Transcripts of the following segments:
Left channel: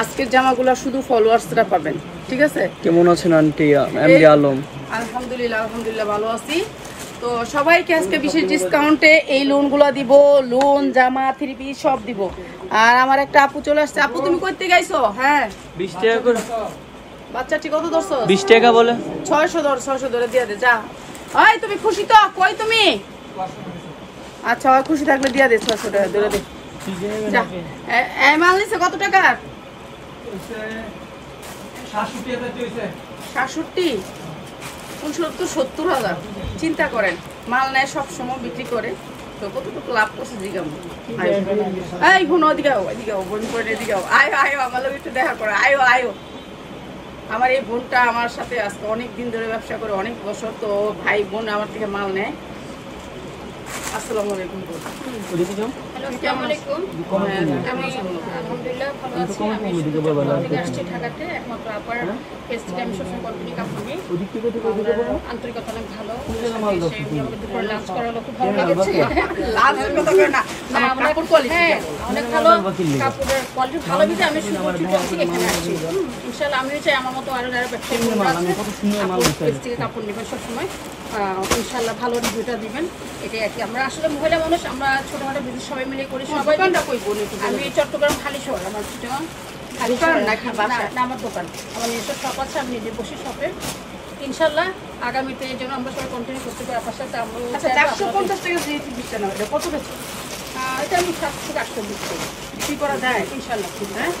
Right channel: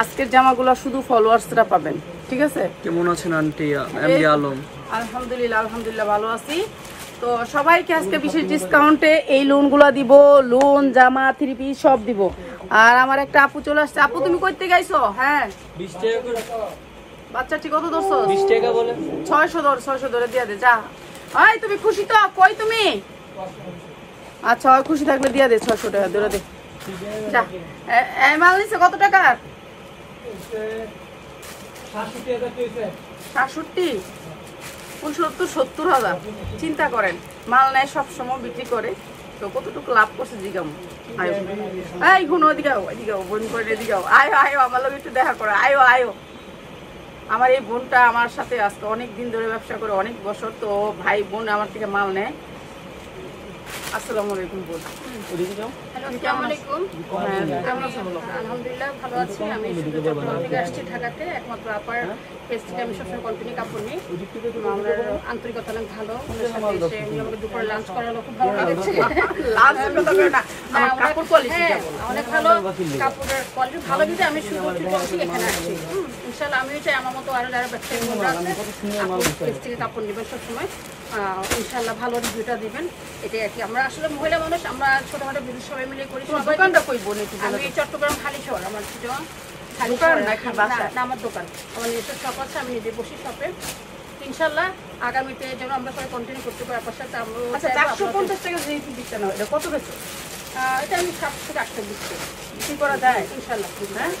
আজকের জামাগুলো শুধু ফলোয়ার্সরা পাবেন, ঠিক আছে? কেমন আছেন আন্টি? এমডি আলম। আলহামদুলিল্লাহ ভালো আছি। তো সবাইকে আজকে বিশেষ ডিসকাউন্টে এই লোনগুলো দিব, লোন জামা 3 পিস সব দিব। আর আমার একটা আপু চলে আসছে। আপু তুমি কইতে গাইছো? হ্যাঁ 20 টাকা করে। বাচ্চাটি কত ধরছো? 20 টাকা বলে। 600 ধরে দিয়ে দে যা। ওই তুমি খুশি তো? কই তুমি? আচ্ছা আর খুশি থাকলে দিয়ে দে 600 টাকা ধরে দে যা। এই মাল নিছে কত টাকার? 67 70,000। চিন্তা করেন, মাল নেয় সবসময় বিক্রি করে, তো কতটুকু লাভ করছে জিগাম। এই গুণ ওদিকে বোন করে এদিকে আয়ো আমার লোক একটু দেখা করে আয়ো। আমার এই বোনটা আমার সাথে আজকে অনেক দিন ধরে ব্যবসা করে, অনেক বছর। তো ভাই বোন আমার থেকে মাল নেয়। আসসালামু আলাইকুম বোন। হ্যালো, আসসালামু আলাইকুম। আমি আলহামদুলিল্লাহ ভালো আছি। আমি থেকে আসছি ঢাকাতে, একমাত্র আপার পেজ থেকে আমি সবসময় কন্টিনিউ কাপড় নিই। আমার আন্তরিকতা অনেক ভালো। এসে আমাকে দুপুরে লাঞ্চ করালো, খুব ভালো লেগেছে। অনেক ভালো কাপড়ের কোয়ালিটি ভালো বিধে আমি শুধু ছুটে এখানে আসছি। ইনশাল্লাহ আমিও চাই আমার মতো আরো যারা ব্যবসায়ী বোনরা আছে আপুর পেজ থেকে কাপড় নেবেন সবসময়। ইনশাল্লাহ ভালো রিভিউটা দিবেন, এটাই আর কি। আমরা আসলে মহিলা মানুষ, আমরা ছোটখাটো বিজনেস সবাই মিলে করি। সবাই আমি চট্টগ্রাম খালি শহর, আমার চিটাগাং খালি শহর না আমার দোকান, আমার নিজস্ব শপ আছে, আমি নিজে বসি শপে। ইনশাল্লাহ আগামীতে যেন আমরা সবাই কন্টিনিউ করতে পারি আপনার সাথে। আমরা 450 টাকা দিচ্ছে না, এটা কত বেশি? এটা আমি 700-800 দিচ্ছি, বিক্রি করা যায় ইনশাল্লাহ। হ্যাঁ,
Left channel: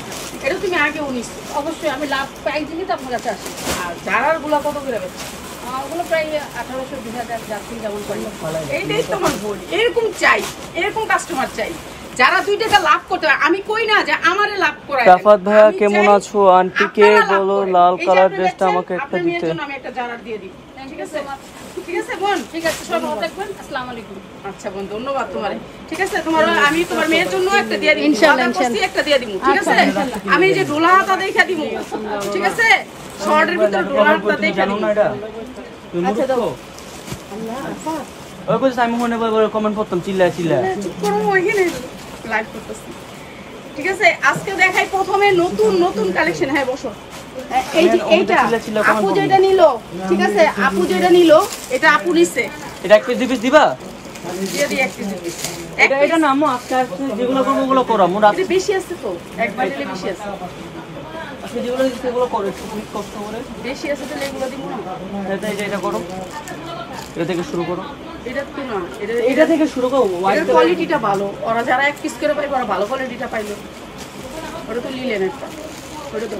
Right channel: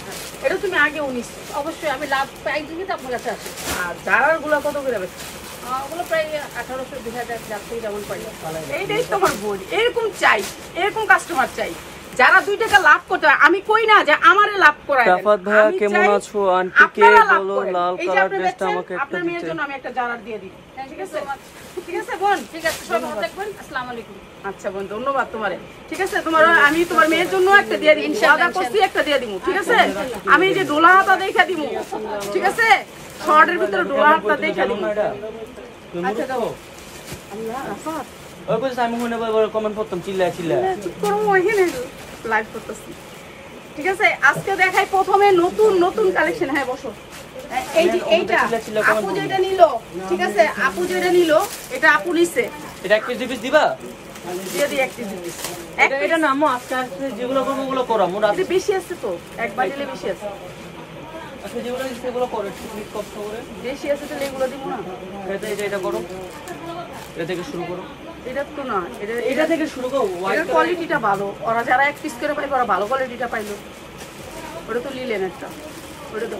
এটা তুমি আগে 19। অবশ্যই আমি লাভ প্রাইস দিয়ে তো আপনার কাছে আসি। আর জারার গুলা কত করে বেশি? ওগুলো প্রায় 1800-2000 যার থেকে যেমন পাই। এইটাই তোমার বোন, এরকম চাই, এরকম কাস্টমার চাই যারা 2 টাকা লাভ করতে পারে। আমি কই না যে আমারে লাভ করায়। সাফাত ভাইয়া কেমন আছো? আন্টিকে বলো লাল কালার ড্রেসটা আমাকে একটা আপনার মেয়ের দিতে। জন্য আমি একটা জারার দিয়ে দিই। ঠিক আছে, ঠিক আছে বোন? ঠিক আছে, সবাই ভালো থাকবেন। আসসালামু আলাইকুম। আচ্ছা বোন, ধন্যবাদ তোমারে। ঠিক আছে, তোমার আমি তোমার মেয়ের জন্য একটা দিয়ে দিই, ইনশাআল্লাহ করছি একটা দিয়ে দিমু। ঠিক আছে, আমি যে ডোলা হাতা দেখা দিমু। ঠিক আছে, শর্টের ভিতর ডোলা হাতা দেখা দিমু। আচ্ছা দাও। আল্লাহ আফাত ওই কইছ আমি মনে করে কমেন্ট করতাম চিল্লায় চুপ করো, ওইখানে লাইভ করতেছি। ঠিক আছে, আজকে দেখাই প্রথমে নতুন কালেকশন। হ্যাঁ বসো। এই যে এইটা আপু যেটা নিল, ঠিক আছে, আপু যেটা নিল এটা আপু নিছে। এটা একটা পিস দিবা? দিয়ে দিই এক কেজি পিস। এটা না আম্মু আজকে যেগুলো করব ওগুলো করো। মোর এটা বেশি আছে তো, একবার দিলে বেশি আছে। আজকে যেগুলো সেগুলো করো, একটু কষ্ট করে। বেশি আছে তাহলে এগুলো দিব না। এটা করো, এটা থেকে শুরু করো। এটা তো না, এটা থেকে শুরু করো। এটার কোয়ালিটিটা ভালো, ওরা যারা এক পিস করে পাইবে ওরা ভালো কোয়ালিটিটা পাইলো। ওটা তো লিলেন একটা, ওটা তো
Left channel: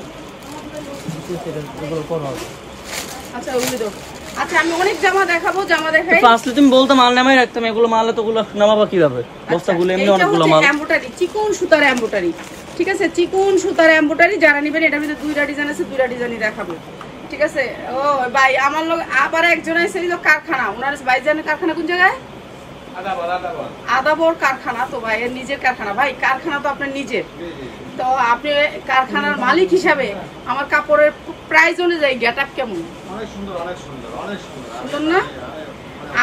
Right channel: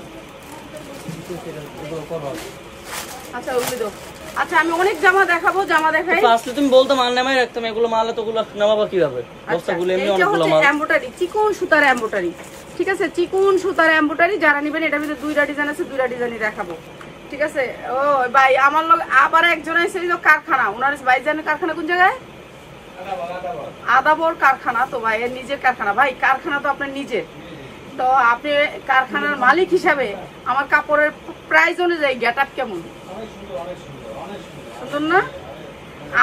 আচ্ছা ওগুলো দাও। আচ্ছা আমি অনেক জামা দেখাবো, জামা দেখাই। আসলে তুমি বলতে মাল নামাই রাখতাম, এগুলো মালে তো গুলো নামাবা কিভাবে? বস্তাগুলো এমনি এটা অনেকগুলো হচ্ছে মাল। এমব্রয়ডারি, চিকন সুতার এমব্রয়ডারি। ঠিক আছে, চিকন সুতার এমব্রয়ডারি যারা নেবেন, এটার ভিতরে 2টা ডিজাইন আছে, 2টা ডিজাইনই দেখাবো। ঠিক আছে। ও ভাই আমার লোক আবার একজন আছে কারখানা, ওনার ভাইজানের কারখানা কোন জায়গায়? আদাবর কারখানা। তো ভাই এর নিজের কারখানা। ভাই কারখানা তো আপনার নিজের, তো আপনি কারখানার মালিক হিসাবে আমার কাপড়ের প্রাইস অনুযায়ী গেট আপ কেমন? সুন্দর না?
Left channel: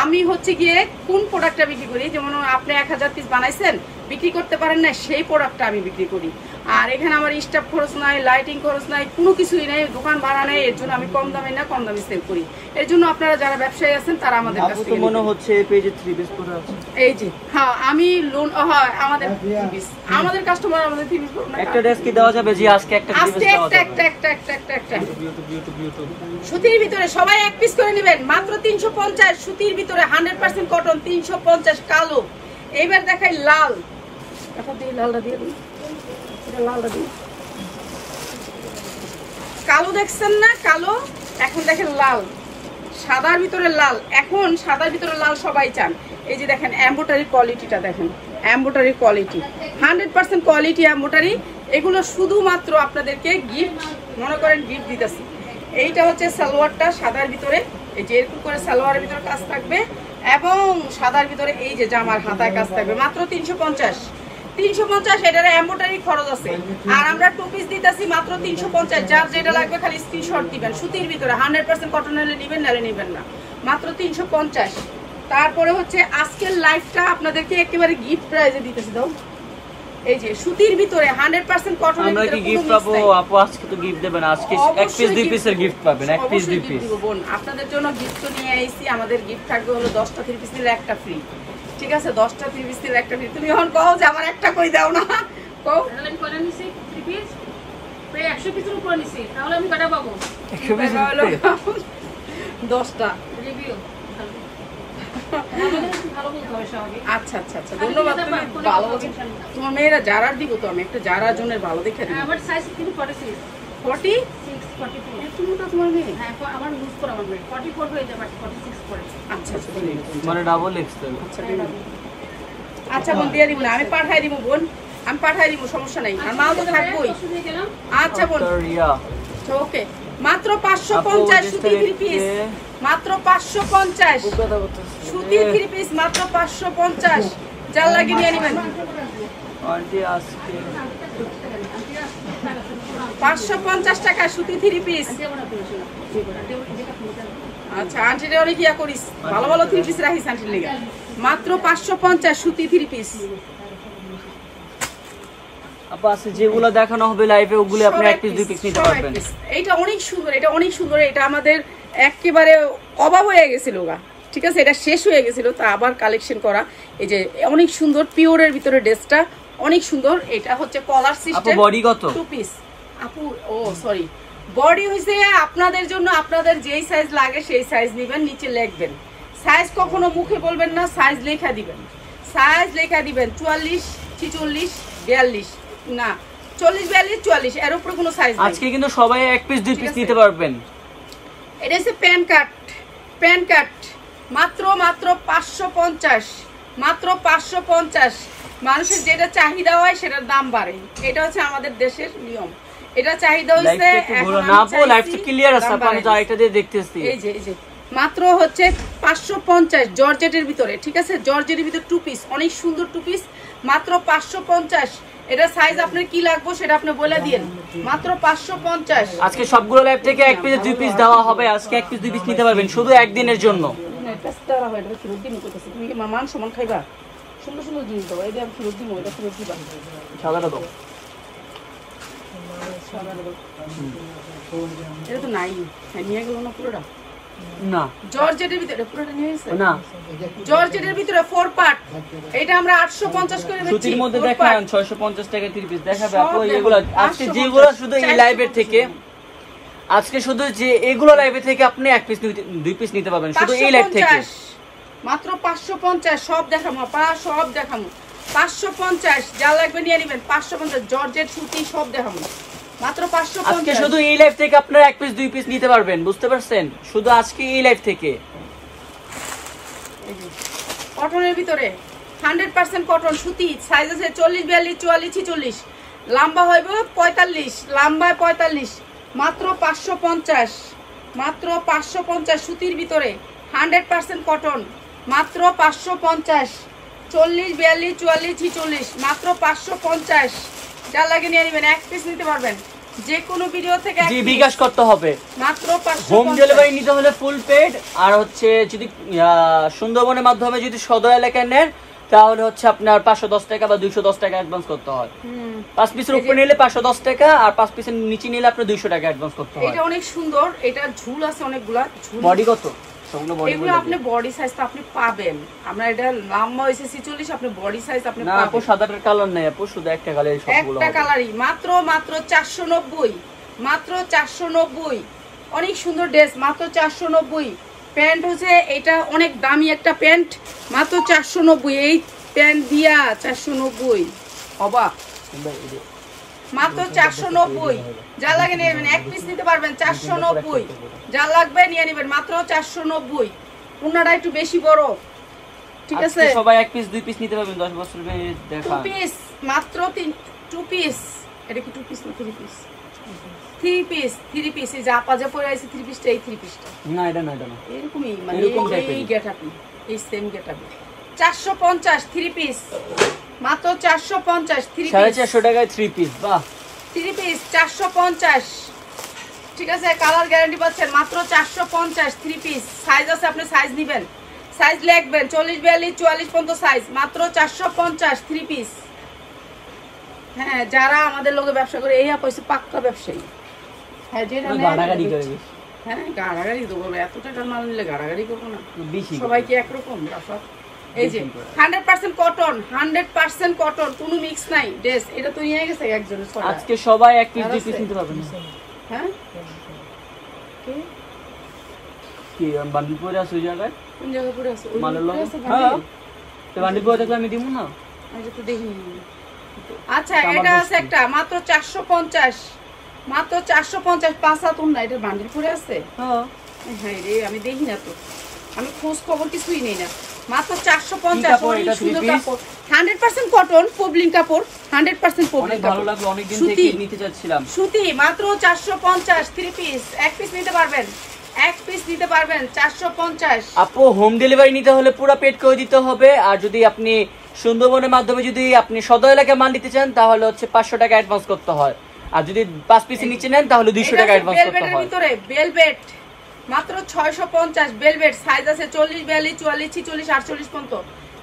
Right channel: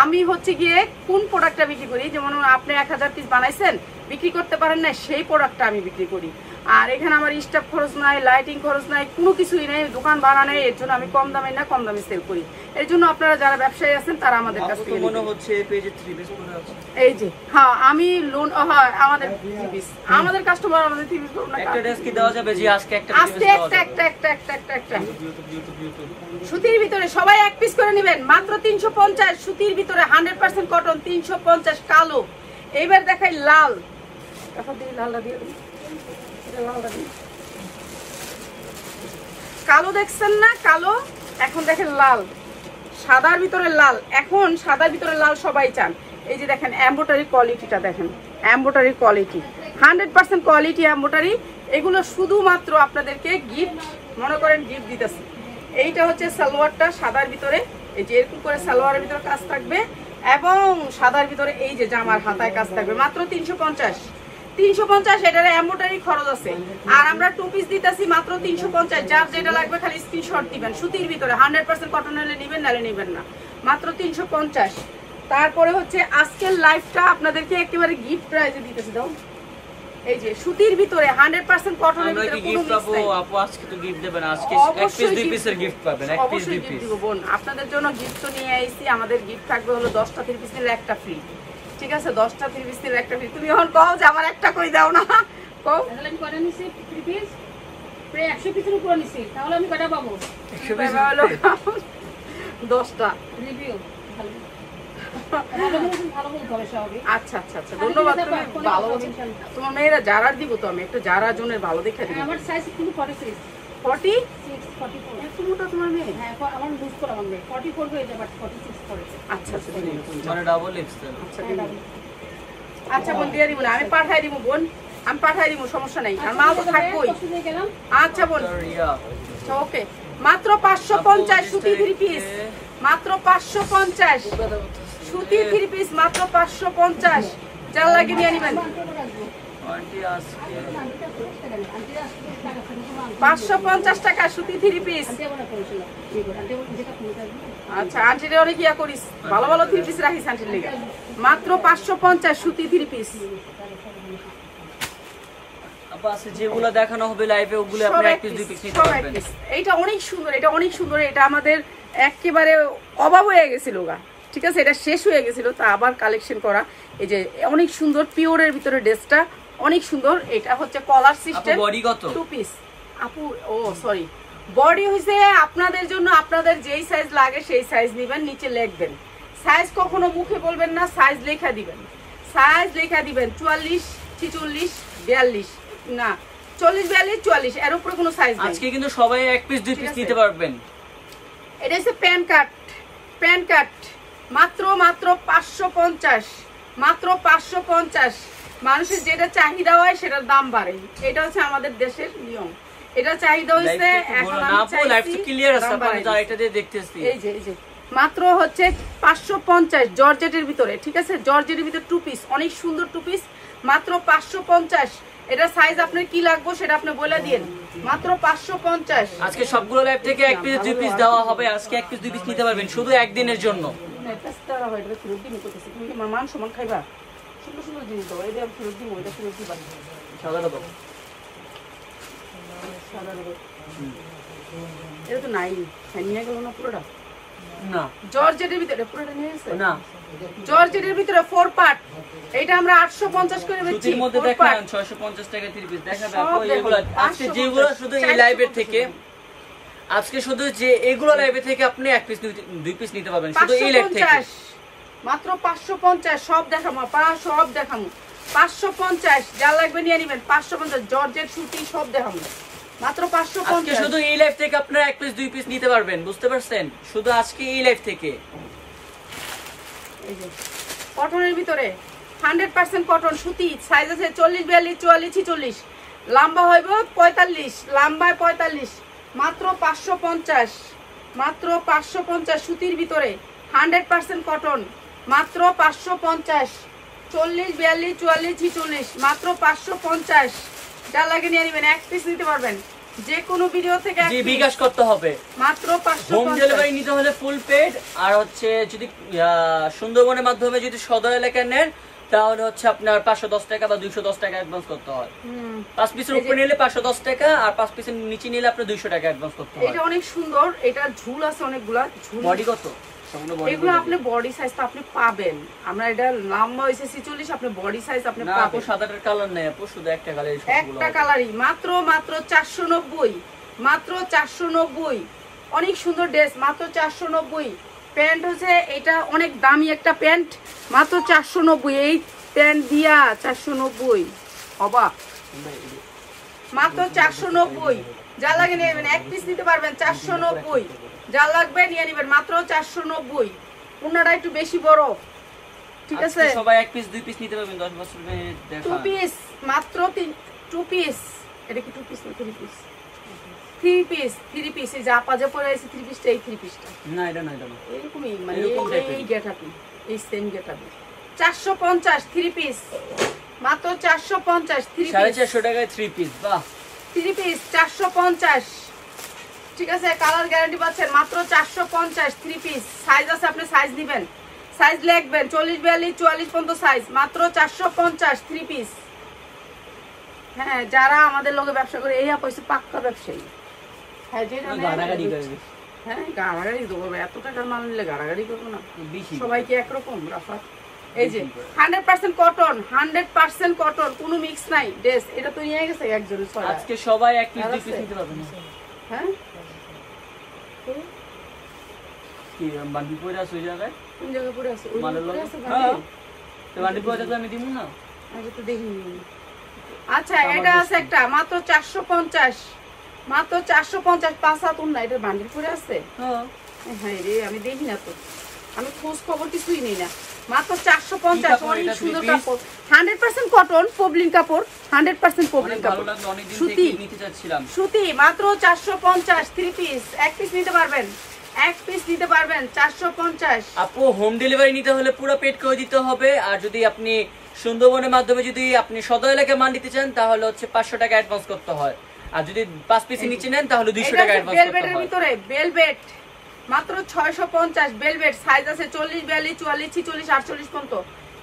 আমি হচ্ছে গিয়ে কোন প্রোডাক্টটা বিক্রি করি, যেমন আপনি 1000 পিস বানাইছেন, বিক্রি করতে পারেন না, সেই প্রোডাক্টটা আমি বিক্রি করি। আর এখানে আমার স্টাফ খরচ নাই, লাইটিং খরচ নাই, কোনো কিছুই নেই, দোকান ভাড়া নেই। এর জন্য আমি কম দামে না, কম দামে সেল করি। এর জন্য আপনারা যারা ব্যবসায়ী আছেন তারা আমাদের কাছ থেকে মনে হচ্ছে এই পেজে 3 পিস করে আছে। এই যে হ্যাঁ আমি লোন হয় আমাদের 3 পিস, আমাদের কাস্টমার আমাদের 3 পিস করুন না। একটা ড্রেস কি দেওয়া যাবে? জি আজকে একটা আজকে একটা সুতির ভিতরে সবাই এক পিস করে নেবেন, মাত্র 350। সুতির ভিতরে 100% কটন, 350 কালো। এইবার দেখাই লাল। এখন দিয়ে লালটা দিয়ে দিই, লালটা দিই। কালো দেখছেন না? কালো। এখন দেখেন লাল, সাদার ভিতরে লাল। এখন সাদার ভিতরে লাল সবাই চান। এই যে দেখেন এমব্রয়ডারি কোয়ালিটিটা, দেখেন এমব্রয়ডারি কোয়ালিটি 100% কোয়ালিটি এমব্রয়ডারি। এগুলো শুধুমাত্র আপনাদেরকে গিফট, মনে করেন গিফট দিতেছি। এইটা হচ্ছে সালোয়ারটা সাদার ভিতরে, এই যে এরকম করে সালোয়ারের ভিতরে কাজ থাকবে, এবং সাদার ভিতরে এই যে জামার হাতায় কাজ থাকবে। মাত্র 350। এটার এমব্রয়ডারি খরচ আছে। আর আমরা 2 পিস দিতেছি মাত্র 350। যার যেটা লাগবে খালি স্ক্রিনশট দিবেন। সুতির ভিতরে 100% কটন হলে নেবেন, নালে নেবেন না। মাত্র 350। তারপরে হচ্ছে আজকের লাইভটা আপনাদেরকে একেবারে গিফট প্রাইজে দিতেছি। দাও এই যে সুতির ভিতরে 100% কটনের আমরা ভিতরে কি কোনো গিফট মিক্স পাবো? নাই। আপু আজকে তো গিফট দেবেন, আজকে এক অবশ্যই পিস দুই gift পিসের দেব। গিফট পাবেন, এক পিস অবশ্যই দুই gift পিস। দিব বোন, আপনাদের জন্য গিফট তো নিয়ে আইছি। আমাদের গিফট থাকবে হলো 10টা 3 পিস নিলে একটা ফ্রি, ঠিক আছে? 10টা 3 পিস নিলে একটা ফ্রি। তুমি এখন কও যে আমার একটা কই দাও না, কও। তাহলে আমি কয়টা নিছি 3 পিস প্রায় 100 পিসের উপর নিছি, তাহলে আমি কয়টা পাবো? কি ব্যাপার হলো 10টা। রিভিউ ভালো বলতে হবে স্বাভাবিক। আচ্ছা আচ্ছা আচ্ছা, ধন্যবাদ। তুমি ভালো বলছো। তোমার মেয়েরা জারার দিব তো, আমি একটা জারা জনের ভালো দেখে দিব। আমার সাইজ কিন্তু 46 40 44 এত মোটা তোমার মেয়ে? হ্যাঁ আমার লুজ করে আমার মেয়ে 40 করবে, এই যে বাট 46 করে। আচ্ছা আচ্ছা দিন না তুমি। মানে ডাবল এক্সেল। আচ্ছা দিন। আচ্ছা বোন দিয়ে দিব না, আমি পাঠাই দিব বোন, আমি পাঠাই দিব, সমস্যা নাই, আর মাল তো থাকবোই। আচ্ছা বোন রিয়া ওকে। মাত্র 550 সুতি 3 পিস, মাত্র 550 সুতি 3 পিস, মাত্র 550। যার লাগে নিয়ে নিবেন। আন্টি আজকে 550 টাকা সুতি 3 পিস। আচ্ছা আন্টিরে অনেক ইয়া করিস, ভালো ভালো 3 পিস রাখিস আন্টির লেগে। মাত্র 550 সুতি 3 পিস। আপু আজকে যেগুলো দেখানো হবে লাইভে ওগুলো আপনি এক পিস দুই পিস নিতে পারবেন। এইটা অনেক সুন্দর, এটা অনেক সুন্দর। এটা আমাদের একেবারে অভাব হয়ে গেছিল গা, ঠিক আছে? এটা শেষ হয়ে গেছিল, তা আবার কালেকশন করা। এই যে অনেক সুন্দর পিওরের ভিতরে ড্রেসটা অনেক সুন্দর। এটা হচ্ছে কলার আপু সিস্টেম, বডি কত? 2 পিস। আপু ও সরি, বডি হইছে আপনাদের জন্য, আপনাদের যেই সাইজ লাগে সেই সাইজ নেবেন, নিচে লিখবেন সাইজ। কখনো মুখে বলবেন না, সাইজ লেখা দিবেন, সাইজ লেখা দিবেন। 44 46 42 না 40 42 44, এর উপরে কোনো সাইজ নাই। আজকে কিন্তু সবাই এক পিস দুই ঠিক পিস আছে। নিতে পারবেন। এটা হচ্ছে প্যান কাট, প্যান কাট মাত্র 550, মাত্র 550। মানুষের যেটা চাহিদা হয় সেটার দাম বাড়ে, এটা হচ্ছে আমাদের দেশের নিয়ম। এটা চাহিদা হইছে, এখন না আপু লাইভটা ক্লিয়ার আছে, আপনি তো এটা দিয়ে দেখতেছি। এই যে মাত্র হচ্ছে 550 জর্জেটের ভিতরে, ঠিক আছে? জর্জেটের ভিতরে 2 পিস, অনেক সুন্দর 2 পিস, মাত্র 550। এটা সাইজ আপনার কি লাগবে সেটা আপনি বলে দিন, মাত্র 550। আজকে সবগুলো লাইভ থেকে এক পিস দুই পিস দেওয়া হবে, আজকে এক পিস দুই পিস নিতে পারবেন শুধু একদিনের জন্য। তুমি কি মান সমান খাইবা? সুন্দর সুন্দর জিনিস দেবো, এটা আমি ফেরত দিব, এটা ফেরত দিবা। সাদাটা দাও। এটা তো নাই, নিয়ে গেল না পুরোটা? না জর্জেটের ভিতরে পুরোটা নিয়ে গেছে না, জর্জেটের ভিতরে 4 পার্ট। এটা আমরা 850 করে বেচছি। সুতির মধ্যে 4 দেখান পার্ট। 650 টাকা 3 পিস দেখাবে সব আপু। দেখুন, এগুলো আজকে 550, যেগুলো শুধু এই 450 লাইভের থেকে, আজকে শুধু যে এগুলো লাইভে থেকে আপনি এক পিস দুই পিস নিতে পারবেন শুধু এই লাইভ থেকে। 550 মাত্র 550। সব দেখামো পা, সব দেখামো 550। যা লাগবে নিয়ে নেবেন। 550 জর্জেট সুতি সব দেখামো, মাত্র আজকে 550। শুধু এই লাইভ থেকে আপনারা এক পিস দুই পিস নিতে পারবেন, বুঝতে পারছেন? শুধু আজকে এই লাইভ থেকে। এই যে কটনের ভিতরে 100% কটন সুতি, সাইজ আছে 40 42 44 46, লম্বা হইব 45, লম্বায় 45, মাত্র 550, মাত্র 550 সুতির ভিতরে 100% কটন, মাত্র 550, 40 42 44 46, মাত্র 550। যা লাগে নিয়ে নেবেন, এক পিস নিতে পারবেন যে কোনো ভিডিও থেকে এক জি piece, বিকাশ করতে হবে। মাত্র হোম ডেলিভারি 550। নিতে হলে ফুল পেড, আর হচ্ছে যদি সুন্দরবনের মাধ্যমে যদি সদর এলাকায় নেন তাহলে হচ্ছে আপনার 510 টাকা বা 210 টাকা অ্যাডভান্স করতে হয়। 5 পিসের উপরে নিলে 510 টাকা, আর 5 পিসের নিচে নিলে আপনার 200 টাকা অ্যাডভান্স করতে হয়। এটা অনেক সুন্দর, এটা ঝুল আছে অনেকগুলা ঝুল। বডি কত? সম্পূর্ণ বডি এগুলো আপনি বডি সাইজ তো আপনি পাবেন, আমরা এটা লম্বা হইছে 46, আপনি বডি সাইজ আপনি না আপু পাবেন। সাদাটার কালার নেই আপু, শুধু একটা কালারই সবগুলো একটা কালারই, মাত্র 490, মাত্র 490। অনেক সুন্দর ড্রেস, মাত্র 490। প্যান্ট হচ্ছে এটা অনেক দামি একটা প্যান্ট, মাত্র 490। এই প্যান্ট দিয়া 490 অবাক, মাত্র 490। যা লাগে নিয়ে নেবেন, এক পিস নিতে পারবেন 490। যা লাগবে নিয়ে নেবেন, মাত্র 490। পুনাটা একটু বেশি বড়, ঠিক আছে? আজকে সবাই এক পিস দুই পিস নিতে পারবেন 10 বছরের 2 দেখা। পিস, মাত্র 2 পিস। এটা কি 2 পিস না 3 পিস? 3 piece, 3 piece. এই যে আপা যে পরে আছে 3 পিসটা, এই 3 পিসটা না এটা না, এটা না। এরকমই, মানে এরকম type এই এর। গেটআপই, এই সেম গেটআপে 450 3 পিস, মাত্র 450 3 পিস। 450 টাকায় 3 পিস, বাহ। 3 পিস 450, ঠিক আছে? কালার গ্যারান্টি পাচ্ছেন, মাত্র 450 3 পিস। সাইজ আছে, আপনি সাইজ নেবেন, সাইজ লিখবেন 40 42 44 পর্যন্ত সাইজ, মাত্র 450 3 পিস। হ্যাঁ, যারা আমাদের লোকে ব্যবসা করে এই আপা হচ্ছে পাক্কা ব্যবসায়ী। হ্যাঁ, যেটা নেয় গাড়াগাড়ি করে হ্যাঁ, গাড়াগাড়ি দেবো, এত টাকার মাল নিলে গাড়াগাড়ি করবো না। বেশি সবাই কি একরকম রাফাত? এই যে 100% কটন, 100% কটন, কোনো মিক্স নাই ড্রেস। এটা তো নিয়ে গেছে একজনের ছড়া। আজকে সবাই এক পিস দুই পিস নিতে পারবে না। হ্যাঁ, কি বান্ডিল পরে আছে ওই জায়গায়? কোন জায়গায় পড়ে আছে? ওই মালের পড়ে লোক? আছে হ্যাঁ, বান্ডিল? তো বান্ডিল পরে থাকলে আমি দিব না। আগে তো দেখিনি। আচ্ছা, এটা আছে একটা মাত্র 450, মাত্র 450 5 হাত না। এটা বান্ডিল পড়ে আছে? হ্যাঁ, হ্যাঁ রে, আমি দেখি না তো, আমি খোঁজ খবর কিছুই নেই না। মাত্র 450, অনেক সুন্দর কাপড়, 100% কটন, পবলিন কাপড়, 100% পবলিন অনেক ভালো কাপড়, লাগলো, অনেকদিন সুতি, থেকে নিতে চাচ্ছিলাম। সুতি। মাত্র 450, 3 পিস, এক পিস নিতে পারবেন, এক পিস নিতে পারবেন 450। আপু হোম ডেলিভারি নিতে হলে পুরো পেড করে দিতে হবে। আর যদি আপনি সুন্দরবনের মাধ্যমে যদি আপনি সদর এলাকায় মাল নিতে চান তাহলে হচ্ছে 500 টাকা অ্যাডভান্স করতে হয়। আর যদি 5 পিস নিচে নেন তাহলে 200 টাকা অ্যাডভান্স করতে বেলভেটের হয়। ভিতরে বেলভেট মাত্র 650, বেলভেট সাইজ আছে 40 42 44 46 48 পর্যন্ত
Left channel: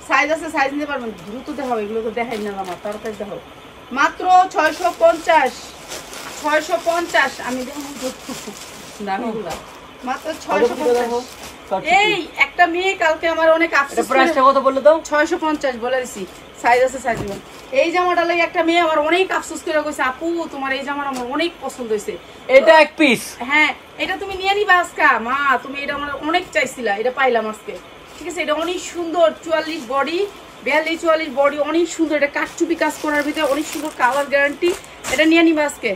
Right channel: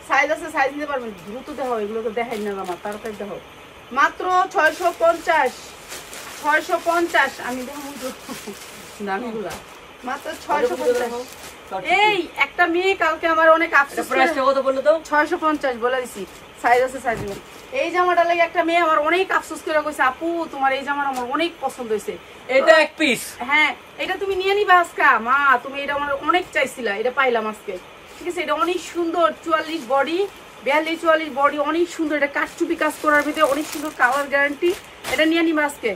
সাইজ আছে, সাইজ নিতে পারবেন। দ্রুত দেখাও, এগুলো তো দেখাই না আমার, তাড়াতাড়ি দেখাও। মাত্র 650, 650 আমি দেখাবো দামিগুলা, মাত্র 650। এই একটা মেয়ে কালকে আমার অনেক আফসোস করে, প্রাইসটা কত বললো দাও? 650 বলে দিছি, সাইজ আছে, সাইজ নেবেন। এই জামাটা লাগে একটা মেয়ে আমার অনেক আফসোস করে কইছে, আপু তোমার এই জামাটা আমার অনেক পছন্দ হয়েছে। এটা এক পিস। হ্যাঁ, এটা তুমি নিয়ে নিবা আজকা মা, তুমি এটা আমার অনেক চাইছিলা, এটা পাইলাম আজকে। ঠিক আছে, এটা অনেক সুন্দর, 44 বডি, 42 44 বডি, অনেক সুন্দর। এটা কাঠচুপি কাজ করার ভিতরে অনেক সুন্দর, কালার গ্যারান্টি। এটা নিয়ে নিবা আজকে,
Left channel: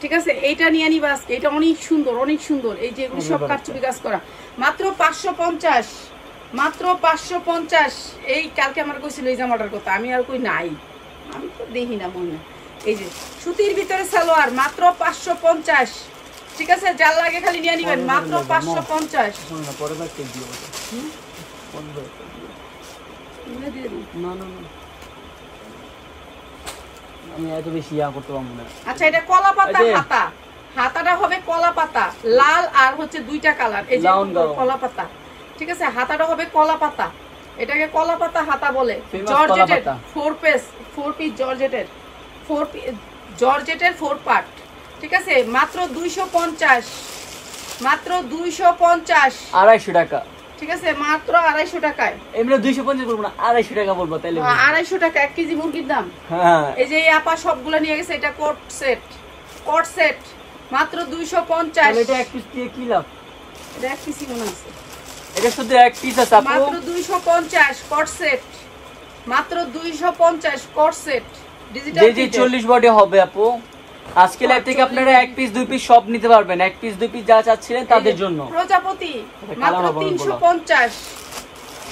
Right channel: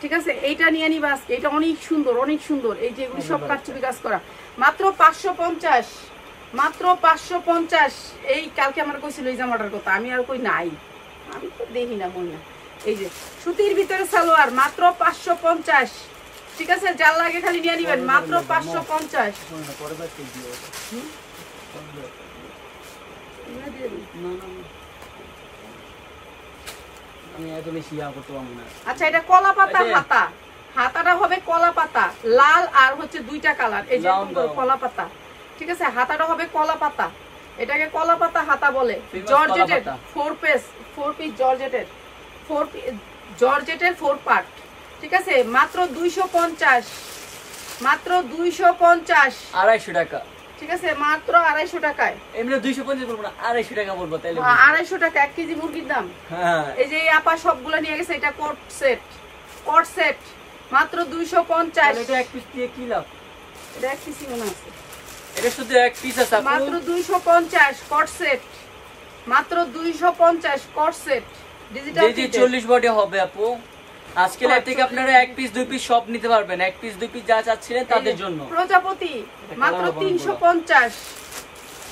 ঠিক আছে, এইটা নিয়ে নিবা আজকে। এটা অনেক সুন্দর, অনেক সুন্দর। এই যে এগুলো সব কাঠচুপি কাজ করা, মাত্র 550, মাত্র 550। এই কালকে আমার কইছিল এই জামাটার কথা, আমি আর কই নাই, আমি তো দেখি না মনে। এই যে সুতির ভিতরে সালোয়ার, মাত্র 550। ঠিক আছে, যার লাগে খালি নিয়ে নিবেন, মাত্র 550। আমি এত বেশি ইয়া করতে পারবো না। আচ্ছা, এটা কলা পাতা হাতা, হাতাটা হবে কলা পাতা, লাল আর হচ্ছে দুইটা কালার। এই যে কলা পাতা, ঠিক আছে, হাতাটা হবে কলা পাতা, এটাকে কলা পাতা হাতা বলে। জর্জেটের 4 পিস জর্জেটের 4 পার্ট। ঠিক আছে, মাত্র 250, মাত্র 250, 250 টাকা। ঠিক আছে, মাত্র 250 টাকায়। এমনি 250 বলবো না, 250 টাকা বলবো তাহলে। 250 টাকা 1 কেজি মুরগির দাম। হ্যাঁ, এই যে এই আপা সবগুলো নিয়ে গেছে, এটা কোট সেট, কোট সেট, মাত্র 250। এটা এক পিস দিয়ে কি লাভ? এটা এক পিসই মনে আছে, এটা শুধু এক পিস আছে আপু। মাত্র 250 কোট সেট, মাত্র 250 কোট সেট, ডিজিটাল যে 40 বডি হবে আপু। আজকে লাইভ থেকে আপনারা এক পিস দুই পিস সব নিতে পারবেন, এক পিস দুই পিস যা চাচ্ছিলেন তাদের জন্য। প্রজাপতি মাত্র 350,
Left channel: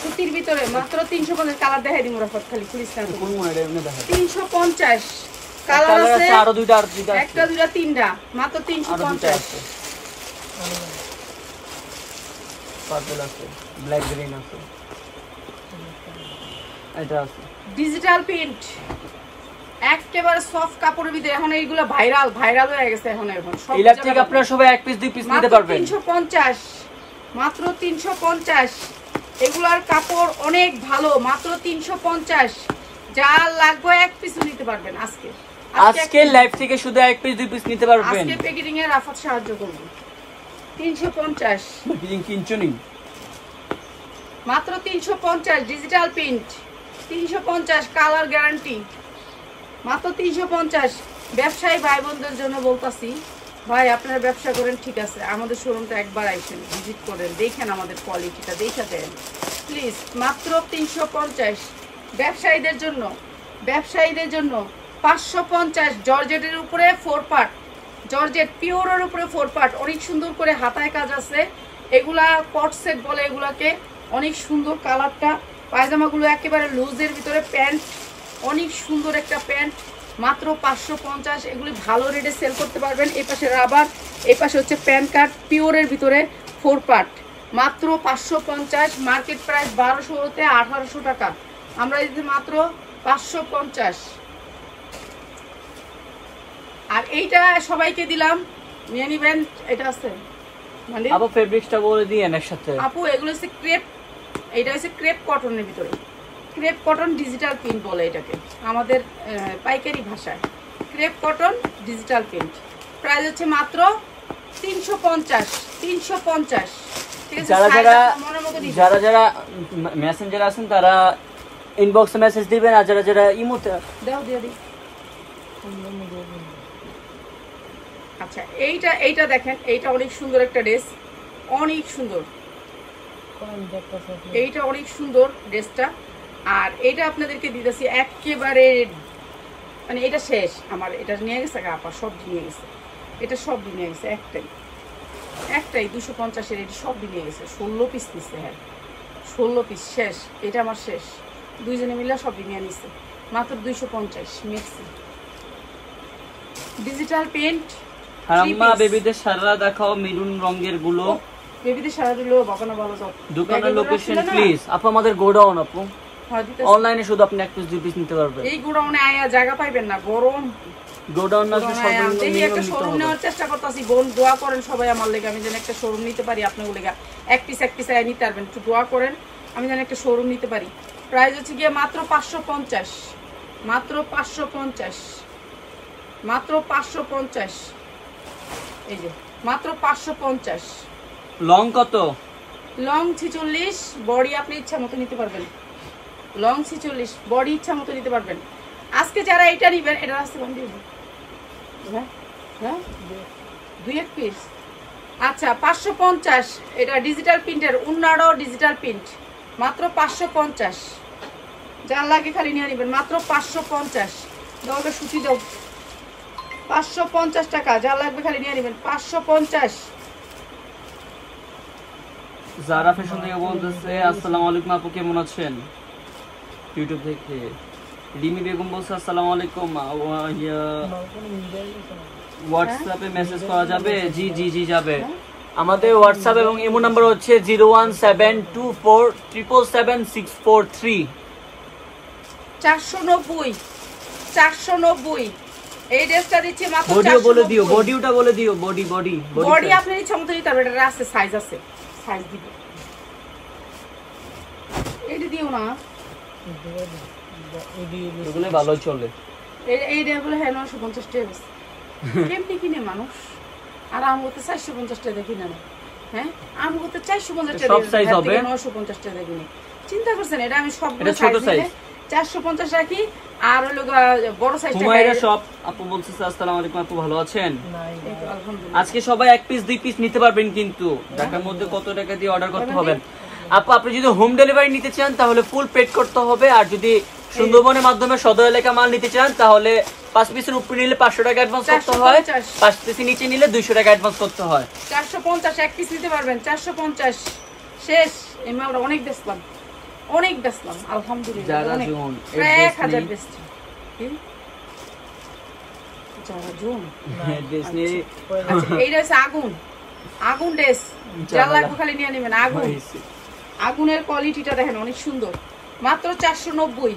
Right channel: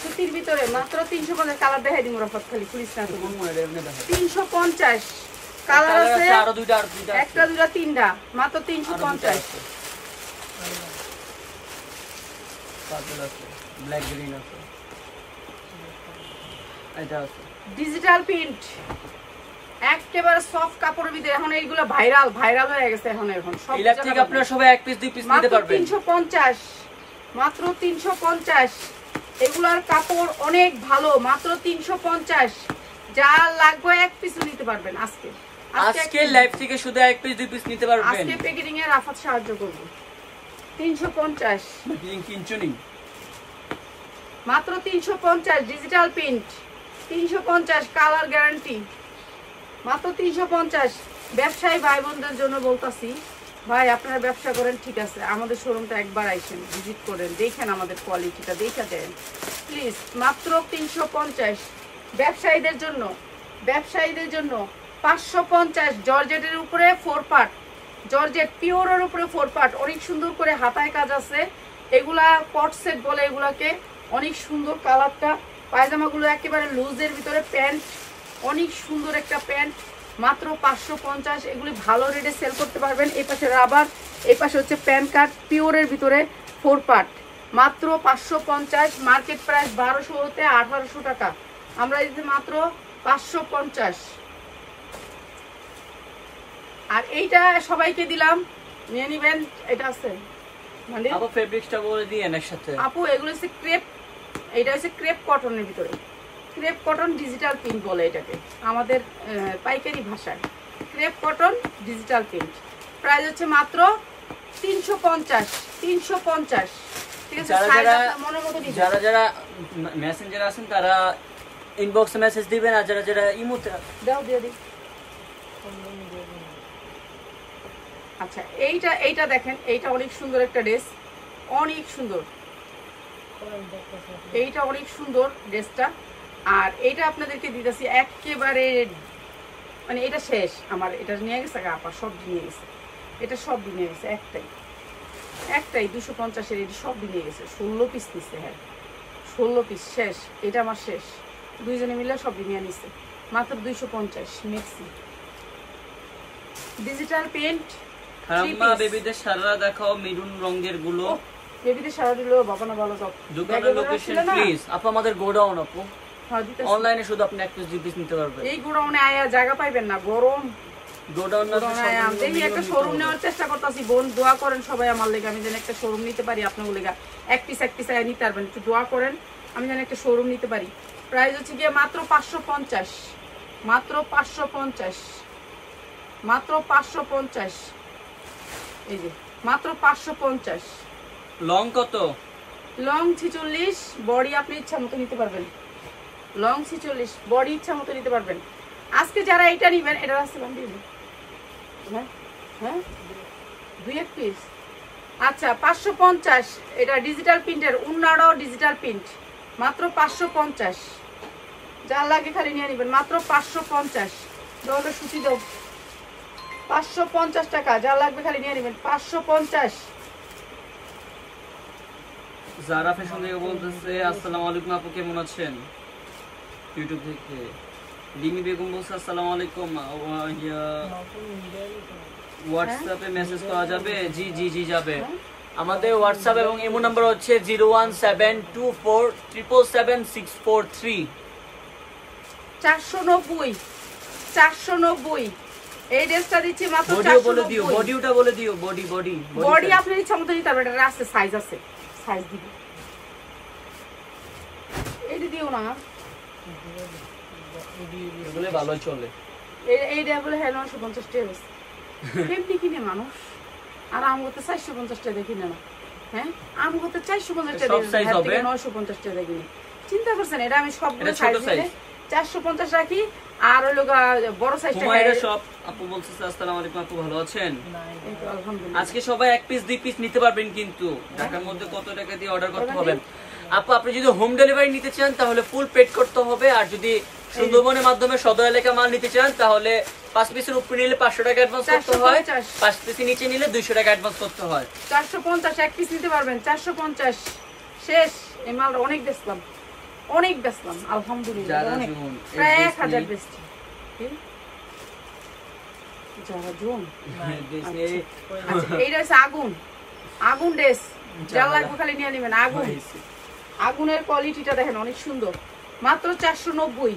সুতির ভিতরে মাত্র 350। কালার দেখাই দিমু রাফাত, খালি পুলিশ না তো। 350 কালার আছে, আরো দুইটা একটা দুইটা তিনটা, মাত্র 350। পার্পল আছে, ব্ল্যাক গ্রিন আছে, এটা আছে ডিজিটাল প্রিন্ট, একেবারে সফট কাপড়ের ভিতরে। এখন এইগুলো ভাইরাল হয়ে গেছে। এখন সব এই লাইভ থেকে আপনারা সবাই এক পিস দুই পিস নিতে পারবেন। 350, মাত্র 350। এগুলার কাপড় অনেক ভালো, মাত্র 350। যা লাগবে এক পিস নিতে পারবেন আজকে। আজকে লাইভ থেকে শুধু এক পিস দুই পিস নিতে পারবেন। আজকে প্যাকেটিং এর রাফাত সাহায্য করব। 350, কিনছুনি মাত্র 350। ডিজিটাল প্রিন্ট 350, কালার গ্যারান্টি, মাত্র 350। ব্যবসায়ী ভাই বোনদের জন্য বলতাছি, ভাই আপনারা ব্যবসা করেন ঠিক আছে, আমাদের শোরুমটা একবার আইসেন, ভিজিট করেন, দেখেন আমাদের কোয়ালিটিটা দেখে দেন প্লিজ। মাত্র 350 ব্যবসায়ীদের জন্য, ব্যবসায়ীদের জন্য 550। জর্জেটের উপরে 4 পার্ট, জর্জেট পিওরের উপরে 4 পার্ট, অনেক সুন্দর করে হাতায় কাজ আছে। এগুলা কট সেট বলে এগুলাকে, অনেক সুন্দর কালারটা। পায়জামাগুলো একেবারে লুজের ভিতরে, প্যান্ট অনেক সুন্দর একটা প্যান্ট, মাত্র 550। এগুলি ভালো রেটে সেল করতে পারবেন। এই পাশে রাবার, এই পাশে হচ্ছে প্যান কার্ড, পিওরের ভিতরে 4 পার্ট, মাত্র 550। মার্কেট প্রাইস 1200 হতে 1800 টাকা, আমরা দিতে মাত্র 550। আর এইটা সবাইকে দিলাম, নিয়ে নিবেন। এটা আছে মানে আপু ফেব্রিক্সটা বলে দিয়েন একসাথে। আপু এগুলো হচ্ছে ক্রেপ, এটা হচ্ছে ক্রেপ কটনের ভিতরে, ক্রেপ কটন ডিজিটাল প্রিন্ট বলে এটাকে আমাদের পাইকারি ভাষায়। Crepe cotton digital print, price হচ্ছে মাত্র 350 350। ঠিক আছে, যারা size যারা আপনার মনের মতো দিবেন। যারা যারা মেসেঞ্জার আছেন তারা ইনবক্সে মেসেজ দিবেন, আর যারা যারা ইমোতে দাও দিয়ে দিই। আচ্ছা এইটা দেখেন, এইটা অনেক সুন্দর একটা ড্রেস, অনেক সুন্দর, এইটা অনেক সুন্দর ড্রেসটা। আর এইটা আপনাদেরকে দিতেছি একেবারে, মানে এটা শেষ আমার, এটা নিয়ে গেছে আপা, সব নিয়ে গেছে, এটা সব নিয়ে গেছে, একটাই 250-এর, এটা সব নিয়ে গেছে, 16 পিস নিচ্ছে। হ্যাঁ 16 পিস শেষ, এটা আমার শেষ, দুইজনে মিলে সব নিয়ে নিচ্ছে মাত্র 250 মেক্সি ডিজিটাল প্রিন্ট। হারাম্মা বেবিদের সারা দেখাও মেরুন রঙের গুলো। বেবিদের সারা দিলো বাবা না বলো তো, দোকানের লোকেশন প্লিজ। আপু আমাদের গোডাউন, আপু অনলাইনে শুধু আপনি 1 পিস 2 পিস নিতে পারবেন। এই গোডাউনে আয়া জায়গা পাইবেন না, গরম গোডাউন না দেখি একটা শোরুম নেওয়ার চেষ্টা করতেছি। বোন দোয়া করেন সবাই আমার লেগে, আমি যেন একটা শোরুম নিতে পারি আপনার লেগে, এক পিস আয়া নিতে পারবেন, একটু দোয়া করেন আমি যেন একটা শোরুম নিতে পারি। প্রাইস হচ্ছে গিয়ে মাত্র 550, মাত্র 550, মাত্র 550। এই যে মাত্র 550। লং কত? লং 46, বডি আপনি ইচ্ছা মতো নিতে পারবেন, লং 46, বডি ইচ্ছা মতো নিতে পারবেন। আজকে যারা এটা নিবেন, এটা আসতে পারেন দিয়ে দিন। হ্যাঁ হ্যাঁ 2 পিস। আচ্ছা 550, এটা ডিজিটাল প্রিন্টের, উন্নারও ডিজিটাল প্রিন্ট, মাত্র 550। যার লাগে খালি নিয়ে নিবেন, মাত্র 550। দোকানটা সুচি দাও, 550 টাকা, যার লাগবে খালি নিয়ে নিবেন, 550। যারা ফ্যাশন থেকে বলতেছে আসসালামু আলাইকুম আপু কেমন আছেন, ইউটিউব থেকে। লিমি বেগম বলছে আসসালামু আলাইকুম, হোয়াটসঅ্যাপে মেসেজ করা যাবে? জি জি জি যাবে। আমাদের হোয়াটসঅ্যাপ এবং ইমো নাম্বার হচ্ছে 01724777643। 490 490। এই ড্রেসটা দিচ্ছি মাত্র 490। বডিও বলে দিও, বডিটা বলে দিও, বডি বডি বডি আপনার ইচ্ছা মতো নিতে পারবেন, এটা আছে সাইজ আছে, সাইজ দিব। এটা দিও না, এগুলো ভালো চলে। এই ড্রেসগুলো হ্যাঁ 950 টাকা কেমনি কিনে মানুষ, আর আমি তো 450 টাকা দেখি না। হ্যাঁ আমি তো 450 টাকা সব সাইজ হবে, 950 টাকা দেখি। চিন্তা করছেন এটা আমি সবগুলো সাইজ দিলে 450 রাখি, আর হলো বড় সাইজটা। হুমায়রা শপ আপু বলছে আসসালামু আলাইকুম আপু ভালো আছেন? আলহামদুলিল্লাহ। আজকে সবাই 1 পিস 2 পিস নিতে পারবেন, কিন্তু ঢাকার মধ্যে কত টাকা দিয়ে অর্ডার করতে হবে? আপু আপনি যদি হোম ডেলিভারি নিতে চান তাহলে ফুল পেড করতে হবে, আর যদি সুন্দরবনের মাধ্যমে সদর এলাকা মাল নিতে চান তাহলে 5 পিসের উপরে নিলে 500 টাকা অ্যাডভান্স করতে হয়, 5 পিসের নিচে নিলে 200 টাকা অ্যাডভান্স করতে হয়। 450 এক পিস নিতে পারবেন, 450 শেষ। এই মালটা অনেক বেচলাম, অনেক বেচলাম আলহামদুলিল্লাহ, অনেক, প্রায় 1000 বেচছি। যারা জোন আচ্ছা এইটা হচ্ছে আগুন, আগুন ড্রেস, যা লাগবে খালি নিয়ে নেবেন। আগুন, আগুনের কোয়ালিটিটা দেখেন অনেক সুন্দর, মাত্র 490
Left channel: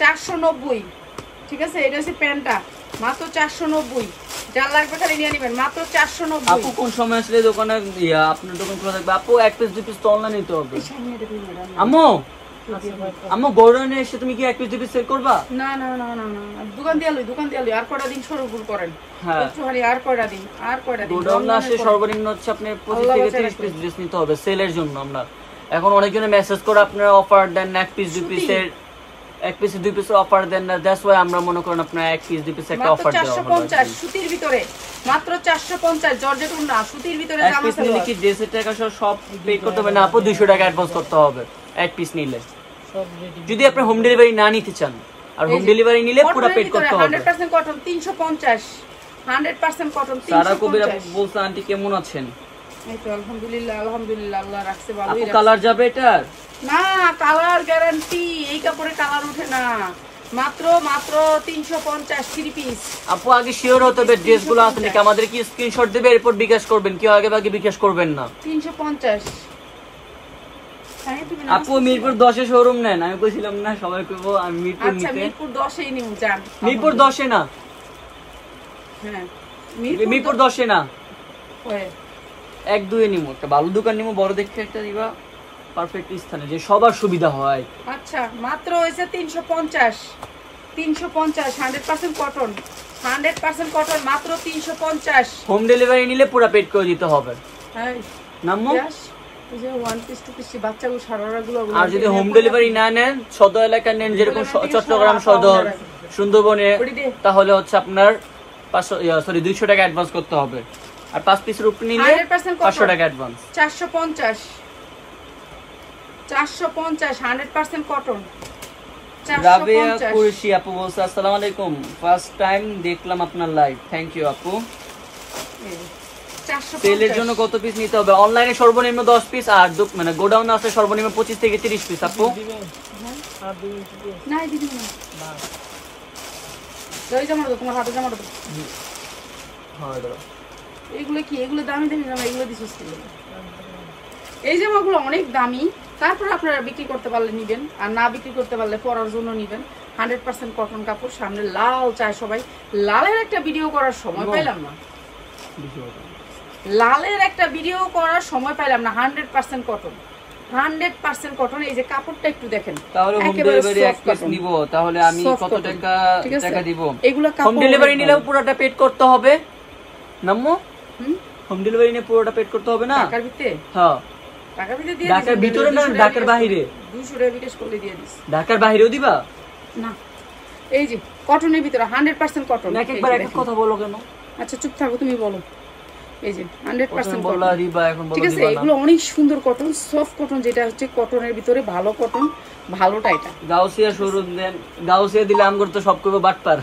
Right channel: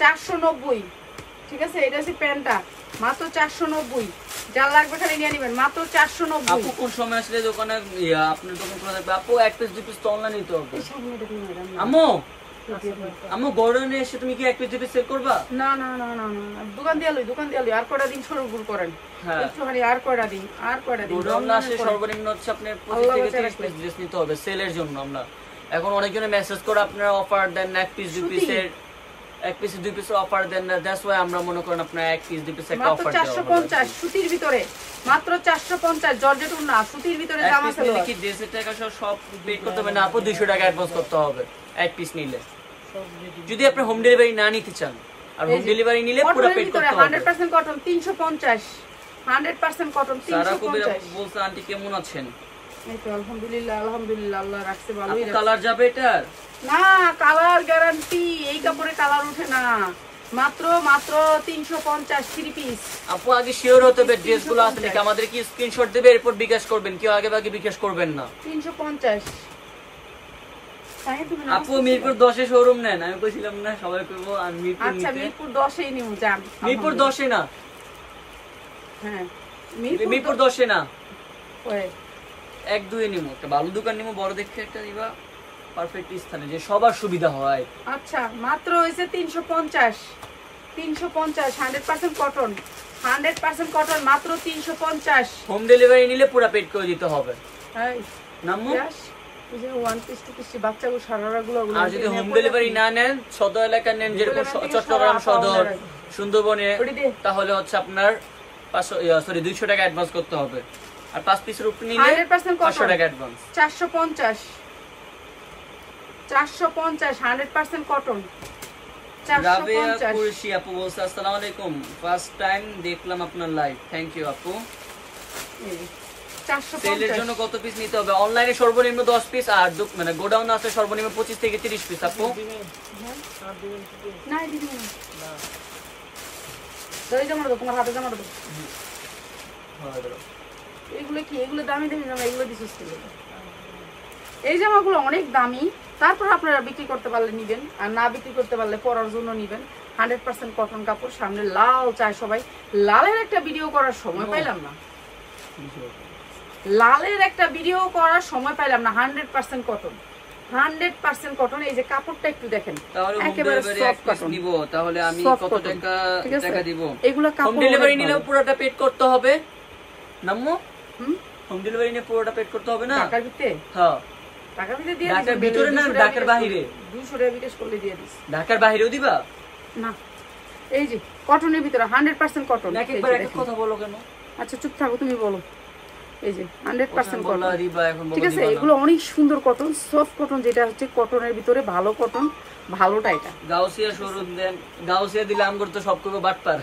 490। ঠিক আছে, এটা হচ্ছে প্যান্টটা, মাত্র 490। যার লাগবে খালি নিয়ে নেবেন, মাত্র 490। আপু কোন সময় আসলে দোকানে আপনার দোকান খোলা থাকবে? আপু 1 পিস 2 পিস তো অনলাইন নিতে হবে। আম্মু আম্মু গোডাউনে এসে তুমি কি 1 পিস 2 পিস সেল করবা? না না না না না, দোকান দিয়ে লই, দোকান দিয়ে লই। আর কয়টা দিন সরবুর করেন, একটুখানি আর কয়টা দিন, আর কয়টা দিন। গোডাউনে আসে সর্বনিম্ন হচ্ছে আপনার 25 থেকে 30 পিস ড্রেস নিতে হবে সেলের জন্য। আমরা এখন অনেকজনে মেসেজ করে আপনারা অফার দেন না, 1 পিস 2 পিসের 1 পিস 2 পিসের অফার দেন না, দ্যাটস ওয়াই আমরা মনে করেন আপনারা 1 পিস 2 পিস একটা অফার দেওয়া। 450 সুতির ভিতরে, মাত্র 450 জর্জেট উন্না সুতির ভিতরে জামা আছে। আপনি কি ড্রেসের টাকা সব পে করতে হবে না আপু? 200 টাকা অ্যাডভান্স করতে হবে 1 পিস নিলে, যদি আপনি হোম ডেলিভারি না নিতে চান। আর হোম ডেলিভারি নিলে পুরো পেড করতে হবে। 100% কটন 350, 100% কটন 350। সারা কবির আপু বলছে আন্টি কেমন আছেন? এই তো আলহামদুলিল্লাহ, আলহামদুলিল্লাহ, আল্লাহ রাখছে ভালোই রাখছে। কালার যাবে এটার? না, কালার গ্যারান্টি, এই কাপড়ে কালার ওঠে না। মাত্র মাত্র 350 3 পিস। আপু আগে শিওর হতে হবে ড্রেসগুলো আসলে কি, আমাদের কি স্ক্রিনশট দেবে এরপর বিকাশ করবেন, কেউ আগে আগে বিকাশ করবেন না। 350। আপু মিরপুর 10 এ শোরুম নেন, আমি কইছিলাম না সবাই কইব আমি মিরপুর নিতে। আচ্ছা মিরপুর 10 এই নিউ যান। মিরপুর 10 এ না, হ্যাঁ মিরপুর 10 এ না, ওই 1 2 এ নিমু, একটা ভালো দোকান নিমু, বড় দেখতে একটা দিবা, পারফেক্ট স্থানে যে সবার সুবিধা হয়। আচ্ছা মাত্র হইছে 350, 350 100% কটন, 100% কটন, মাত্র 350। হোম ডেলিভারি নিলে পুরো পেড করে দিতে হবে। হ্যাঁ নাম্মু এই যে ওয়ান পিস টু পিস বাচ্চাগুলো সারারাগুলো আর যদি হোম ডেলিভারি না নেন, সদর এলাকা নেন, যেরকম চট্টগ্রাম সদর, সুন্দরবনে, তাহলে হচ্ছে আপনার 200 টাকা অ্যাডভান্স করতে হবে। আর 5 পিসের উপর নিলে 500 টাকা অ্যাডভান্স। 450 100% কটন। রাবিয়া কুরশি আপু বলছে আসসালামু আলাইকুম, ফার্স্ট টাইম দেখলাম আপনার লাইভ, থ্যাংক ইউ আপু। সেলের জন্য কত পিস নিতে হবে? অনলাইনে সর্বনিম্ন 10 পিস, আর মানে গোডাউনে আছে সর্বনিম্ন 25 থেকে 30 পিস আপু। না দিদি না, দই জামা দাও, তোমার হাতে জামা দাও। এইগুলো কি? এগুলো দামি দামি জামা, এগুলো দিছিস কি? এই জামাগুলো অনেক দামি, তারপর আপনারা বিক্রি করতে পারলে নিবেন, আর না বিক্রি করতে পারলে পরার জন্য নিবেন। 100% কটন কাপড়। সামনে লাল চায় সবাই, লালের একটা ভিডিও করার সময় পাইলাম না, লালের একটা ভিডিও করার সময় পাইলাম না। 100% কটন, 100% কটন। এই যে কাপড়টা একটু দেখেন, তাহলে হোম ডেলিভারি এক পিস নিব, তাহলে আমি কত টাকা দিব? এগুলো হোম ডেলিভারি নিলেও পুরোটা পেড করতে হবে নাম্মু। হোম ডেলিভারি নিয়ে পুরোটা পেড করতে হবে না ঢাকার ভিতরে? হ্যাঁ ঢাকার ভিতরে দিয়ে ঢাকার ভিতরে না ঢাকার বাইরে? 200 টাকা বিকাশ করলে দিয়ে দিস। ঢাকার বাইরেও দিবা না? এই যে কটনের ভিতরে 100% কটন। একবার এক কথা বলো কেন? আচ্ছা চুপ থাকো, তুমি বলো। এই যে 100% কটন, দিবা এখন বলো। ঠিক আছে, এগুলো অনেক সুন্দর কটন, সফট কটন, যেটা হচ্ছে কটনের ভিতরে ভালো কটন, ভালোটা এটা। গাউসিয়া শোরুম দেন, গাউসিয়া দিলে আমগর তো সব করবে বাটপার।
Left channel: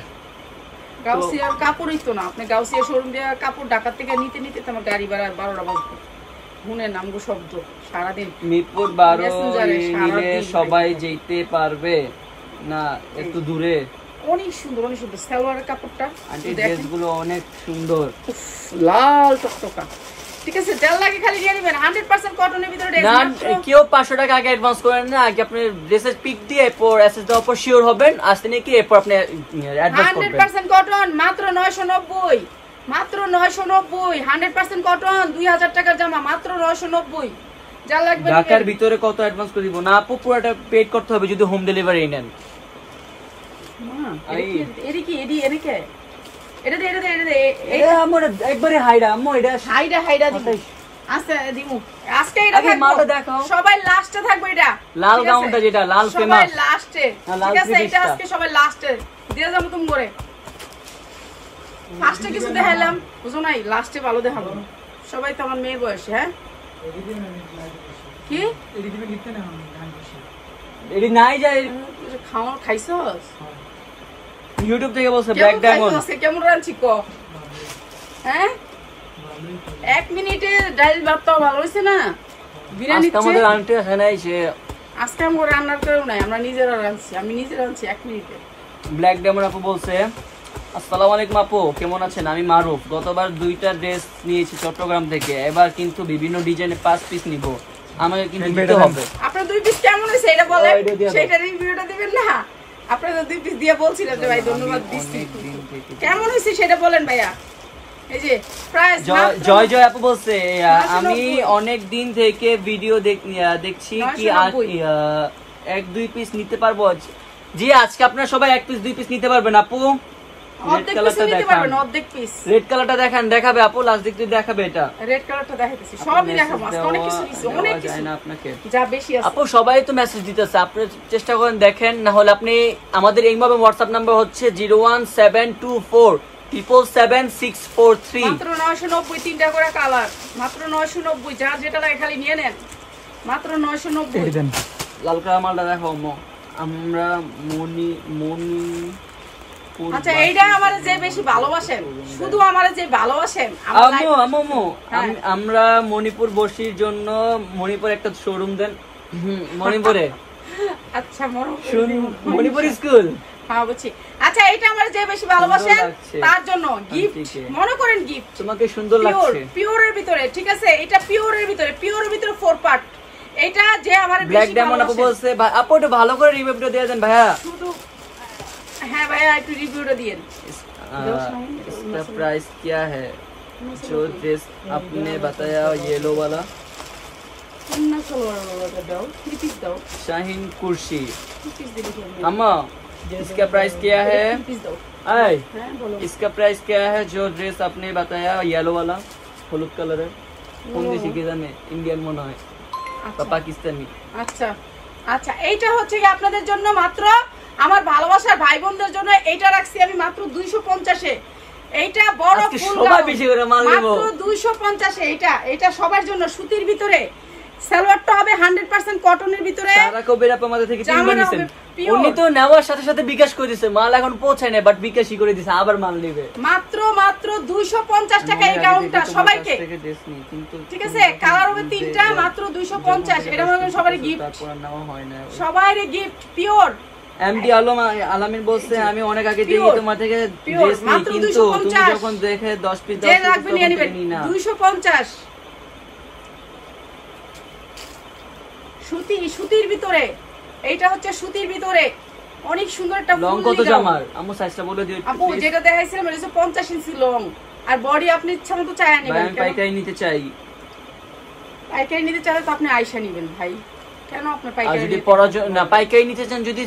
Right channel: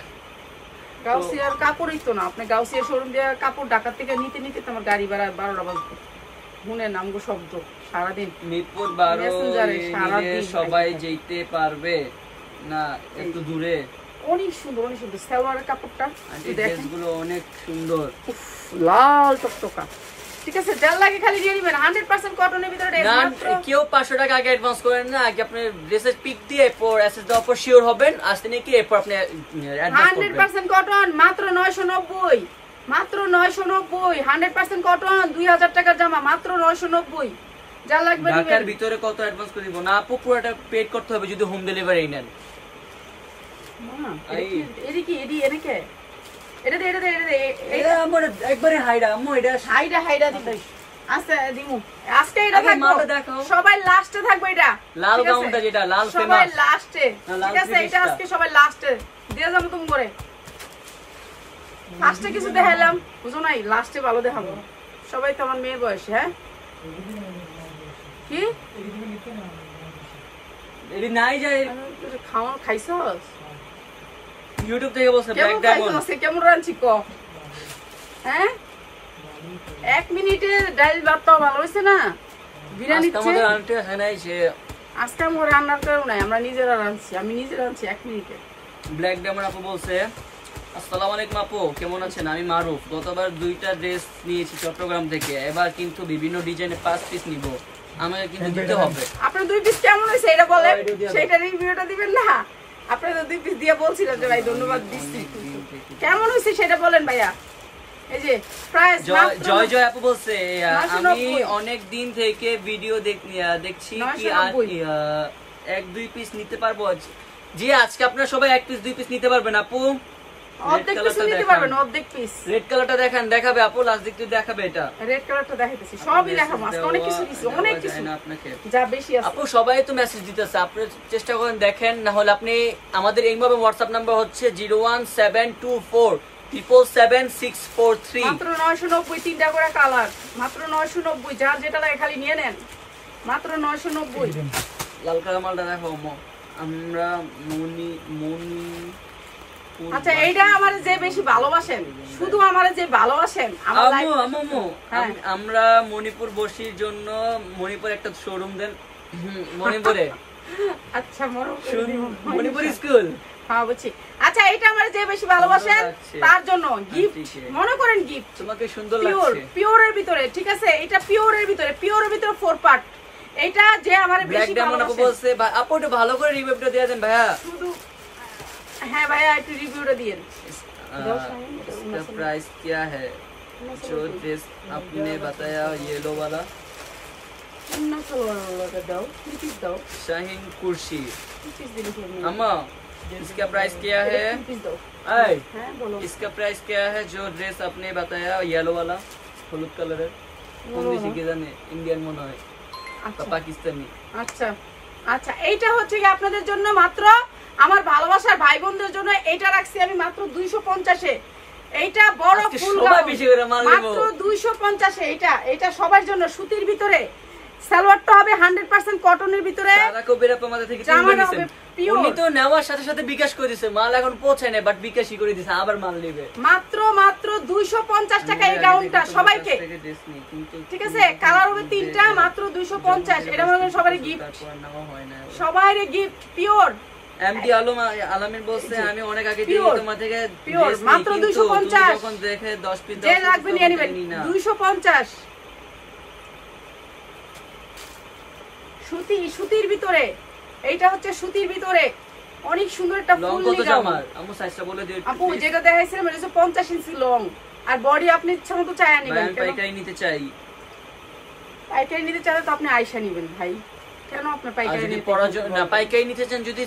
গাউসিয়ার কাপড়ই তো না, আপনি গাউসিয়া শোরুম দিয়ে কাপড় ঢাকা থেকে নিতে নিতে তোমার গাড়ি ভাড়া 12টা বাজবে। শুনেন আমগো শব্দ সারাদিন। মিরপুর 12 সবাই যেতে পারবে না, একটু দূরে। অনেক সুন্দর, অনেক সুন্দর সালোয়ারের কাপড়টা ড্রেসগুলো অনেক সুন্দর, লাল টকটকা। ঠিক আছে, যার লাগে খালি নিয়ে নেবেন। 100% কটনের ভিতরে ড্রেস মাত্র। কেউ 500 টাকা আগে অ্যাডভান্স করেন না, আগে আপনি ড্রেসের পিক দিয়ে এরপর এসএস দেওয়ার পর শিওর হবেন, আসতে নাকি এরপর আপনি অ্যাডভান্স করবেন। 100% কটন, মাত্র 990, মাত্র 990। 100% কটন, 2000 টাকার জামা, মাত্র 990। যা লাগবে ঢাকার ভিতরে কত অ্যাডভান্স করে দিব? না আপু, পুরোটা পেড করতে হবে যদি হোম ডেলিভারি নেন। মা এটা কি? এটা কি? এটা কে? এটা দে এই আমর একবারে হাইডা আম্মু, এটা হাইডা দিব। আচ্ছা দিমু আজকে এটা থাকবে, সবাই লাস্টে থাকবে। এটা লাল গাউনটা, যেটা লাল ফেমাস, সবাই লাস্টে। ঠিক আছে, এটা আজকে সবাই লাস্টে দিয়ে যাবো তুমি করে। ফার্স্টে কিছু দেখাইলাম, বুঝো নাই, লাস্টে ভালো দেখাবো। সবাই তো আমার মেয়ের বয়সে। হ্যাঁ কি এডি নাই যায় খাওয়া খাইছস? ইউটিউব থেকে বলছে ব্ল্যাক ডায়মন্ড। কেমন রাঁধছি ক? হ্যাঁ 1 মিনিটে ডাল ভাতটা ভালো হয়েছে না? বিরিয়ানি আমাদের আন্টি আছে নাই, সে আজকে আমরা রান্নার কেউ নাই, আমরা নিজেরা রাঁধছি, আমি নিজে রাঁধছি 1 মিনিটে। ব্ল্যাক ডায়মন্ড আপু বলছে আসসালামু আলাইকুম আপু, কেমন আছেন? আমি মারুফ, গতবার 2টা ড্রেস নিয়েছি চট্টগ্রাম থেকে, এবার কিন্তু বিভিন্ন ডিজাইনে 5 পিস নিব, আমাকে কিন্তু দিতে হবে। আপনার 2 পিস কেমন হয়েছে এটা বলেন, সেটা রিভিউটা দিবেন না? আপনারা 2 পিস দিয়ে বলছিলেন যে ভাই ধন্যবাদ দিচ্ছি, কেমন হয়েছে সেটা বলেন ভাইয়া। এই যে প্রাইস জয় জয় আপু বলছে আমি অনেক দিন থেকে ভিডিও দেখছি, কি 1-2 পিস নিতে পারবো? জি আজকে আপনারা সবাই 1 পিস 2 পিস নিতে পারবেন আপু। অর্ধেক পিস নিতে পারবেন, অর্ধেক পিস। রেড কালারটা দেখেন, দেখাবে আপু, লাস্ট দিকে দেখাবে। এটা রেড কালারটা দেখাইতেছি, সবই দেখাবো আজকে, অনেক কিছু দিছি, অনেক কিছু না আপনাকে যা বেশি আছে। আপু সবাই তো মেসেজ দিতেছে, আপনি চেষ্টা করেন দেখেন, না হলে আপনি আমাদের এইভাবে WhatsApp নাম্বার হচ্ছে 01724777643। মাত্র 990, 3টা করে কালার, মাত্র 990। যার যেটা লাগে খালি নিয়ে নেন, মাত্র 990। লাল কালার মালটা দেখো আমরা মনি। আচ্ছা এইটা আমারে যে বেশি ভালোবাসেন, শুধু আমারে যে ভালোবাসেন, আমরা মণিপুর বসির জন্য মণিপুর একটা শোরুম দেন। মণিপুরে আচ্ছা মণিপুর স্কুল, হ্যাঁ বুঝছি। আচ্ছা এইটা আমারে যে বেশি ভালোবাসেন তার জন্য গিফট মনে করেন, গিফট তোমাকে সুন্দর লাগছে, পিওরের ভিতরে। ঠিক আছে, এটা পিওরের ভিতরে, পিওরের ভিতরে 4 পার্ট। এটা যে আমারে বেশি ভালোবাসেন বলছে আপু একটু ভালো করে রিভিউটা দিয়ে দেন ভাইয়া। শুধু হ্যাঁ ভাইয়া একটু রিভিউটা দিয়েন। इसका प्राइस क्या है जो ड्रेस आपने बताया येलो वाला? না সালোয়ার দাও, 3 পিস দাও। শাহিন কুরশি 3 পিস দিলে আম্মা इसका प्राइस क्या है? পিস দাও। आए হ্যাঁ বলো। इसका प्राइस क्या है? जो ड्रेस आपने बताया येलो वाला हलुद कलर है कौन देश की जाने इंडियन মনে হয় আচ্ছা পাকিস্তানি আচ্ছা আচ্ছা এইটা হচ্ছে কি আপনাদের জন্য মাত্র আমার ভালোবাসার ভাই বোনদের জন্য এইটা রাখছি আমি মাত্র 250 এ। এইটা বড় আজকে ফুল সবাই গাউন বেশি করে মাল নেবো। মাত্র 250 এ। এটা সবার জন্য সুতির ভিতরে সালোয়ারটা হবে 100% কটনের ভিতরে সারা কবির আপা আমাদের থেকে জামাটা কিনে হবে নিছেন pure। উনি তো নেওয়ার সাথে সাথে বিকাশ করে দিয়েছে মাল এখন পৌঁছায় না বাট বিকাশই করে দিয়েছে আবার মাল নেবে মাত্র 250 টাকা এই গাউনটা সবাইকে ঠিক আছে কালার হবে তিনটা মাত্র 250 এটা মনে করেন সবারই গিফট তারপর নাও হয় না সবারই গিফট পিওর এমডি আলম আলামিন বলছে আমি অনেক আগে দিয়ে Pure, তোমার থেকে pure, dress নিই, মাত্র কিন্তু 250 তুমি যখন দেখে 10 পিস যে লাগবে নিয়ে নেবেন 250 সুতির ভিতরে এইটা হচ্ছে সুতির ভিতরে অনেক সুন্দর একটা লং ফুল কত গাউন জামার আমু সাইজটা বলে দিও আপু যেটা দেখাইছিলাম এটা হচ্ছে 50 ইঞ্চি লং আর বডি আপনি ইচ্ছা মতো চায়া নেবেন আমি পাইকারি নিতে চাই পাইকারি নিতে চাইলে তো আপনি আয়শা নেবেন ভাই কেন আপনার আর পাইকারি যদি নিতে পরার জন্য না পাইকারি নিতে চান যদি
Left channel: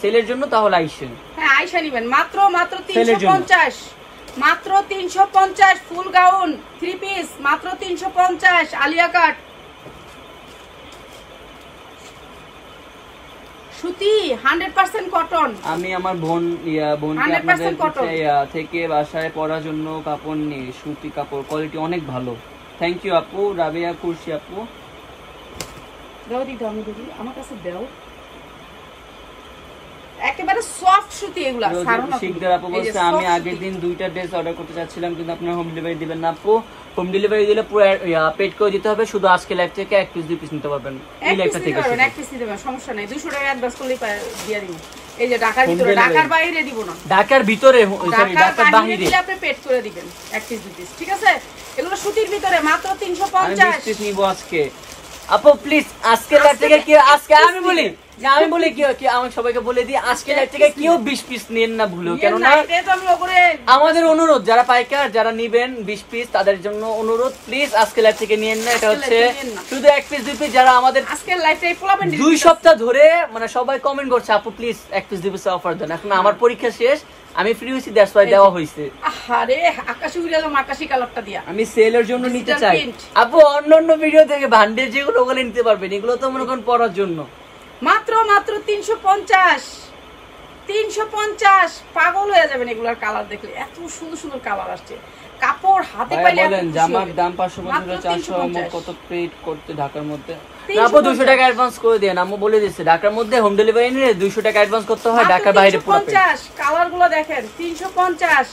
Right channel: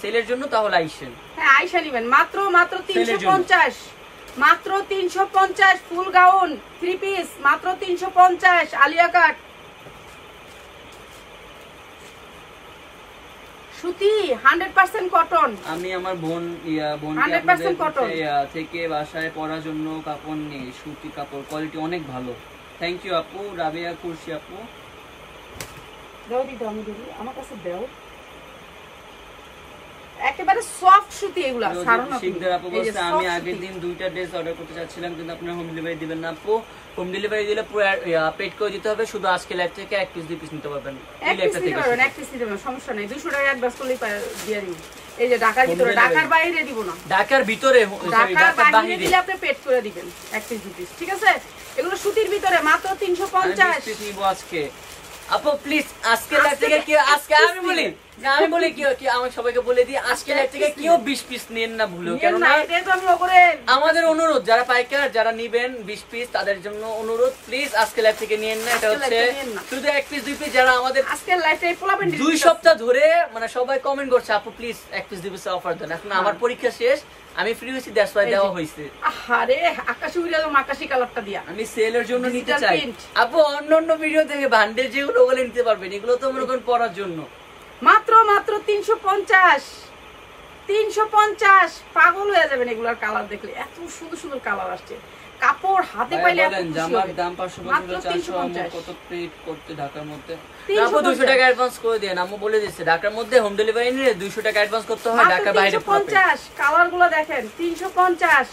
সেলের জন্য তাহলে আইসেন হ্যাঁ আয়শা নেবেন মাত্র সেলের জন্য। 350 মাত্র 350 ফুল গাউন 3 পিস মাত্র 350 আলিয়া কাট সুতি 100% কটন আমি আমার বোনকে 100% আপনাদের cotton। থেকে বাসায় পরার জন্য কাপড় নেই সুতি কাপড় কোয়ালিটি অনেক ভালো থ্যাংক ইউ আপু রাবিয়া কুরশি আপু দাও দি দাও আমি দিদি আমার কাছে দাও একেবারে সফট সুতি এগুলা সারো না শিকদার আপু এই যে বলছে আমি soft আগের সুতি। দিন 2টা ড্রেস অর্ডার করতে চাচ্ছিলাম কিন্তু আপনারা হোম ডেলিভারি দিবেন না আপু হোম ডেলিভারি দিলে পুরো পেড করে দিতে হবে শুধু আজকে লাইভ থেকে এক পিস দুই পিস নিতে পারবেন এই এক লাইভটা পিস থেকে দিতে পারবেন এক পিস দিতে পারবেন সমস্যা নাই 200 টাকা অ্যাডভান্স করলেই দিয়ে দিব এই যে ঢাকার ভিতরে delivery। ঢাকার বাইরে দিব না ঢাকার ভিতরে ঢাকার ঢাকার বাইরে বাইরে দিলে আপনি পেড করে দিবেন এক পিস দুই পিস ঠিক আছে এগুলো সুতির ভিতরে মাত্র আমি 350 পিস নিব আজকে আপু প্লিজ আজকে লাইভ থেকে কি আজকে আমি বলি যে আমি বলি কি আমি সবাইকে বলে দিই আজকে লাইভ থেকে কেউ 20 পিস নেন না ভুলো কেন না এটাই তো আমি ওপরে আমাদের অনুরোধ যারা পাইকার যারা নিবেন 20 পিস তাদের জন্য অনুরোধ প্লিজ আজকে লাইভ থেকে নিয়েন না এটা আজকে হচ্ছে live থেকে নিয়েন না। শুধু এক পিস দুই পিস যারা আমাদের আজকের লাইফটা এই পোলাপেন 2 সপ্তাহ ধরে মানে সবাই কমেন্ট করছে আপু প্লিজ এক পিস দুই পিস অফার দেন এখন আমার পরীক্ষা শেষ আমি ফ্রি হইছি দ্যাটস ওয়াই দেওয়া হইছে আরে আকাশি উড়ে গেল আকাশি কালারটা দিয়া আমি সেলের জন্য নিতে Digital চাই print। আপু অন্য ভিডিও থেকে ভান্ডে যেগুলো ওগুলো নিতে পারবেন এগুলো তো মনে করেন পড়ার জন্য মাত্র 350 পাগল হয়ে যাবেন এগুলার কালার দেখলে এত সুন্দর সুন্দর কালার আসছে কাপড় হাতে পাইলে এত বলেন খুশি জামার হবেন। দাম মাত্র 550 400 350 কত পে করতে ঢাকার মধ্যে 350 আপু 200 টাকা অ্যাডভান্স করে দেন আমি বলে দিচ্ছি ঢাকার মধ্যে হোম ডেলিভারি নিলে 200 টাকা অ্যাডভান্স করতে হয় মাত্র ঢাকার বাইরে পুরো pay। 350 কালার গুলো দেখেন 350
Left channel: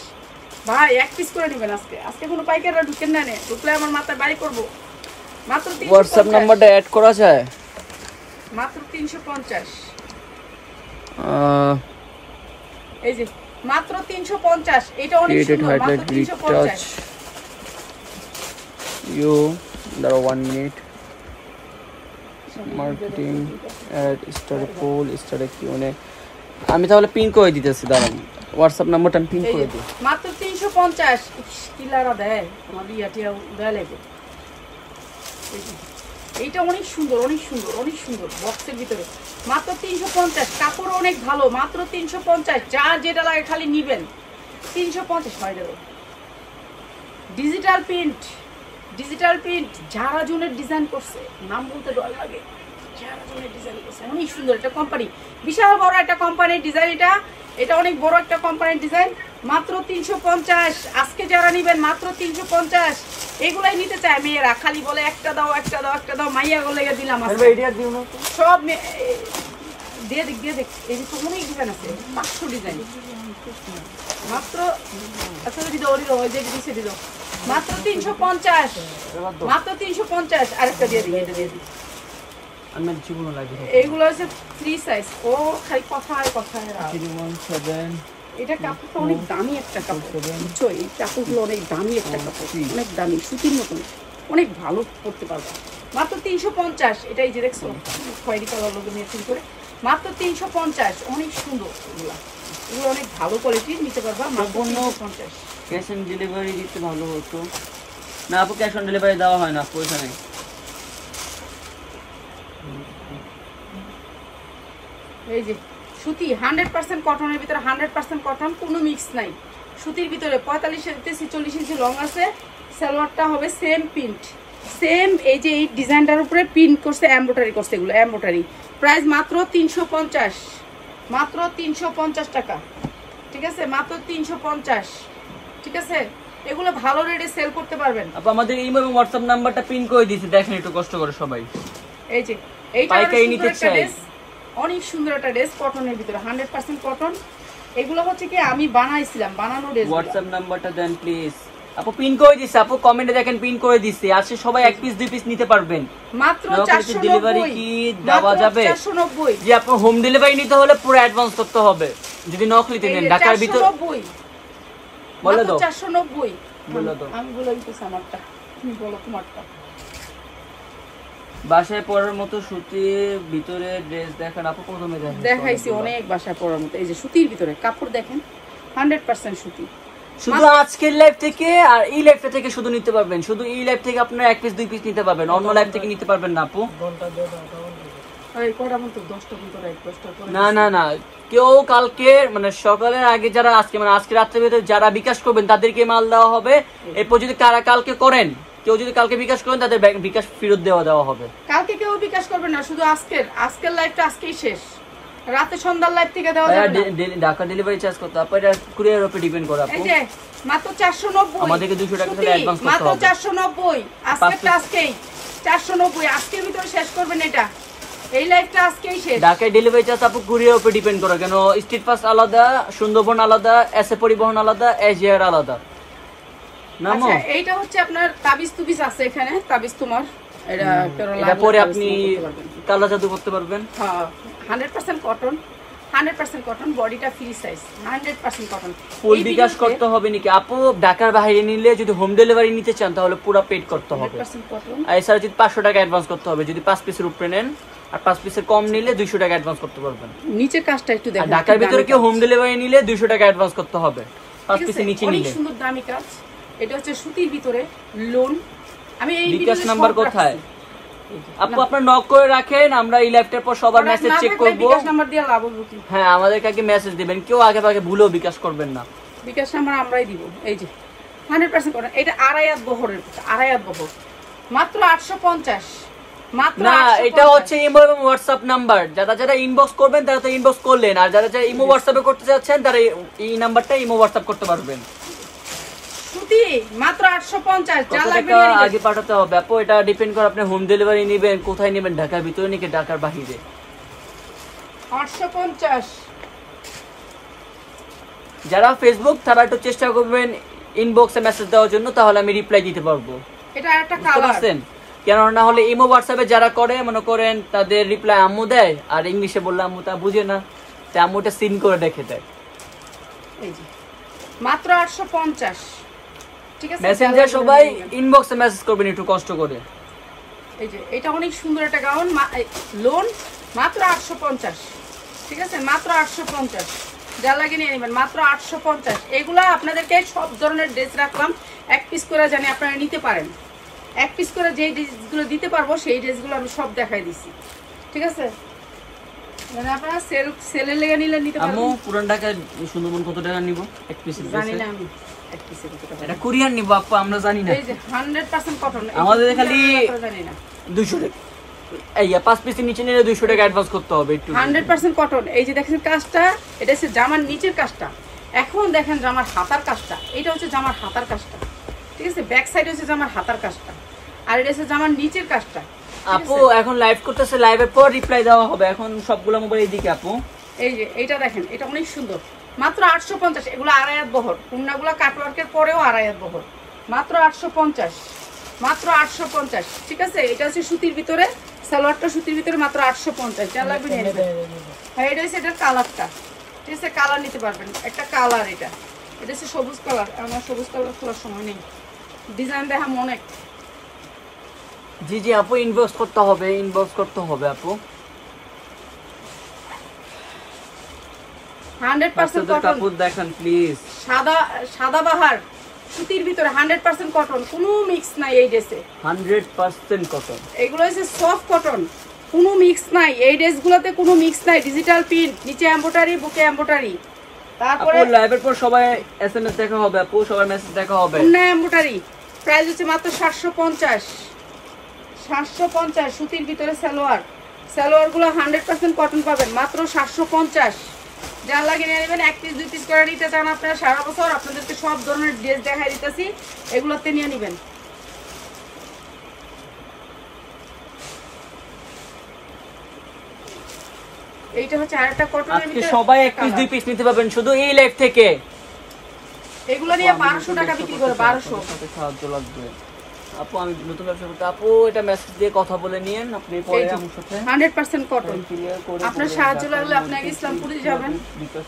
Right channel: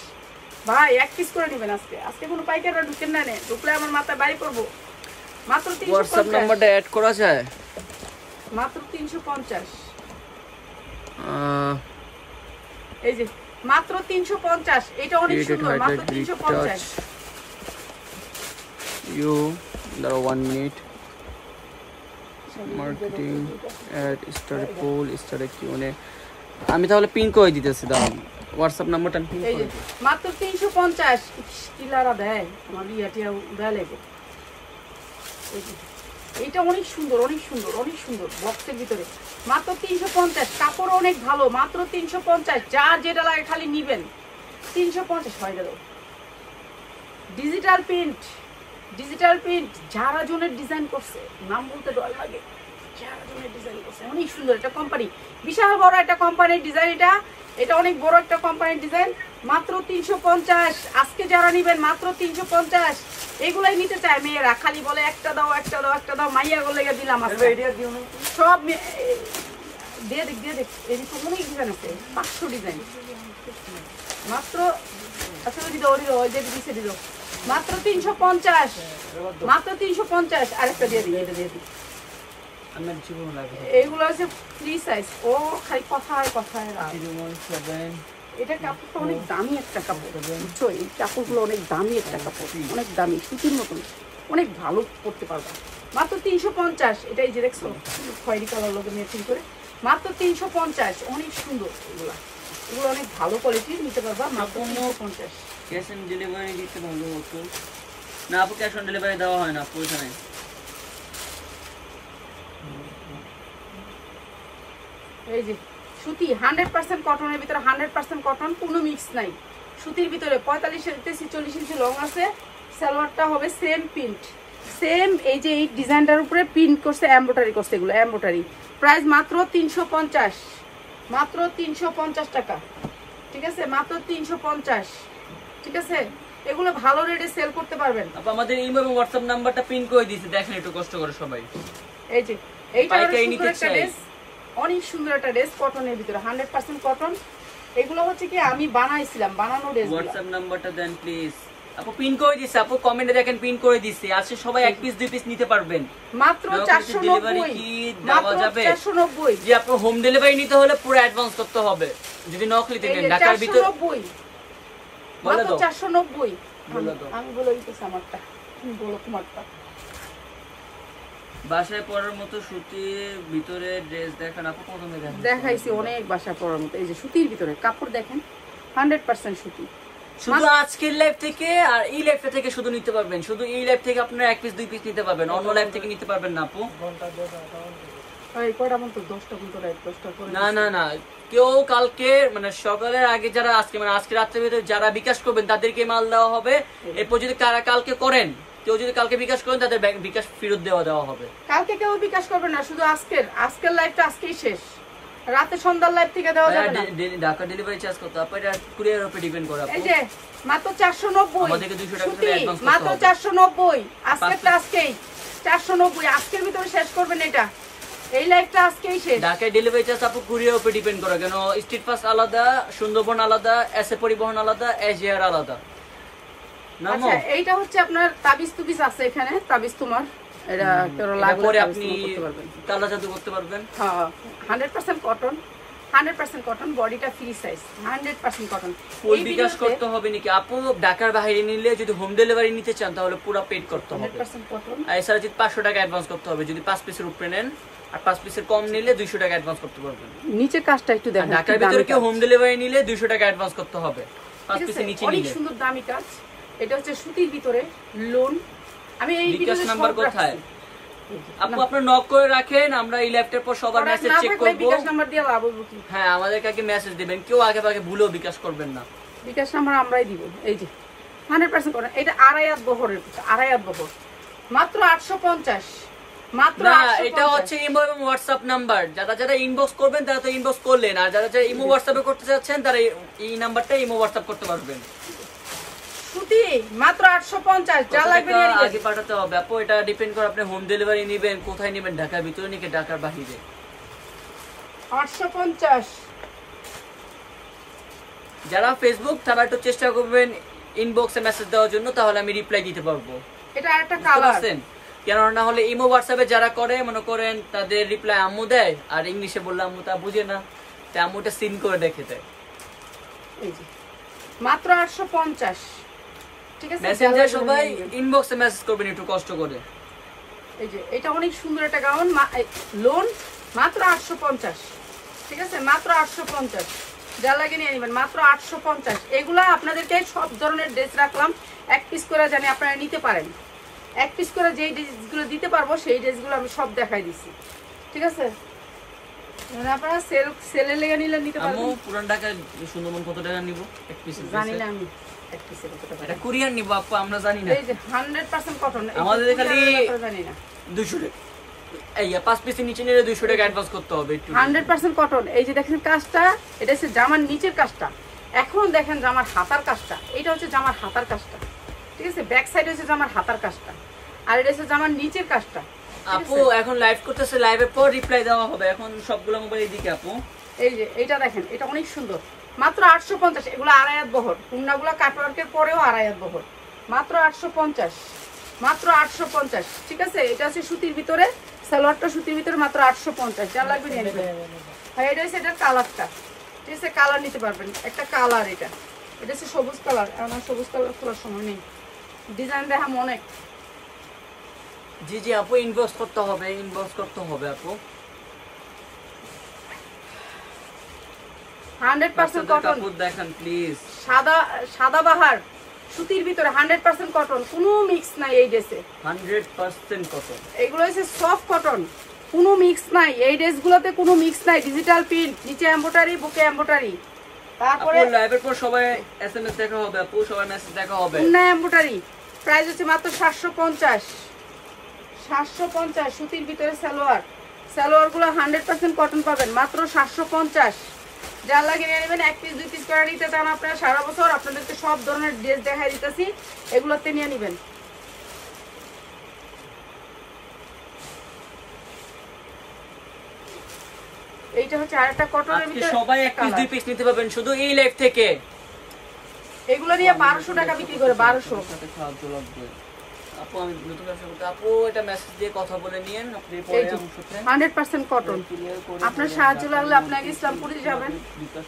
ভাই এক পিস করে নেবেন আজকে কোনো পাইকাররা ঢুকেন না নে ঢুকলে আমার মাথায় বাড়ি করব মাত্র 350 হোয়াটসঅ্যাপ নাম্বারটা অ্যাড করা যায় মাত্র 350 এই যে মাত্র 350 এটা অনেক সুন্দর মাত্র 350 you there 1 minute marketing ad স্টারে পোল স্টারে কিউনে আমি তাহলে পিন করে দিতেছি দাঁড়ান হোয়াটসঅ্যাপ নাম্বারটা পিন এই করে যে দিই মাত্র 350 কিলারা দেয় আমার ইয়াটিয়া দেয় লাগে এই যে এইটা অনেক সুন্দর বক্সের ভিতরে মাত্র 350 কাপড় অনেক ভালো মাত্র 350 যা যেটা লাগে খালি নিবেন 350 হয়ে গেল ডিজিটাল প্রিন্ট যারা জনের ডিজাইন করছে নাম বলতে ডর লাগে যারা জনের ডিজাইন করছে অনেক সুন্দর একটা কোম্পানি বিশাল বড় একটা কোম্পানির ডিজাইন এটা অনেক বড় একটা কোম্পানির ডিজাইন মাত্র 350 আজকে যারা নিবেন মাত্র 350 এগুলাই নিতে চায় মেয়েরা খালি বলে একটা দাও মাইয়া গুলো দিলাম আজকে সব দিয়ে দেখ এই যে অনেক ডিজাইন আছে 500 ডিজাইন মাত্র আসলে দিদি ওই যে দিছে দিদি মাত্র 350 আরেকটা দিয়ে দিই এটা দিয়ে দিই আমার জীবন লাগে এইগুলো হচ্ছে ফ্রি সাইজ ও খালি কথায় এটা কাপড়টা অনেক দামি একটা কাপড় বুঝছো এই কাপড়গুলো অনেক দামি একটা কাপড় অনেক দামি সুতির মতন অনেক ভালো পড়তে পারবা মাত্র 350 এটাই যে দেখছো খয়েরি কালার লোক মেশিন করে মাত্র 350 অনেক সুন্দর এগুলো অনেক ভালো কোয়ালিটির নিতে পারবা মাত্র 350 ক্যাশ অন ডেলিভারি দিতে ভালো হতো না আপু ক্যাশ অন ডেলিভারি দেওয়া হয় না পয়সা নেই এই যে সুতি 100% কটনের ভিতরে, 100% কটন, কোনো মিক্স নাই। সুতির ভিতরে 45 থেকে 40 ইঞ্চি লং আছে। সালোয়ারটা হবে সেম প্রিন্ট, সেম এই যে এই ডিজাইনটার উপরে প্রিন্ট করছে, এমব্রয়ডারি করছে, এগুলো এমব্রয়ডারি। প্রাইস মাত্র 350, মাত্র 350 টাকা, ঠিক আছে, মাত্র 350, ঠিক আছে। এগুলো ভালো রেটে সেল করতে পারবেন। আপু আমাদের ইমো এবং হোয়াটসঅ্যাপ নাম্বারটা পিন করে দিয়েছি, দেখেন একটু কষ্ট করে সবাই। এই যে এইটা পাইকারি নিতে চাই, অনেক সুন্দর একটা ড্রেস, কটনের ভিতরে 100% কটন। এগুলো হচ্ছে কি আমি বানাইছিলাম, বানানো ড্রেস। হোয়াটসঅ্যাপ নাম্বারটা দেন প্লিজ। আপু পিন করে দিছি, আপু কমেন্টে দেখেন পিন করে দিছি। আজকে সবাই এক পিস দুই পিস নিতে পারবেন, মাত্র 490। কি দেওয়া যাবে? 490। যে আপু হোম ডেলিভারি নিতে হলে পুরো অ্যাডভান্স করতে হবে, যদি নকলিতে নেন। ঢাকার ভিতর 490, বলে দাও 490 বলে দাও। আমি বলে দিতেছি আমারটা, তুমি বলো তোমারটা। বাসায় পরার মতো সুতির ভিতরে ড্রেস দেখান আপু, প্রথমে দেখাইছি অনেক বাসায় পরার মতো। এই যে সুতির ভিতরে কাপড় দেখেন, 100% সুতি। শুধু আজকের লাইভ থেকে আর এই লাইভটা থেকে শুধু নিতে পারবেন, শুধু এই লাইভ থেকে আপনারা এক পিস দুই পিস নিতে পারবেন, অন্য লাইভ থেকে নিতে পারবেন না আপু। এই কয়টা মতো 10টা কিন্তু রাইট 10টা করে না না না, কেউ কালকে মানে সকালের আগে যারা আজকে মানে আজকে রাত্রের ভিতরে যারা বিকাশ করবেন তাদেরকে মাল দেওয়া হবে। এরপর যদি কারা কালকে করেন, কেউ যদি কালকে বিকাশ করেন তাদের বিকাশ ফেরত দেওয়া হবে। কালকে কেউ বিকাশ করবে না, শুধু আজকের লাইভটা আজকেই শেষ, রাতে সন্ধ্যার লাইভ থেকে দেওয়া যাবে না। ঢাকা ডেলিভারি চার্জ কত আপু? এটা কুরিয়ারের উপর ডিপেন্ড করে আপু। এই যে মাত্র 490, আমাদেরকে 200 টাকা করে অ্যাডভান্স করতে মাত্র হবে। 490, আজকেরটা আজকেই 490, আজকের ভিতরে শেষ করবেন এটা, এই লাইভটা আজকেই শেষ। ঢাকায় ডেলিভারি চার্জ আপু কুরিয়ারের উপর ডিপেন্ড করে, কেন স্ট্রিট পাস আলাদা, সুন্দরবন আলাদা, এসএ পরিবহন আলাদা, এজিআর আলাদা। আচ্ছা এইটা হচ্ছে আপনার তাবিজ তুবিজ আছে এখানে, তাবিজ তোমার এটা পরে আপনি কালা জাদু করতে পারবেন। হ্যাঁ 100% কটন, 100% কটন, বডিটা ফ্রি সাইজ, 100% কটন। ফুল বিকাশ করতে হবে নাকি আপু? ঢাকার বাইরে নিলে যদি হোম ডেলিভারি নিতে চান তাহলে পুরো পেড করতে হবে, 100% কটন। আর এছাড়া যদি 500 টাকা অ্যাডভান্স করতে হবে, যদি 5 পিসের উপরে নেন, আর 5 পিসের কম নিলে 200 টাকা অ্যাডভান্স করতে পারবেন। নিচের কাজটা একটু দেখেন, ঢাকার ভিতরে কেউ হোম ডেলিভারি নিলে 200 টাকা অ্যাডভান্স করতে হবে, 5 পিসের নিচে অনেক নিলে। সুন্দর দামি কাজ। এটা হচ্ছে সুতির ভিতরে লোন। আমি এই বিকাশ নাম্বার কোথায় আপু? আপনার নক করে রাখেন, আমরা এই ল্যাপটপ পর সবার মেসেজ চেক করব। বিকাশ নাম্বার দিয়ে লাভ হবে কি? হ্যাঁ আমাদেরকে আগে মেসেজ দিবেন, কেউ আগে ভাগে ভুলেও বিকাশ করবেন না। বিকাশ নাম্বার আমরাই দিব। এই যে 100% কটন, এটা আড়াই হাত বহরের, আড়াই হাত বহর, মাত্র 850, মাত্র না 850। এটা হচ্ছে ইমো এবং হোয়াটসঅ্যাপ নাম্বার, যারা যারা ইনবক্স করবেন তারা তো ইনবক্স করলেন, আর যারা যারা ইমো হোয়াটসঅ্যাপে করতে চাচ্ছেন তারা এই নাম্বারটা ইমো হোয়াটসঅ্যাপ করতে পারবেন। সুতি মাত্র 850, যা লাগবে টাকা নিয়ে নিবেন। আগে পাঠাতে হবে আপু, এটা ডিপেন্ড করে আপনি হোম ডেলিভারি নেবেন কোথায় নেবেন, ঢাকার ভিতরে নাকি ঢাকার বাইরে। 850। যারা ফেসবুক তারা একটু চেষ্টা করবেন ইনবক্সে মেসেজ দেওয়ার জন্য, তাহলে আমি রিপ্লাই দিতে পারবো। এটা একটা কালার, কেন না হলে ইমো হোয়াটসঅ্যাপে যারা করে মনে করেন তাদের রিপ্লাই আম্মু দেয়, আর ইংলিশে বললে আম্মু তা বুঝে না, তাই আম্মুটা সিন করে দেখে দেয়। এই যে মাত্র 850, ঠিক আছে। মেসেঞ্জার সবাই ইনবক্সে মেসেজ করবেন একটু কষ্ট করে। এই যে এটা অনেক সুন্দর একটা গাউন, লোন, মাত্র 850, ঠিক আছে, মাত্র 850, যা লাগে নিয়ে নেবেন, মাত্র 850। এগুলা আপনাদেরকে সব ধরনের ড্রেস রাখলাম, এক পিস করে জানি আপনারা নিতে পারেন, এক পিস করে যেই ড্রেসগুলো দিতে পারবো সেই ড্রেসগুলো আমি সব দেখাই দিছি, ঠিক আছে। মানে আপনারা সেলের লেগে নিলে নিতে পারবেন। আম্মু পুরান ঢাকায় সুন্দরবন কত টাকা নিব এক পিস? জানি না আমি এক পিসে কত টাকা। এটা কুরিয়ার নিব আপু, আমরা জানি না। এই যে 100% কটন, আমাদের খালি জানি না 200 টাকা, এই 5 পিসের নিচে নিলে 200 টাকা অ্যাডভান্স করতে হবে একটু। 100% কটন। এই যে দেখেন কাজটা, এটা হচ্ছে জামার নিচের কাজটা। এখন দেখেন জামার হাতার কাজটা, এটা হচ্ছে জামার হাতার কাজটা, ঠিক আছে। ব্যাক সাইড হচ্ছে জামার হাতার কাজটা, আর এটা হচ্ছে জামার নিচের কাজটা। আপু এখন লাইভ করতেছে, লাইভের পর রিপ্লাই দেওয়া হবে। এখন সবগুলো মোবাইল দিকে আপু। এই যে এইটা দেখেন, এটা অনেক সুন্দর, মাত্র 850। এগুলো আড়াই হাত বহর, কুন্নাগুলো কাটওয়ার্কের পরেও আড়াই হাত বহর, মাত্র 850, মাত্র 850, ঠিক আছে। এটা হচ্ছে সুতির ভিতরে, সালোয়ারটা সুতির ভিতরে, মাত্র 850, যা লাগবে নিয়ে নেবেন। হ্যাঁ এটা হচ্ছে এটার কালারটা, ঠিক আছে, কালার নিতে পারবেন, একটা কালার। এটা হচ্ছে সবুজ কালার, আমার সবুজ কালার খোলার সময় নেই, ডিজাইন দেখাম অনেক। জি জি আপু, ইনবক্স করতে হবে, ইনবক্স করতে হবে আপু। 100% কটন, দেখেন প্লিজ, সাদা বাহার সুতির ভিতরে, 100% কটন, কোনো মিক্স নাই এই ড্রেসে, 100% কটন। এগুলো হচ্ছে সফট কটন, কোনো মিক্স নাই, এই ড্রেসগুলোতে কোনো মিক্স নাই। ডিজিটাল প্রিন্ট, নিচে এমব্রয়ডারি, বুকে এমব্রয়ডারি, তারপরে আপু লাইভের পর সবাই এসএমএস দেখা হবে, আপু সবাই মেসেজ দেখা হবে। অন্য এমব্রয়ডারি প্রাইস হচ্ছে মাত্র 750। 750 সুতির ভিতরে সালোয়ার। সালোয়ারগুলো 100% কটন পাবেন মাত্র 750। যা লাগে নিয়ে নেবেন। 1 পিস 2 পিস করে নিতে চান আপনারা সারা বছর, আপনাদেরকে সব ধরনের ড্রেস দেখাই দিতেছি, এগুলোতে নিয়ে নেবেন। এইটা হচ্ছে আরেকটা কটনের আজকে ভিতরে সবাই 1 পিস 2 পিস নিতে পারবেন শুধু এই লাইভ থেকে। এগুলো নিয়ে 1200 টাকা বিক্রি করে, 1200। সাহায্য লাগবে আপু, আমি নতুন ব্যবসা করতে, আপু এটা মেসেজ দিয়ে কথা বলে নিন, আপনি পরে আমার সাথে 100% কটন। আপনার সাহায্য লাগলে আপনি আগে ইসলামপুরে যাবেন,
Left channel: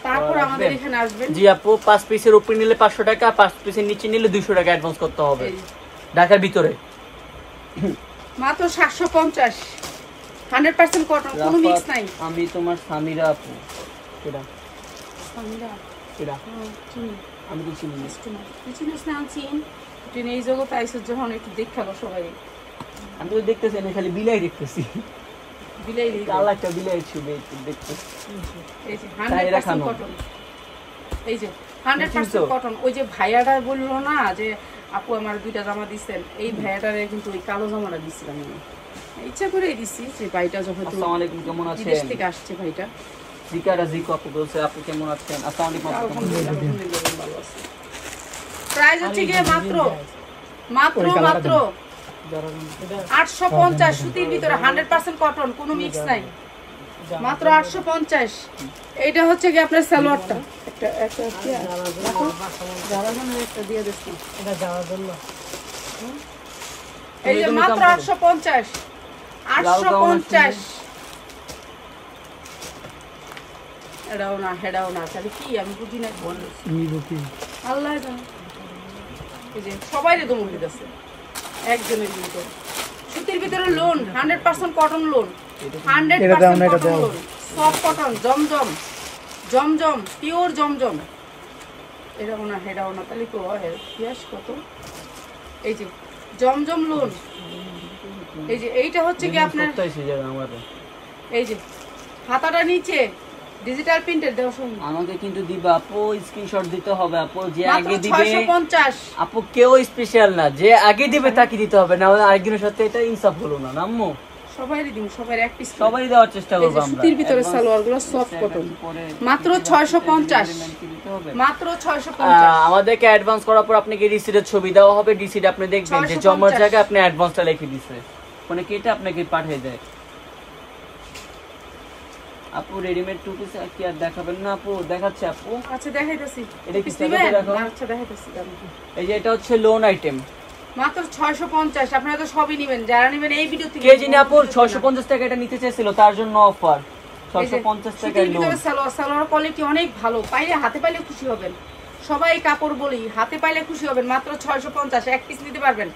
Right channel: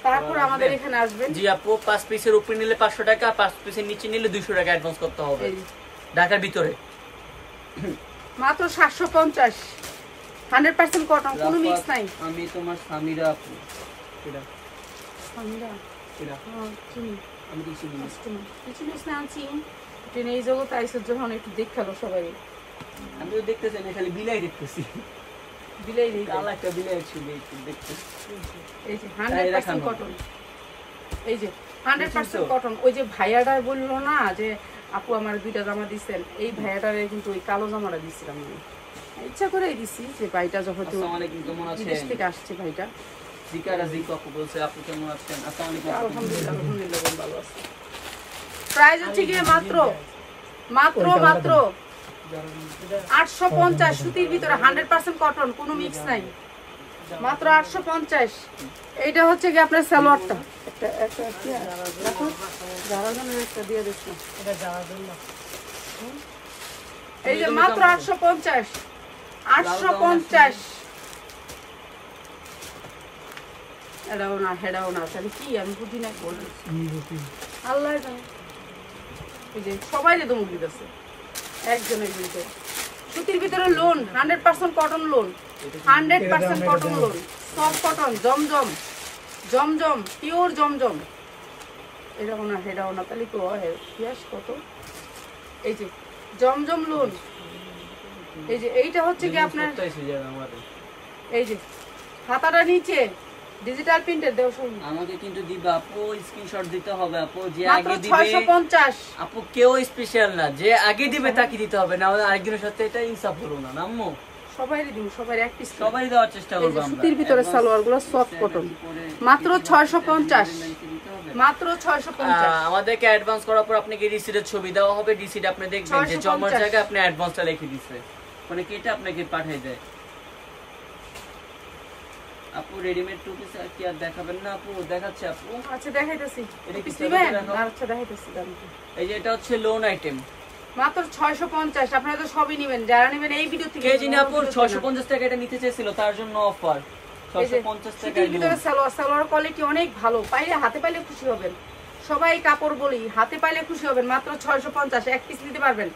তারপর আমাদের এখানে আসবেন। জি আপু, 5 পিসের উপরে নিলে 500 টাকা, 5 পিসের নিচে নিলে 200 টাকা অ্যাডভান্স করতে হবে ঢাকার ভিতরে। মাত্র 750। 100% কটন, কোনো মিক্স নাই। আমি তোমার স্বামীরা আপু, এটা সামিরা এটা আমি কি চিনি না। বিজনেস না আছি ট্রেনে এই জগতে আইসো যখন একটু দেখালো সবাই। আমি তো দেখতেছি, আমি খালি বিলাই দেখতেছি, বিলাই আল্লাহ একটা বিলাই ছিল একটু দেখতেছি। এই যে 100% কটন, এই যে 100% কটন। ওই যে ভাইয়াটা বললো না যে আপু আমার 2টা জামা দিচ্ছেন, এই ভাইয়াটারে কিন্তু ওই কালো জামাটা দিচ্ছিলাম আমি, ইচ্ছা করে দিচ্ছি যে ভাইটা যখন আসসালামু আলাইকুম, কেমন আছেন? বিদেশ থেকে আসছে ভাইটা। জিকারা জিকো আপু বলছে, আপু কেমন আছেন? আসসালামু আলাইকুম। আলহামদুলিল্লাহ, আলহামদুলিল্লাহ ভালো আছে। প্রাইস হচ্ছে কি মাত্র মাত্র মাত্র 850 সুতির ভিতরে 100% কটন, কোনো মিক্স নাই, মাত্র 850। এইটা হচ্ছে কি আপনার সালোয়ারটা, একটা একটা কি রাখো, যারা জন্য একটা দিয়ে দিচ্ছি, এটা যাওয়ার জন্য। এই যে মাত্র 850, 850। এটাও না হেডাও না, তাহলে কি আমি বুঝি না, আল্লাহ জানে। এই যে সবাই যে দমক দিতেছে একজনের কিন্তু সুতির ভিতরে lawn, 100% cotton lawn, 100% cotton lawn, soft cotton, জমজম, জমজম পিওর জমজম। এটাও না হেডাও না, তাহলে তো পিয়াস কত। এই যে জমজম লোন, এই যে এইটা হচ্ছে কি আপনার, এই যে হাতাটা নিচে ডিজিটাল প্রিন্টের দেও শুনুন। আমাকে কিন্তু দিবা আপু, স্ক্রিনশট দিতে হবে আপু, যে মাত্র আগে দিবে 650। আপু কেউ স্পেশাল না, যে আগে দিবে তাকে দিতে হবে, না আরেকজনের সাথে এটা ইনসাফ হলো না আম্মু। সবাইরই দিন, সবাই এক পিস সবাই দেওয়ার চেষ্টা করব আমরা। সুতির ভিতরে সালোয়ারগুলো সফট কটন, মাত্র 650, মাত্র 650। আমাদেরকে অ্যাডভান্স করার পর আপনাকে রিসিটের ছবি দেওয়া হবে, রিসিট আপনি দেখবেন যে জমার জায়গায় আপনি অ্যাডভান্সটা লিখে দিয়েছে, মানে কেটে আপনাকে পাঠিয়ে দেয়। আপু রেডিমেড টু পিস কি আর দেখাবেন না আপু? দেখাচ্ছে আপু, আচ্ছা দেখাইতেছি, এটা কি পিস নেবেন? দেখো। আচ্ছা দেখাইতেছি। এই যে এটা হচ্ছে লোন আইটেম, মাত্র 650। আপনারা তো সবই নেবেন, যারা নেবেন এই ভিডিও থেকে। কে যিনি আপু 650 টাকা এটা নিতে চাইছিল তার জন্য অফার 650 টাকা সুতির ভিতরে লোন। সালোয়ার কোয়ালিটি অনেক ভালো, পাইলে হাতে পাইলে খুশি হবেন। সবাই কাপড় বলি, হাতে পাইলে খুশি হবেন। মাত্র 650, এক পিস নিতে পারবেন,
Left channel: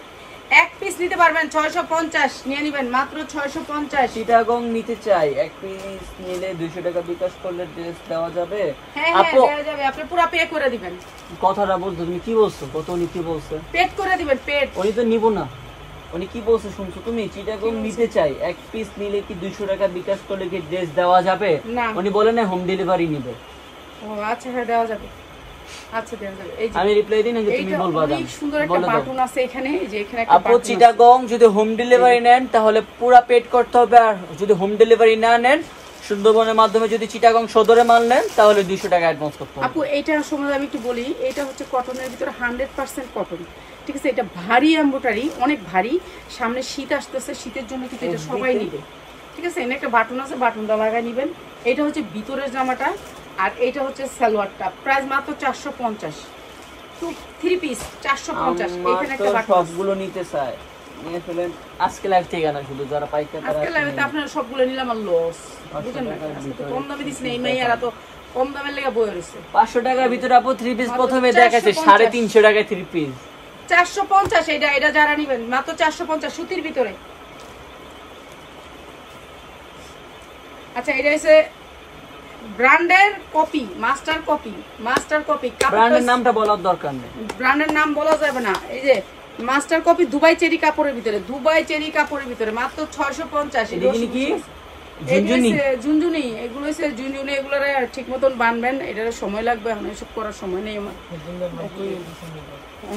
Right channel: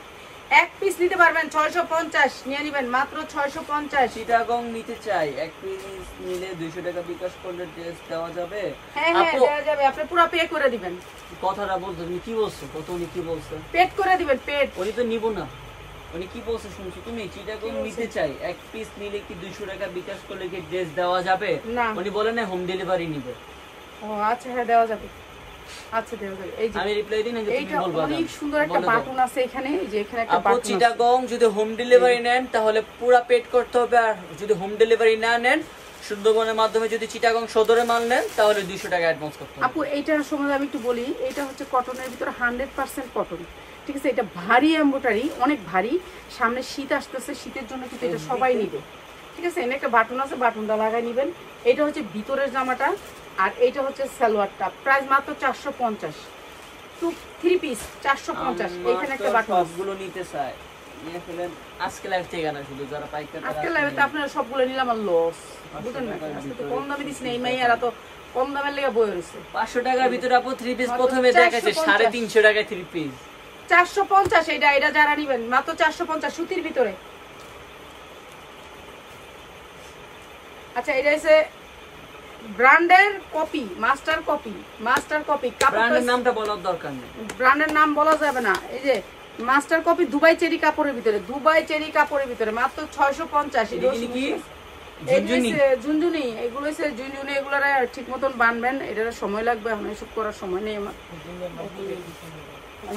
এক পিস নিতে পারবেন, 650 নিয়ে নেবেন, মাত্র 650। চিটাগং নিতে চাই, এক পিস নিলে 200 টাকা বিকাশ করলে ড্রেস দেওয়া যাবে। হ্যাঁ হ্যাঁ দেওয়া যাবে, আপনি পুরো পে করে দিবেন। কথাটা বলছো তুমি, কি বলছো? কত উনি কি বলছে? পেড করে দিবেন, পেড। উনি তো নিব না, উনি কি বলছে শুনছো তুমি? চিটাগং নিতে চাই, এক পিস নিলে কি 200 টাকা বিকাশ করলে কি ড্রেস দেওয়া যাবে? না, উনি বলে না হোম ডেলিভারি নিবে। ও আচ্ছা হ্যাঁ দেওয়া যাবে, আচ্ছা দেওয়া যাবে। এই যে আমি রিপ্লাই দিই না যে তুমি এইটা বলবা। অনেক সুন্দর একটা বাটন আছে এখানে, এই যে এখানে একটা আপু বাটন আছে। চিটাগং যদি হোম ডেলিভারি নেন তাহলে পুরো পেড করতে হবে, আর যদি হোম ডেলিভারি না নেন সুন্দরবনের মাধ্যমে যদি চিটাগং সদরে মাল নেন তাহলে 200 টাকা অ্যাডভান্স করতে হবে। আপু এইটার সম্বন্ধে আমি একটু বলি, এটা হচ্ছে কটনের ভিতরে 100% কটন, ঠিক আছে। এটা ভারী এমব্রয়ডারি, অনেক ভারী। সামনে শীত আসতেছে, শীতের জন্য কিন্তু এটা সবাই নিবে, ঠিক আছে। এখানে একটা বাটন আছে, বাটনটা লাগাই নিবেন। এটা হচ্ছে ভিতরের জামাটা, আর এইটা হচ্ছে সালোয়ারটা। প্রাইস মাত্র 450, 3 পিস 450। এখানে একটা বাটন আছে। সবগুলো নিতে চাই, নিয়ে ফেলেন আজকে লাইভ থেকে না, শুধু যারা পাইতে তারা আজকে লাইভে আপনারা সবগুলো নিলাম, আর লস, বুঝেন না? আজকে তো কম দামে দিছি না, এই মেয়েরা তো কম দামের লেগে বয়ে রয়েছে। 500 টাকার ভিতরে আপু 3 পিস মাত্র প্রথমে দেখাচ্ছে 350 টাকায় 3 পিস। 450 এটা যারা নিবেন মাত্র 450 সুতির ভিতরে। আচ্ছা এটা হচ্ছে ব্র্যান্ডের copy, master copy, master copy. ব্র্যান্ডের নামটা বলার দরকার নেই, ব্র্যান্ডের নাম বলা যাবে না। এই যে মাস্টার কপি দুবাই চেরি কাপড়ের ভিতরে, দুবাই চেরি কাপড়ের ভিতরে মাত্র 650। এটা কি ঝুনঝুনি, এগুলো হচ্ছে ঝুনঝুনি, এগুলো ঠিক মতন বানবেন, এটার সময় লাগবে, এখন এসব করার সময় নেই আমার।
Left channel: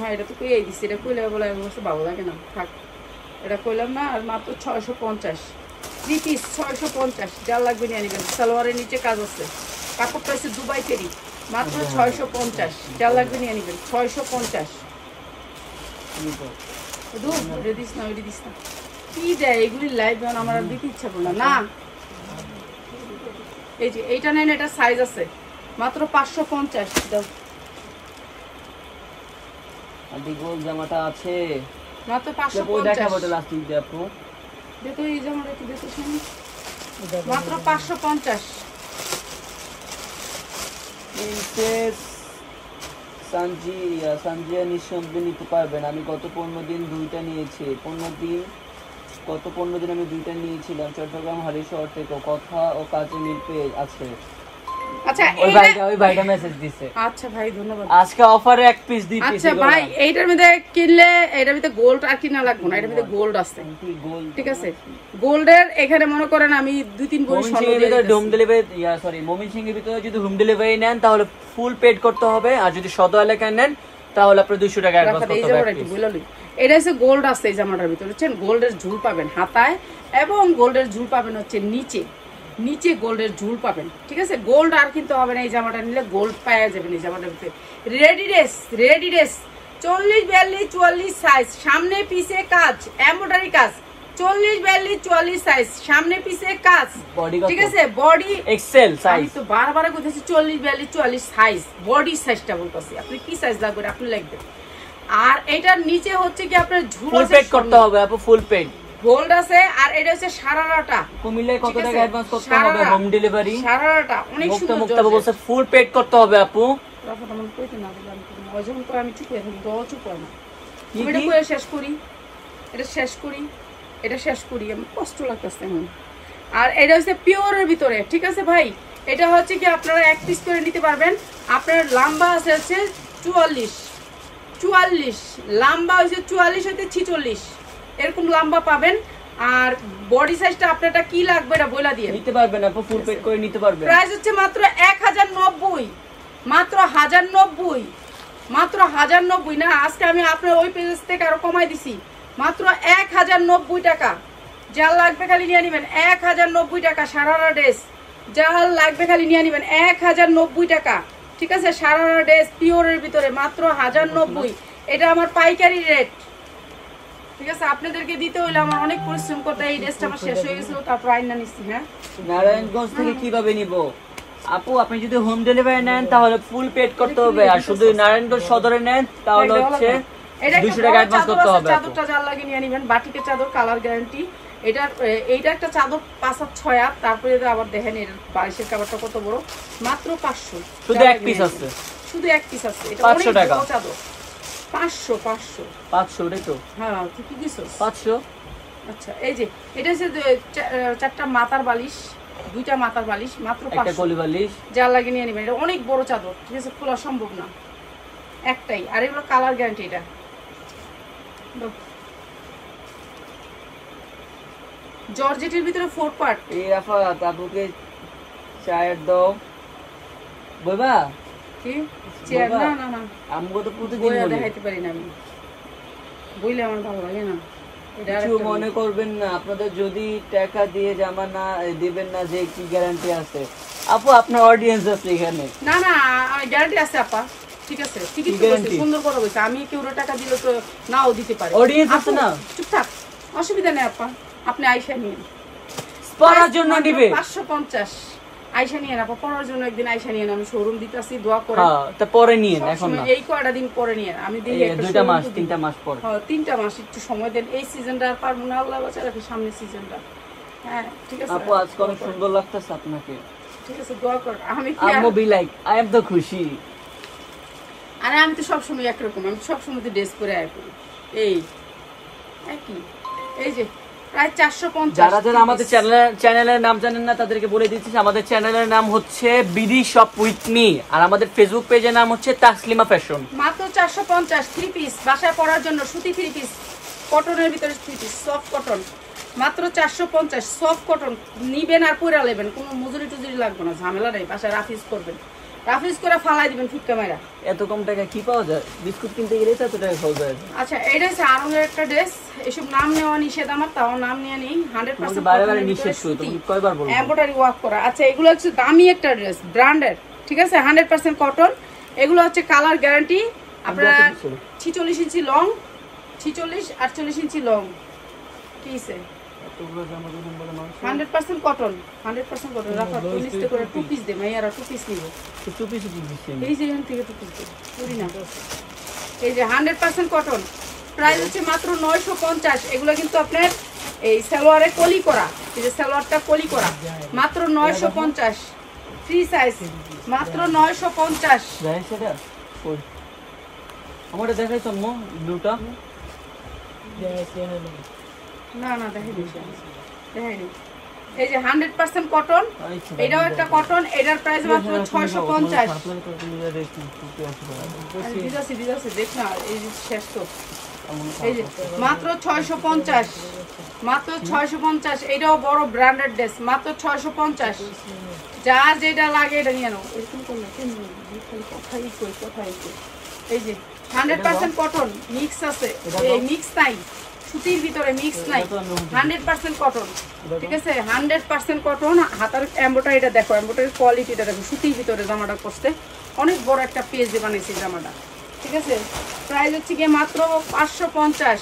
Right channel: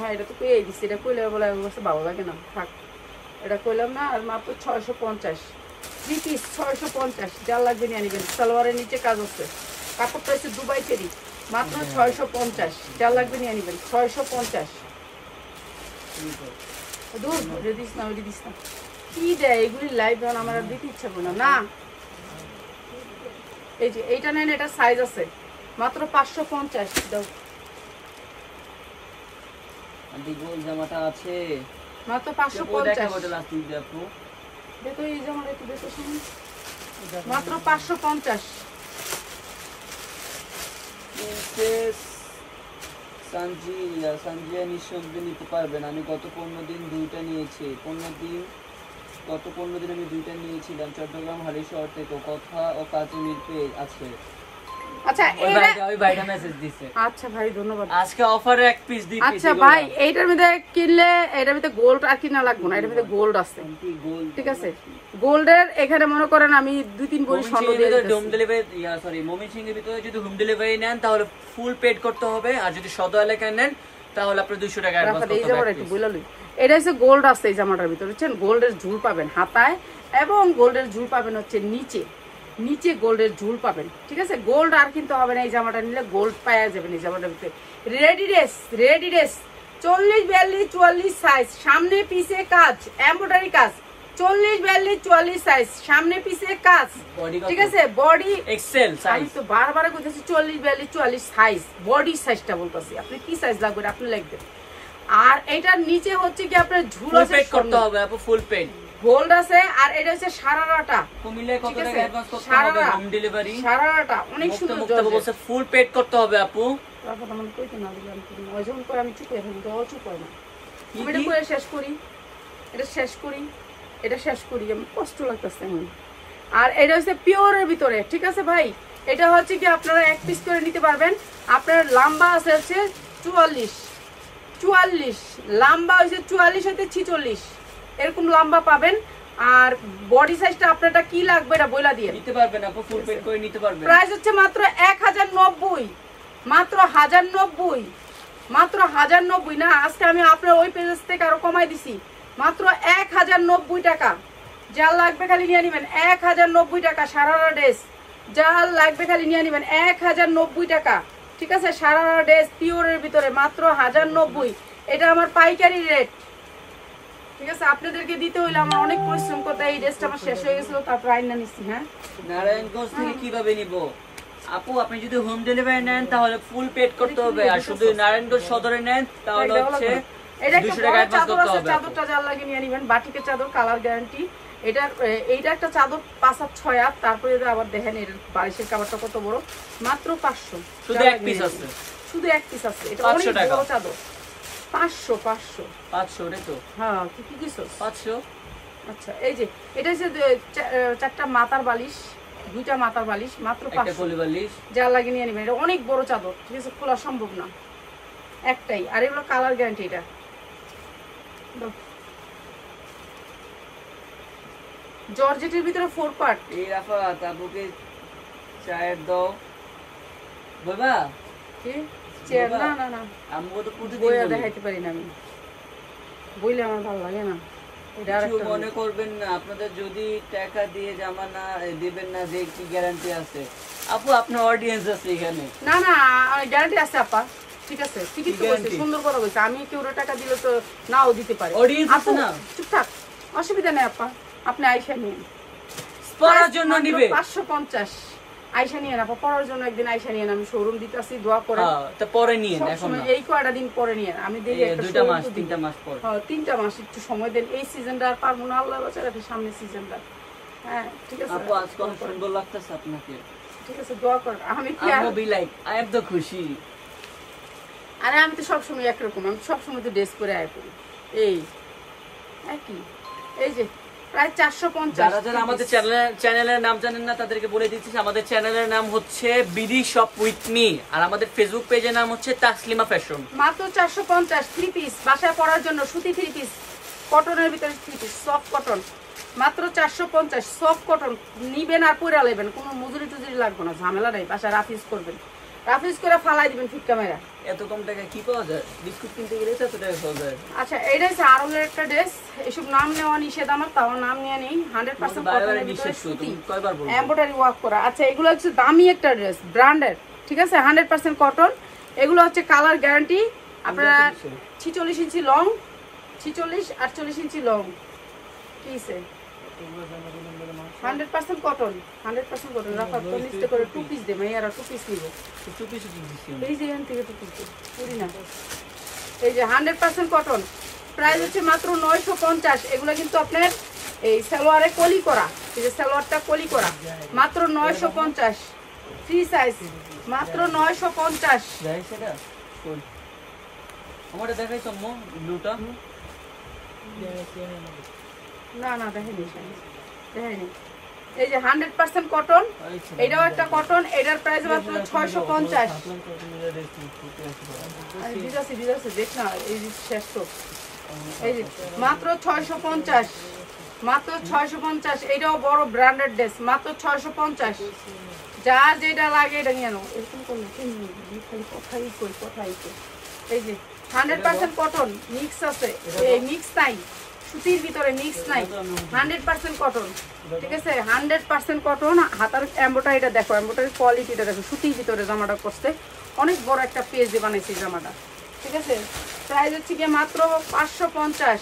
হ্যাঁ এটা তো কইয়াই দিচ্ছি, এটা কইলে বলে ভালো লাগে না, থাক এটা কইলাম না। আর মাত্র 650 3 পিস, 650, যার লাগবে নিয়ে নেবেন। সালোয়ারের নিচে কাজ হচ্ছে, কাপড়টা হচ্ছে দুবাই চেরি, মাত্র 650, যার লাগবে নিয়ে নেবেন। 650 দূর ওটা দিস না, ওইটা দিস না, কি দেয় এগুলি লাইভ যখন আমার আর দিতে ইচ্ছা করে না। এই যে এইটা নেন, এটা সাইজ আছে, মাত্র 550 দাও। জামাটা আছে মাত্র 550, আপু দেখো এই জামাটা একটু দেখো শুনি, মাত্র 550। সানজিয়া নিঃসন্দেহে নিতে পারবেন। আমি গত 15 দিন দুইটা নিয়েছি, গত 15 দিন আমি দুইটা নিয়েছিলাম চট্টগ্রাম হালিশহর থেকে। কথা ও কাজে মিলতে আছে। আচ্ছা ওই ভাইটা মেসেজ দিছে। আচ্ছা ভাই ধন্যবাদ। আজকে অফারে এক পিস দিই। আচ্ছা ভাই এইটার মধ্যে কিনলে এটার মধ্যে গোল্ড আর কিনা লাগবে না, এটার মধ্যে গোল্ড আছে, ঠিক আছে। গোল্ডের এখানে মনে করেন আমি 2-3 ভরি স্বর্ণ দিয়ে দিতেছি। হোম ডেলিভারি ময়মনসিংহের ভিতরে যদি হোম ডেলিভারি নেন তাহলে ফুল পেড করতে হবে, আর যদি সদর এলাকায় নেন তাহলে আপনি 200 টাকা অ্যাডভান্স করতে হবে। এই জামাটা একটু বুঝলাম, এটা হচ্ছে গোল্ড আছে এই জামাটার ভিতরে, বুঝছেন। গোল্ডের ঝুল পাবেন হাতায়, এবং গোল্ডের ঝুল পাবেন হচ্ছে নিচে গোল্ডের ঝুল পাবেন, ঠিক আছে। গোল্ড আর কিন্তু হবে না, এই জামাটা নিলে গোল্ড পাওয়া যাবে এই জামাটার ভিতরে। রেডি ড্রেস 40-42-44 সাইজ, সামনে পিছে কাজ, এমব্রয়ডারি কাজ, 40-42-44 সাইজ, সামনে পিছে কাজ, ঠিক আছে। বডি এক্সেল সাইজ, আমি তো বারবার কইতেছি 40-42-44 সাইজ, বডি সাইজটা বলতেছি, আপনি কি সাইজ লাগবে আপনি লিখবেন। আর এটার নিচে হচ্ছে কি আপনার ঝুল আছে, পেড করতে হবে আপু, ফুল পেড গোল্ড আছে। আর এটা হচ্ছে সারারাটা, কুমিল্লায় কত টাকা অ্যাডভান্স করতে হবে হোম ডেলিভারি? সারারাটা অনেক সুন্দর বলছে ফুল পেড করতে হবে আপু। তারপর আমি কইতে না দিলাম, ওই যখন করে আমি চুপ হয়ে থাকি, দল চুপ হয় না। আমি এটা করে শেষ করি, এটা শেষ করি, আমি কষ্ট লাগতেছে এখন। আর এটা হচ্ছে পিওরের ভিতরে, ঠিক আছে ভাই। এটা হচ্ছে কি আপনারা এক পিস করে নিতে পারবেন। আপনার লম্বা আছে হচ্ছে 44, লম্বা হচ্ছে 44 হতে 46, এরকম লম্বা পাবেন। আর বডি সাইজটা আপনারটা কি লাগবে এটা বইলা দিয়ে নিতে পারবেন আপু, ফুল পেড করে নিতে পারবেন। প্রাইস হচ্ছে মাত্র 1090, মাত্র 1090 না। আজকে আমি আপনার ওই পেজ থেকে আরো কমাই দিছি, মাত্র 1090 টাকা। যার লাগবে খালি নিয়ে নেবেন 1090 টাকা। সারারা ড্রেস যার লাগবে খালি নিয়ে নেবেন 1090 টাকা, ঠিক আছে। সারারা ড্রেস পিওরের ভিতরে মাত্র 1090, এটা আমার পাইকারি রেট, ঠিক আছে। আপনাদেরকে দিতে হইলে আমার অনেক পরিশ্রম করতে, এই ড্রেসটা আমার শেষ হয়ে গেছিল, তারপর আইনা নিচ্ছি। হ্যাঁ, নারায়ণগঞ্জ থেকে কিভাবে নিব আপু? আপনি যদি হোম ডেলিভারি নেন তাহলে ফুল পেড করতে হবে, আর শুধু নারায়ণগঞ্জ সদরে নেন তাহলে হচ্ছে 200 টাকা অ্যাডভান্স করতে হবে। চাদরটা যার লাগে নিয়ে নেবেন, বাটিকের চাদর, কালার গ্যারান্টি। এইটা একটা চাদর 5-6 হাত। তারপরে আবার দেখেন এর বালিশের কাপড়টা কত বড়, মাত্র 500, শুধু এক পিস আছে, এটা অনেক বড় চাদর। 500 ওটাই তো। হ্যাঁ তুই কি দিছস? 500। আচ্ছা এই যে এটা হচ্ছে 4টা মাথার বালিশ, 2টা মাথার বালিশ, মাত্র 500। যার লাগে নিয়ে নেবেন, এটা অনেক বড় চাদর, ঠিক আছে, খোলা সম্ভব না, একটাই। আর এগুলো কালার গ্যারান্টি। এটা জর্জেটের ভিতরে 4 পার্ট। এই আফা তাবুকে চায়ের দাও বাবা। কি চেয়ার? না আমগো তো পুরো বইয়া দেখাইতে পারি না আমি, বইলে আমার ভালো লাগে না। এটা আরেকটা মনে করবেন না, আপনাদের যদি টাকা দিয়ে জামা না দিবেন না যে কি গ্যারান্টি আছে আপু? আপনার অডিয়েন্স আছে এখানে। না গ্যারান্টি আছে আপা, ঠিক আছে, ঠিকই তো বলছি, সুন্দর করে বলছি। আমি কেউ টাকা দিলে তো নাও দিতে পারে, অডিয়েন্স আছে না, চুপ থাক, অসুবিধা নেই আপা। আপনি আইসা নিন, পরার জন্য নিবে 550 আইসা নিয়ে আপা, পরার জন্য একদিন আইসা নিয়ে আমি শোরুম দিতেছি, দোয়া করে। হ্যাঁ তা পরে নিয়ে এখন না, এই কয়টা দিন পরে নিয়ে আমি দেখি একটা 2 মাস 3 মাস পরে। হ্যাঁ 3টা মাস একটু সময় দেন, এই সিজনটা আর পারবো না, আল্লাহ বাঁচা রাখে সামনের সিজনটা। হ্যাঁ ঠিক আছে আপু, আজকে অনেক সুন্দর লাগতেছে আপনাকে, ঠিক আছে, দোয়া কর। আমি কি I be like I am তো খুশি। আরে আমি তো সবসময় একরকম, আমি সবসময় তো ড্রেস করে আয় করি, এই একই। এই যে প্রায় 450। যারা আমাদের চ্যানেলের নাম জানেন না তাদেরকে বলে দিচ্ছি, আমাদের চ্যানেলের নাম হচ্ছে বিডি শপ উইথ মি, আর আমাদের ফেসবুক পেজের নাম হচ্ছে তাসলিমা ফ্যাশন। মাত্র 450 3 পিস, বাসায় পরার জন্য সুতি 3 পিস, কটনের ভিতরে 3 পিস, সফট কটন, মাত্র 450 সফট কটন নিবেন আর পরে নেবেন, কোনো মজুরি টুজুরি লাগবে না, ঝামেলা নেই, বাসায় রাফিজ করবেন, রাফিজ করে ফালাই দিবেন ফিটকা মেরা। এত কম টাকা কি পাওয়া যায়? বিস্কুট কিনতে গেলে তো এত টাকা খাওয়া যায়। আচ্ছা এটা হচ্ছে আরো একটা ড্রেস, এসব নাম নেওয়া নিষেধ আমার, তাও নাম নিয়ে নেই। 100% কটনের ভিতরে সুতি এমব্রয়ডারি ওয়ার্ক করা। আচ্ছা এগুলো হচ্ছে দামি একটা ড্রেস, ব্র্যান্ডেড, ঠিক আছে, 100% কটন। এগুলো হচ্ছে কালার গ্যারান্টি। আপনারা 46 ইঞ্চি লং, 46 48 ইঞ্চি লং, ঠিক আছে, 100% কটন, 100% কটন। রাফা তো নিচে করে 2 পিস দে, মাইয়ারা 2 পিস নিব, 2 পিস এই যে এখান থেকে 2 পিস করি না। এই যে 100% কটন, প্রাইস হচ্ছে মাত্র 950। এগুলো কিন্তু আপনার এই সালোয়ারে কলি করা, এই যে সালোয়ারটা কলি করা, মাত্র 950, ফ্রি সাইজ, মাত্র 950। যাই সেটা কই আমারে দেখাইছ আম্মু ব্লুটা? না না দেখাই দিছি, দেখাই নি। এই যে 100% কটন, এটাও একটা কটন, এটার প্রাইস মাত্র 650। দিদাসি দিদাসি দেখ না, এই যে শেষ তো, এই যে মাত্র 650, মাত্র 650। এটাও বড় ব্র্যান্ডেড ড্রেস, মাত্র 650। যার যেটা লাগে এটা নিয়ে নাও। এরকম করলে খালি কথাই কই, কথাই কই। এই যে 100% কটন, মিক্স আছে, এই মিক্স নাই, সুতির ভিতরে মিক্স নাই, 100% কটন, ঠিক আছে, 100% কটন। হাতার এমব্রয়ডারিটা দেখো, এমব্রয়ডারির কোয়ালিটিটা দেখো, সুতির ভিতরে জামাটা করছে, অনেক বড় একটা পেজ দিয়ে বানিয়েছে জামাটা, ঠিক আছে। প্রাইস হচ্ছে গিয়ে মাত্র 550,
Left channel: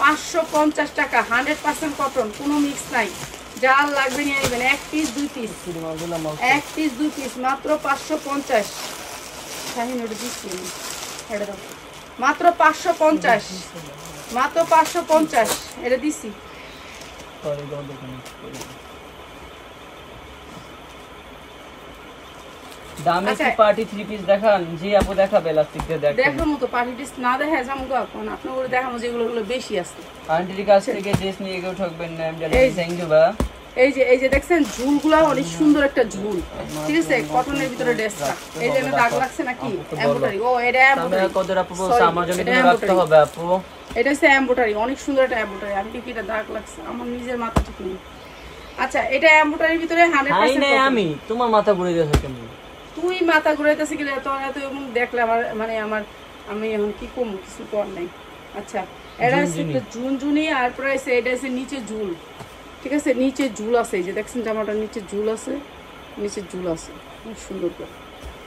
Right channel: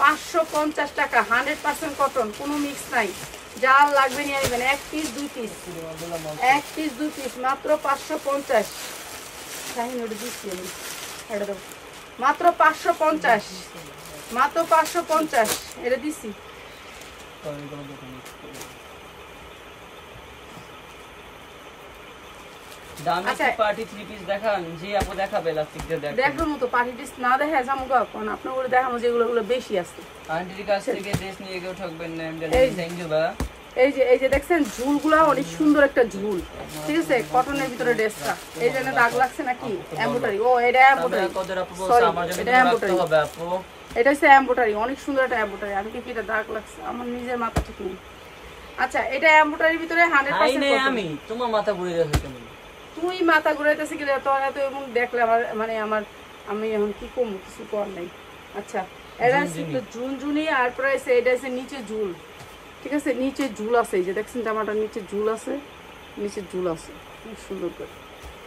550 টাকা, 100% কটন, কোনো মিক্স নাই। যার লাগবে নিয়ে নেবেন, 1 পিস 2 পিস, 1 পিস 2 পিস, মাত্র 550। শাহিন ওটা দিচ্ছি, এটা দাও, মাত্র 550, মাত্র 550, এটা দিচ্ছি। দামি কি পার্টি 3 পিস দেখান? জি আপু দেখাবে, লাস্টিক দিয়ে দেখান। দেখার মতো পার্টি পিস না দেখায় জামগো কোন আপনি ওরে দেখানো যেগুলো বেশি আছে। আন্টির কাছ থেকে ড্রেস নিয়ে কেউ ঠকবেন না, আমি জানি। থ্যাংক ইউ বা। এই যে দেখছেন ঝুলগুলো অনেক সুন্দর একটা ঝুল, ঠিক আছে, কটনের ভিতরে ড্রেসটা। এই যে দাগ লাগছে নাকি এমব্রয়ডারি, ও এটা এমব্রয়ডারি, কতটা আপু বলছে আমার জন্য রাখতে হবে আপু। এটা হচ্ছে এমব্রয়ডারি, অনেক সুন্দর একটা এমব্রয়ডারি। আমি কি এটা দাগ লাগছে আমার নিজের মাথা ঠিক নেই। আচ্ছা এটা এমব্রয়ডারির ভিতরে 100% কটন। আমি তোমার মাথা ঘুরে গেছে, তুই মাথা ঘুরাইতেছিস কি তো এত এবং দেখলে আমার মানে আমি এখন কি কম, কিছু কর নাই। আচ্ছা এটা হচ্ছে জুনজুনি, আর প্রাইস এটা হচ্ছে নিচে ঝুল, ঠিক আছে, নিচে ঝুল আছে, এই যে দেখছেন জামাটার নিচে ঝুল আছে, নিচে ঝুল আছে, খুব সুন্দর করে,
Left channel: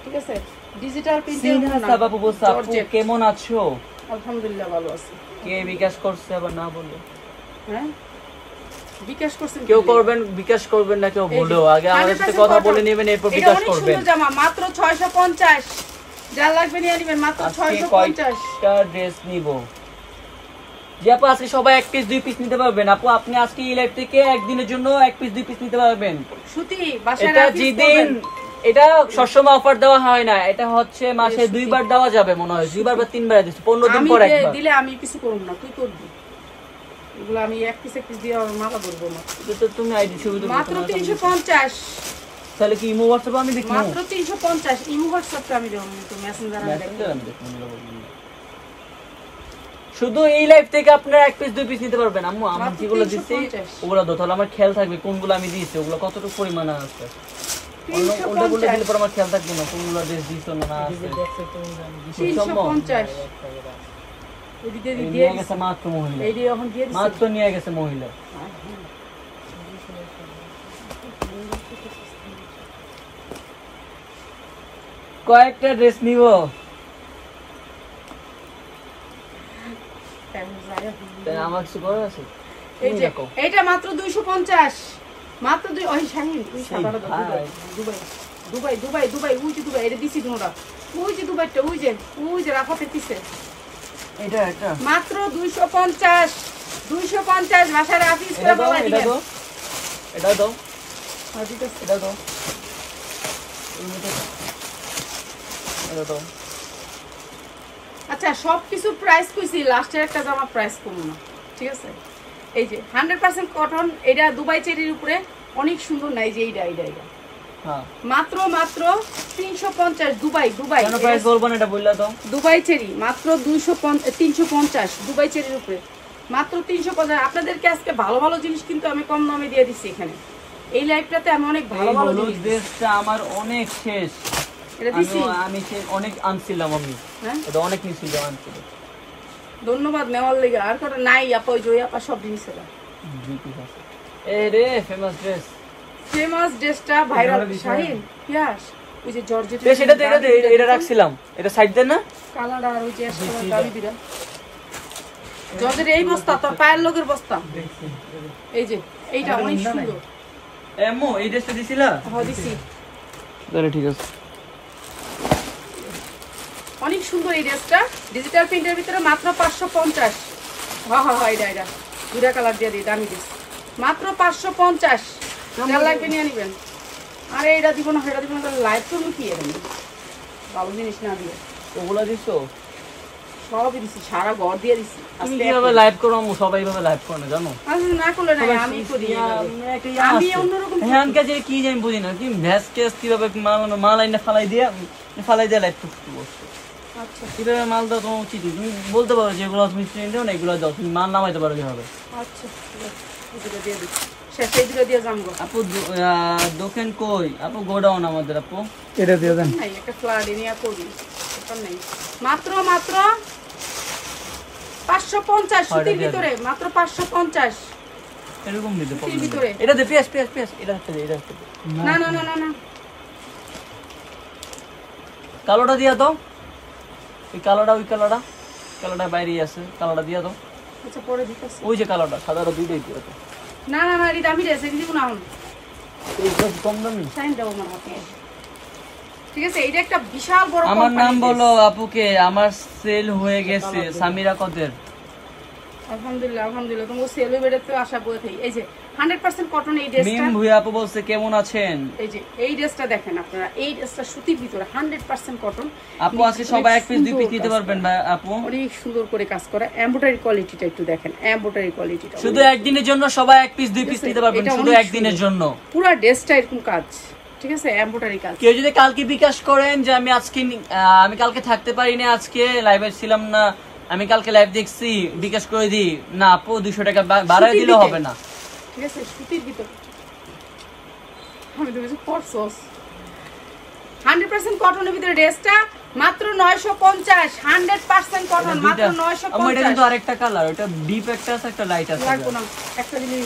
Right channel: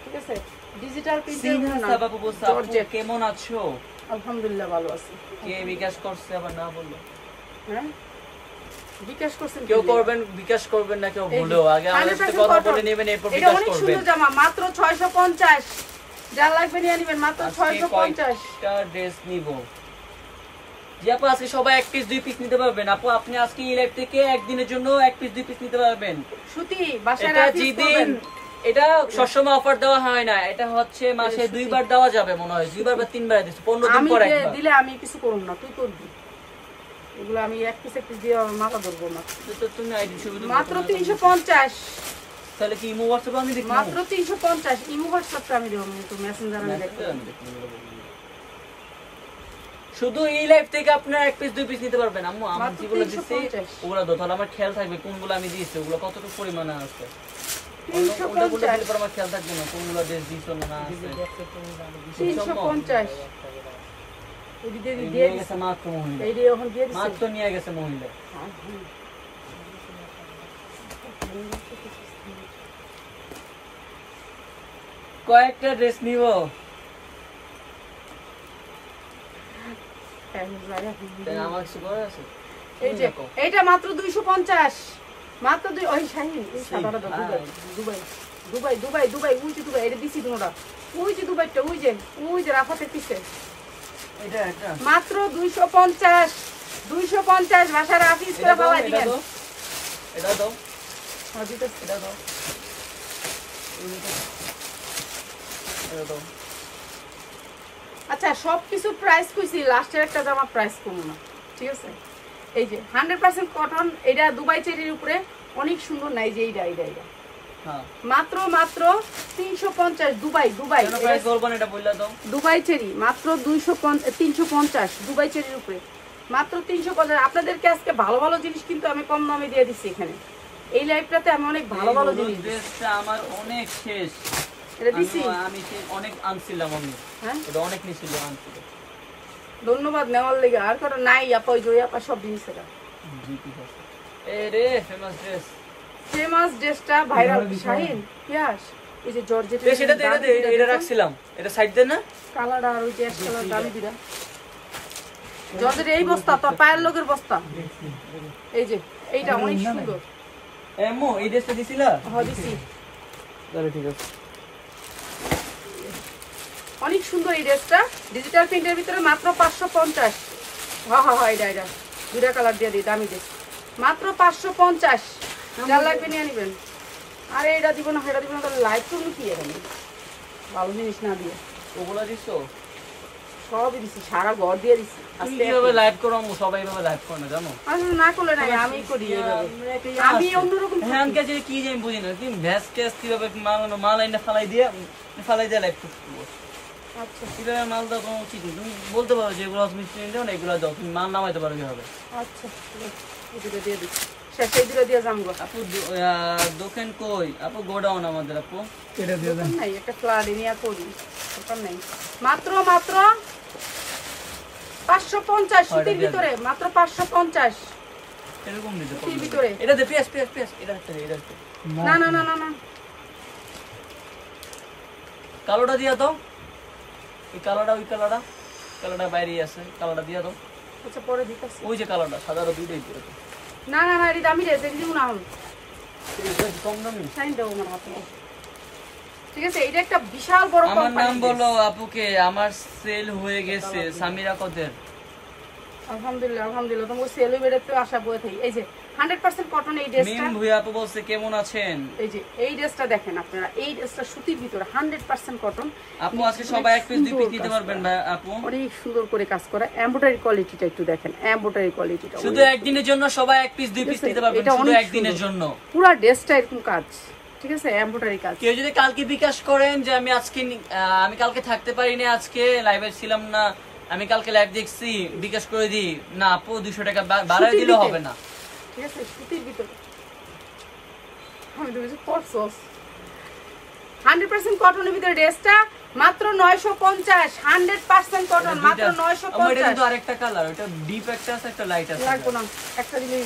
ঠিক আছে, ডিজিটাল প্রিন্টের উপর না। জর্জেট। কেমন আছো? আলহামদুলিল্লাহ ভালো আছি। কে বিকাশ করছে বা না বলো? হ্যাঁ বিকাশ করছেন, কেউ করবেন, বিকাশ করবেন না কেউ বলেও, আগে আমাদের সাথে কথা বলে নেবেন, এরপর বিকাশ করবেন। এটা অনেক সুন্দর জামা, মাত্র 650, যা লাগবে নিয়ে নেবেন, মাত্র 650 টা ড্রেস নিব। যে আপু আজকে সবাই 1 পিস 2 পিস নিতে পারবেন আপু, আপনি আজকে এই লাইভ থেকে একদিনের জন্য 1 পিস 2 পিস নিতে পারবেন। সুতি বাসায় এটা রাখি যেদিন, এটা সবসময় অফার দেওয়া হয় না, এটা হচ্ছে মাসে 2 বার দেওয়া যাবে মনে হয়, 2 বার বা 3 বার দিছি, 15 দিন পর একবার। আমি দিলে আমি কিছু করব না, তুই করবি এগুলো, আমি 1 পিস দিয়ে মাথা ধরবো না। তো তুমি আইডি ছবি দিও, মাত্র 350। তাহলে কি ইমো হোয়াটসঅ্যাপ আমি দেখব? মাত্র 350, ইমো হোয়াটসঅ্যাপটা আমি দেব, আমি তো মেসেঞ্জার আমি দেখব। শুধু এই লাইভ থেকে আপনারা 1 পিস 2 পিস নিতে পারবেন আম্মু। আমি যেগুলো দিছি ওগুলা তো তাহলে আমার খেয়াল থাকবে কোনগুলো আমি দিয়েছি, ওগুলো কতটুকু পরিমাণে আছে, ওটা বলে দিলে পর আমার খেয়াল থাকবে না কোনগুলো ড্রেস দিছো না আছে। 350 এই দিয়ে গেছে মাত্র মহিলা, এই দিয়ে এখন দিয়ে দিছি, মাত্র নিয়ে গেছে মহিলা। কয়েকটা ড্রেস নিব, আমার কিছু করার আছে। এই যে এইটা মাত্র 250, মাত্র ওই শাহিন ওই সাদাটা দুবাই দুবাই দুবাই দুবাই ওই যে দুবাই, এটা দিছি তোমরা, ওই যে দুবাইটা, ওই যে রাফাতে পিছে, এটা মাত্র 250, 250 ভাষা রাফিস করে বলা দিবেন। এটা দাও, আর দিতে এটা দাও, এটা দাও। আচ্ছা সবকিছু প্রাইস কইছি, লাস্টের একটা জামা প্রাইস কমো না, ঠিক আছে। এই যে 100% কটন, এটা দুবাই চেরির উপরে অনেক সুন্দর, নাই যে এইটা হ্যাঁ মাত্র 350, দুবাই কেন প্রাইস বলবো না, এটা বললা দাও। দুবাই চেরি মাত্র 350, দুবাই চেরির উপরে মাত্র 350। আপনাদেরকে আজকে ভালো ভালো জিনিস কিন্তু আমি কম দামে দিয়ে দিচ্ছি এখানে। এই লাইভটাতে আমি অনেক ভালো ভালো জিনিস দিচ্ছি। ড্রেসটা আমার অনেক শেষ, এটা দিছি আমি অনেক আনছিলাম, আমি হ্যাঁ এটা অনেক নিছিল আনছিলাম। ধন্যবাদ নেওয়ার লেগে। আর কটা নাই আপা, ওই জয় আপা সব জিনিস এটা এই রে ফেমাস ড্রেস, ফেমাস ড্রেসটা ভাইরাল শাহিন পিয়াস, ওই যে জর্জেট সেটা এটা রাখছিলাম, এটা সাইড দেন না কালার আর ওই যে কালার দামি দিরা জর্জেট। এই বস্তা তোর পায়ের লোকের বস্তা, এই যে এইটা অনেক সুন্দর। এমো এই ড্রেসটা দিছিলা? হ্যাঁ দিছি, ঠিক আছে। অনেক সুন্দর এই ড্রেসটা, ডিজিটাল প্রিন্টের ভিতরে মাত্র 550। হ্যাঁ হ্যাঁ হ্যাঁ, এটা দুটা কালার দিয়ে দিই, দামি ড্রেস মাত্র 550। যা লাগবে নিয়ে নিবেন। আরে এটা দিব না, এটা দিব না, তাহলে লাইভ করবো কি? এটা ভালো জিনিস না দিয়ে ওগুলা দিছো? সবই দিছি, সারা ঘর দিয়ে দিছি। আজকে কিভাবে লাইভ করব? সবাই ভাবে লাইভ করে না, জানো? আসলে না করলে নাই, আমি করি এইভাবে। আমি অন্যরকম হ্যানকে যে কি জানি বুঝি না, কি ভ্যাস টেস্ট কিভাবে মাল আইনা ফালাই দিয়ে লাইভ করতে। আচ্ছা কিভাবে মাল দাও তোমার উচিত, তুমি বলতে পারো যেগুলো তুমি চিনতে না এগুলো দাও, তুমি মাল নামাইতে পারো কিভাবে। আচ্ছা এই দুটো দিয়ে দিচ্ছি, সেই দুটো দিয়ে যাবো। আপু দোকান কই? আপু গোডাউন আমাদের। আপু এটা দিয়ে দেন। নাই, একটা ফ্লাড নিয়ে করি, ওটা নাই। মাত্র 550 সুতির ভিতরে, মাত্র 550 এরকম দিতে সুতির ভিতরে। এটা দে পিএস এটা হচ্ছে এটা হচ্ছে না না না না না, কালোটা দিয়া দাও, ওই কালোটা বাইরে আছে, কালোটা দিয়া দাও। আচ্ছা পরে দিতেছি। ওই যে কালোটা সাদাটা দুটো হইতে আছে। না না না, এটা আমি রেসে দিব না, কম দামি সাইন দাও আমার হাতে। ঠিক আছে, এটা একটা বিশাল বড় আমার কোম্পানি। নাম বলো আপুকে, আমার সেল হয়ে গেছে। সামিরা কদের? আলহামদুলিল্লাহ আলহামদুলিল্লাহ, তোমার সেল বেড়ে তো আশা বয়ে থাকি। এই যে 100% কটন এই ড্রেসটা। মিম ভুইয়া আপু বলছে কেমন আছেন? এই যে এই ড্রেসটা দেখেন আপনারা, এই ড্রেসটা সুতির ভিতরে 100% কটন। আপু আজকে সবাই এক পিস দুই পিস নিতে পারবেন ভাই আপু। অনেক সুন্দর করে কাজ করা, এমব্রয়ডারি কোয়ালিটিটা একটু দেখেন, এমব্রয়ডারি কোয়ালিটিটা শুধু একদিনের জন্য সবাই এক পিস দুই পিস নিতে পারবেন, এটা শুধু অনেক একদিনের সুন্দর। জন্য। পুরো ড্রেসটা এরকম কাজ, ঠিক আছে, এমব্রয়ডারি কাজ। কেউ যদি কালকে বিকাশ করেন যে আমি কালকে থাকতে পারি না, আজকে লাইভে ছিলাম না, আমি কালকে লাইভ দেখছি, বিকাশ করে দিই না আপু, 200 টাকা বাড়ায় দিলেও হবে না। ঠিক আছে, সুতির ভিতরে আমি তো কিছু পরছস। 100% কটনের ভিতরে ড্রেসটা মাত্র 950। 100% কটন, মাত্র আমার এটা 950। কিন্তু আরেকটা কালার, এটা ডিপ একটা আছে, একটা লাইট আছে। লাগবো না, একটা দিলে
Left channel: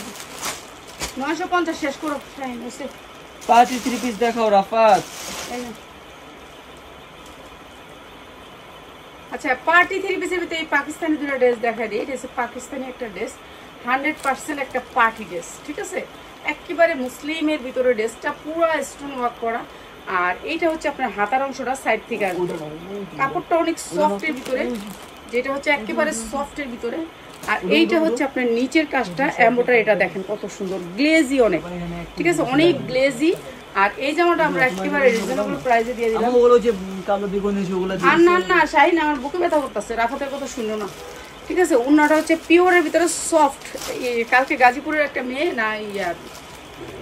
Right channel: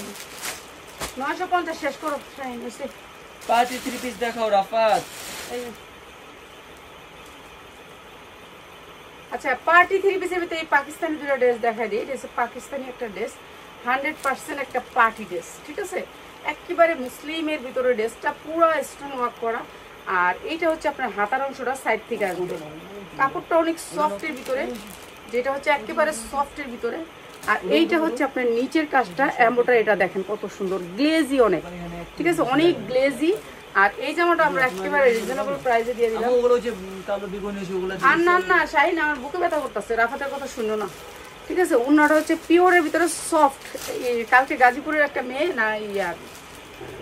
950 শেষ করো। টাইম এসে পাঁচই 3 পিস দেখাও রাফাত। এই যে। আচ্ছা, পার্টি 3 পিসের ভিতরে এই পাকিস্তানি দুটো ড্রেস দেখা দিই। এটা হচ্ছে পাকিস্তানি একটা ড্রেস, 100% একটা পার্টি ড্রেস, ঠিক আছে, একেবারে মুসলিমের ভিতরে ড্রেসটা পুরো স্টোন ওয়ার্ক করা। আর এইটা হচ্ছে আপনার হাতার অংশটা সাইড থেকে আসবে, কাপড়টা অনেক সফটের ভিতরে, যেটা হচ্ছে একেবারে সফটের ভিতরে। আর এইটা হচ্ছে আপনার নিচের কাজটা এমব্রয়ডারি, এটা দেখেন কত সুন্দর, গ্লেজি অনেক, ঠিক আছে, অনেক গ্লেজি। আর এই জামাটা আমরা একেবারে রিজনেবল প্রাইসে দিয়ে দিলাম। ওগুলো যে কালো দিগুন আছে ওগুলো আর না না শাহিন, আমার বুকে ব্যথা করতেছে, রাফাতের কথা শুনো না, ঠিক আছে। উন্নাটা হচ্ছে পিওরের ভিতরে সফট। কালকে গাজীপুরের একটা মেয়ে না ইয়ার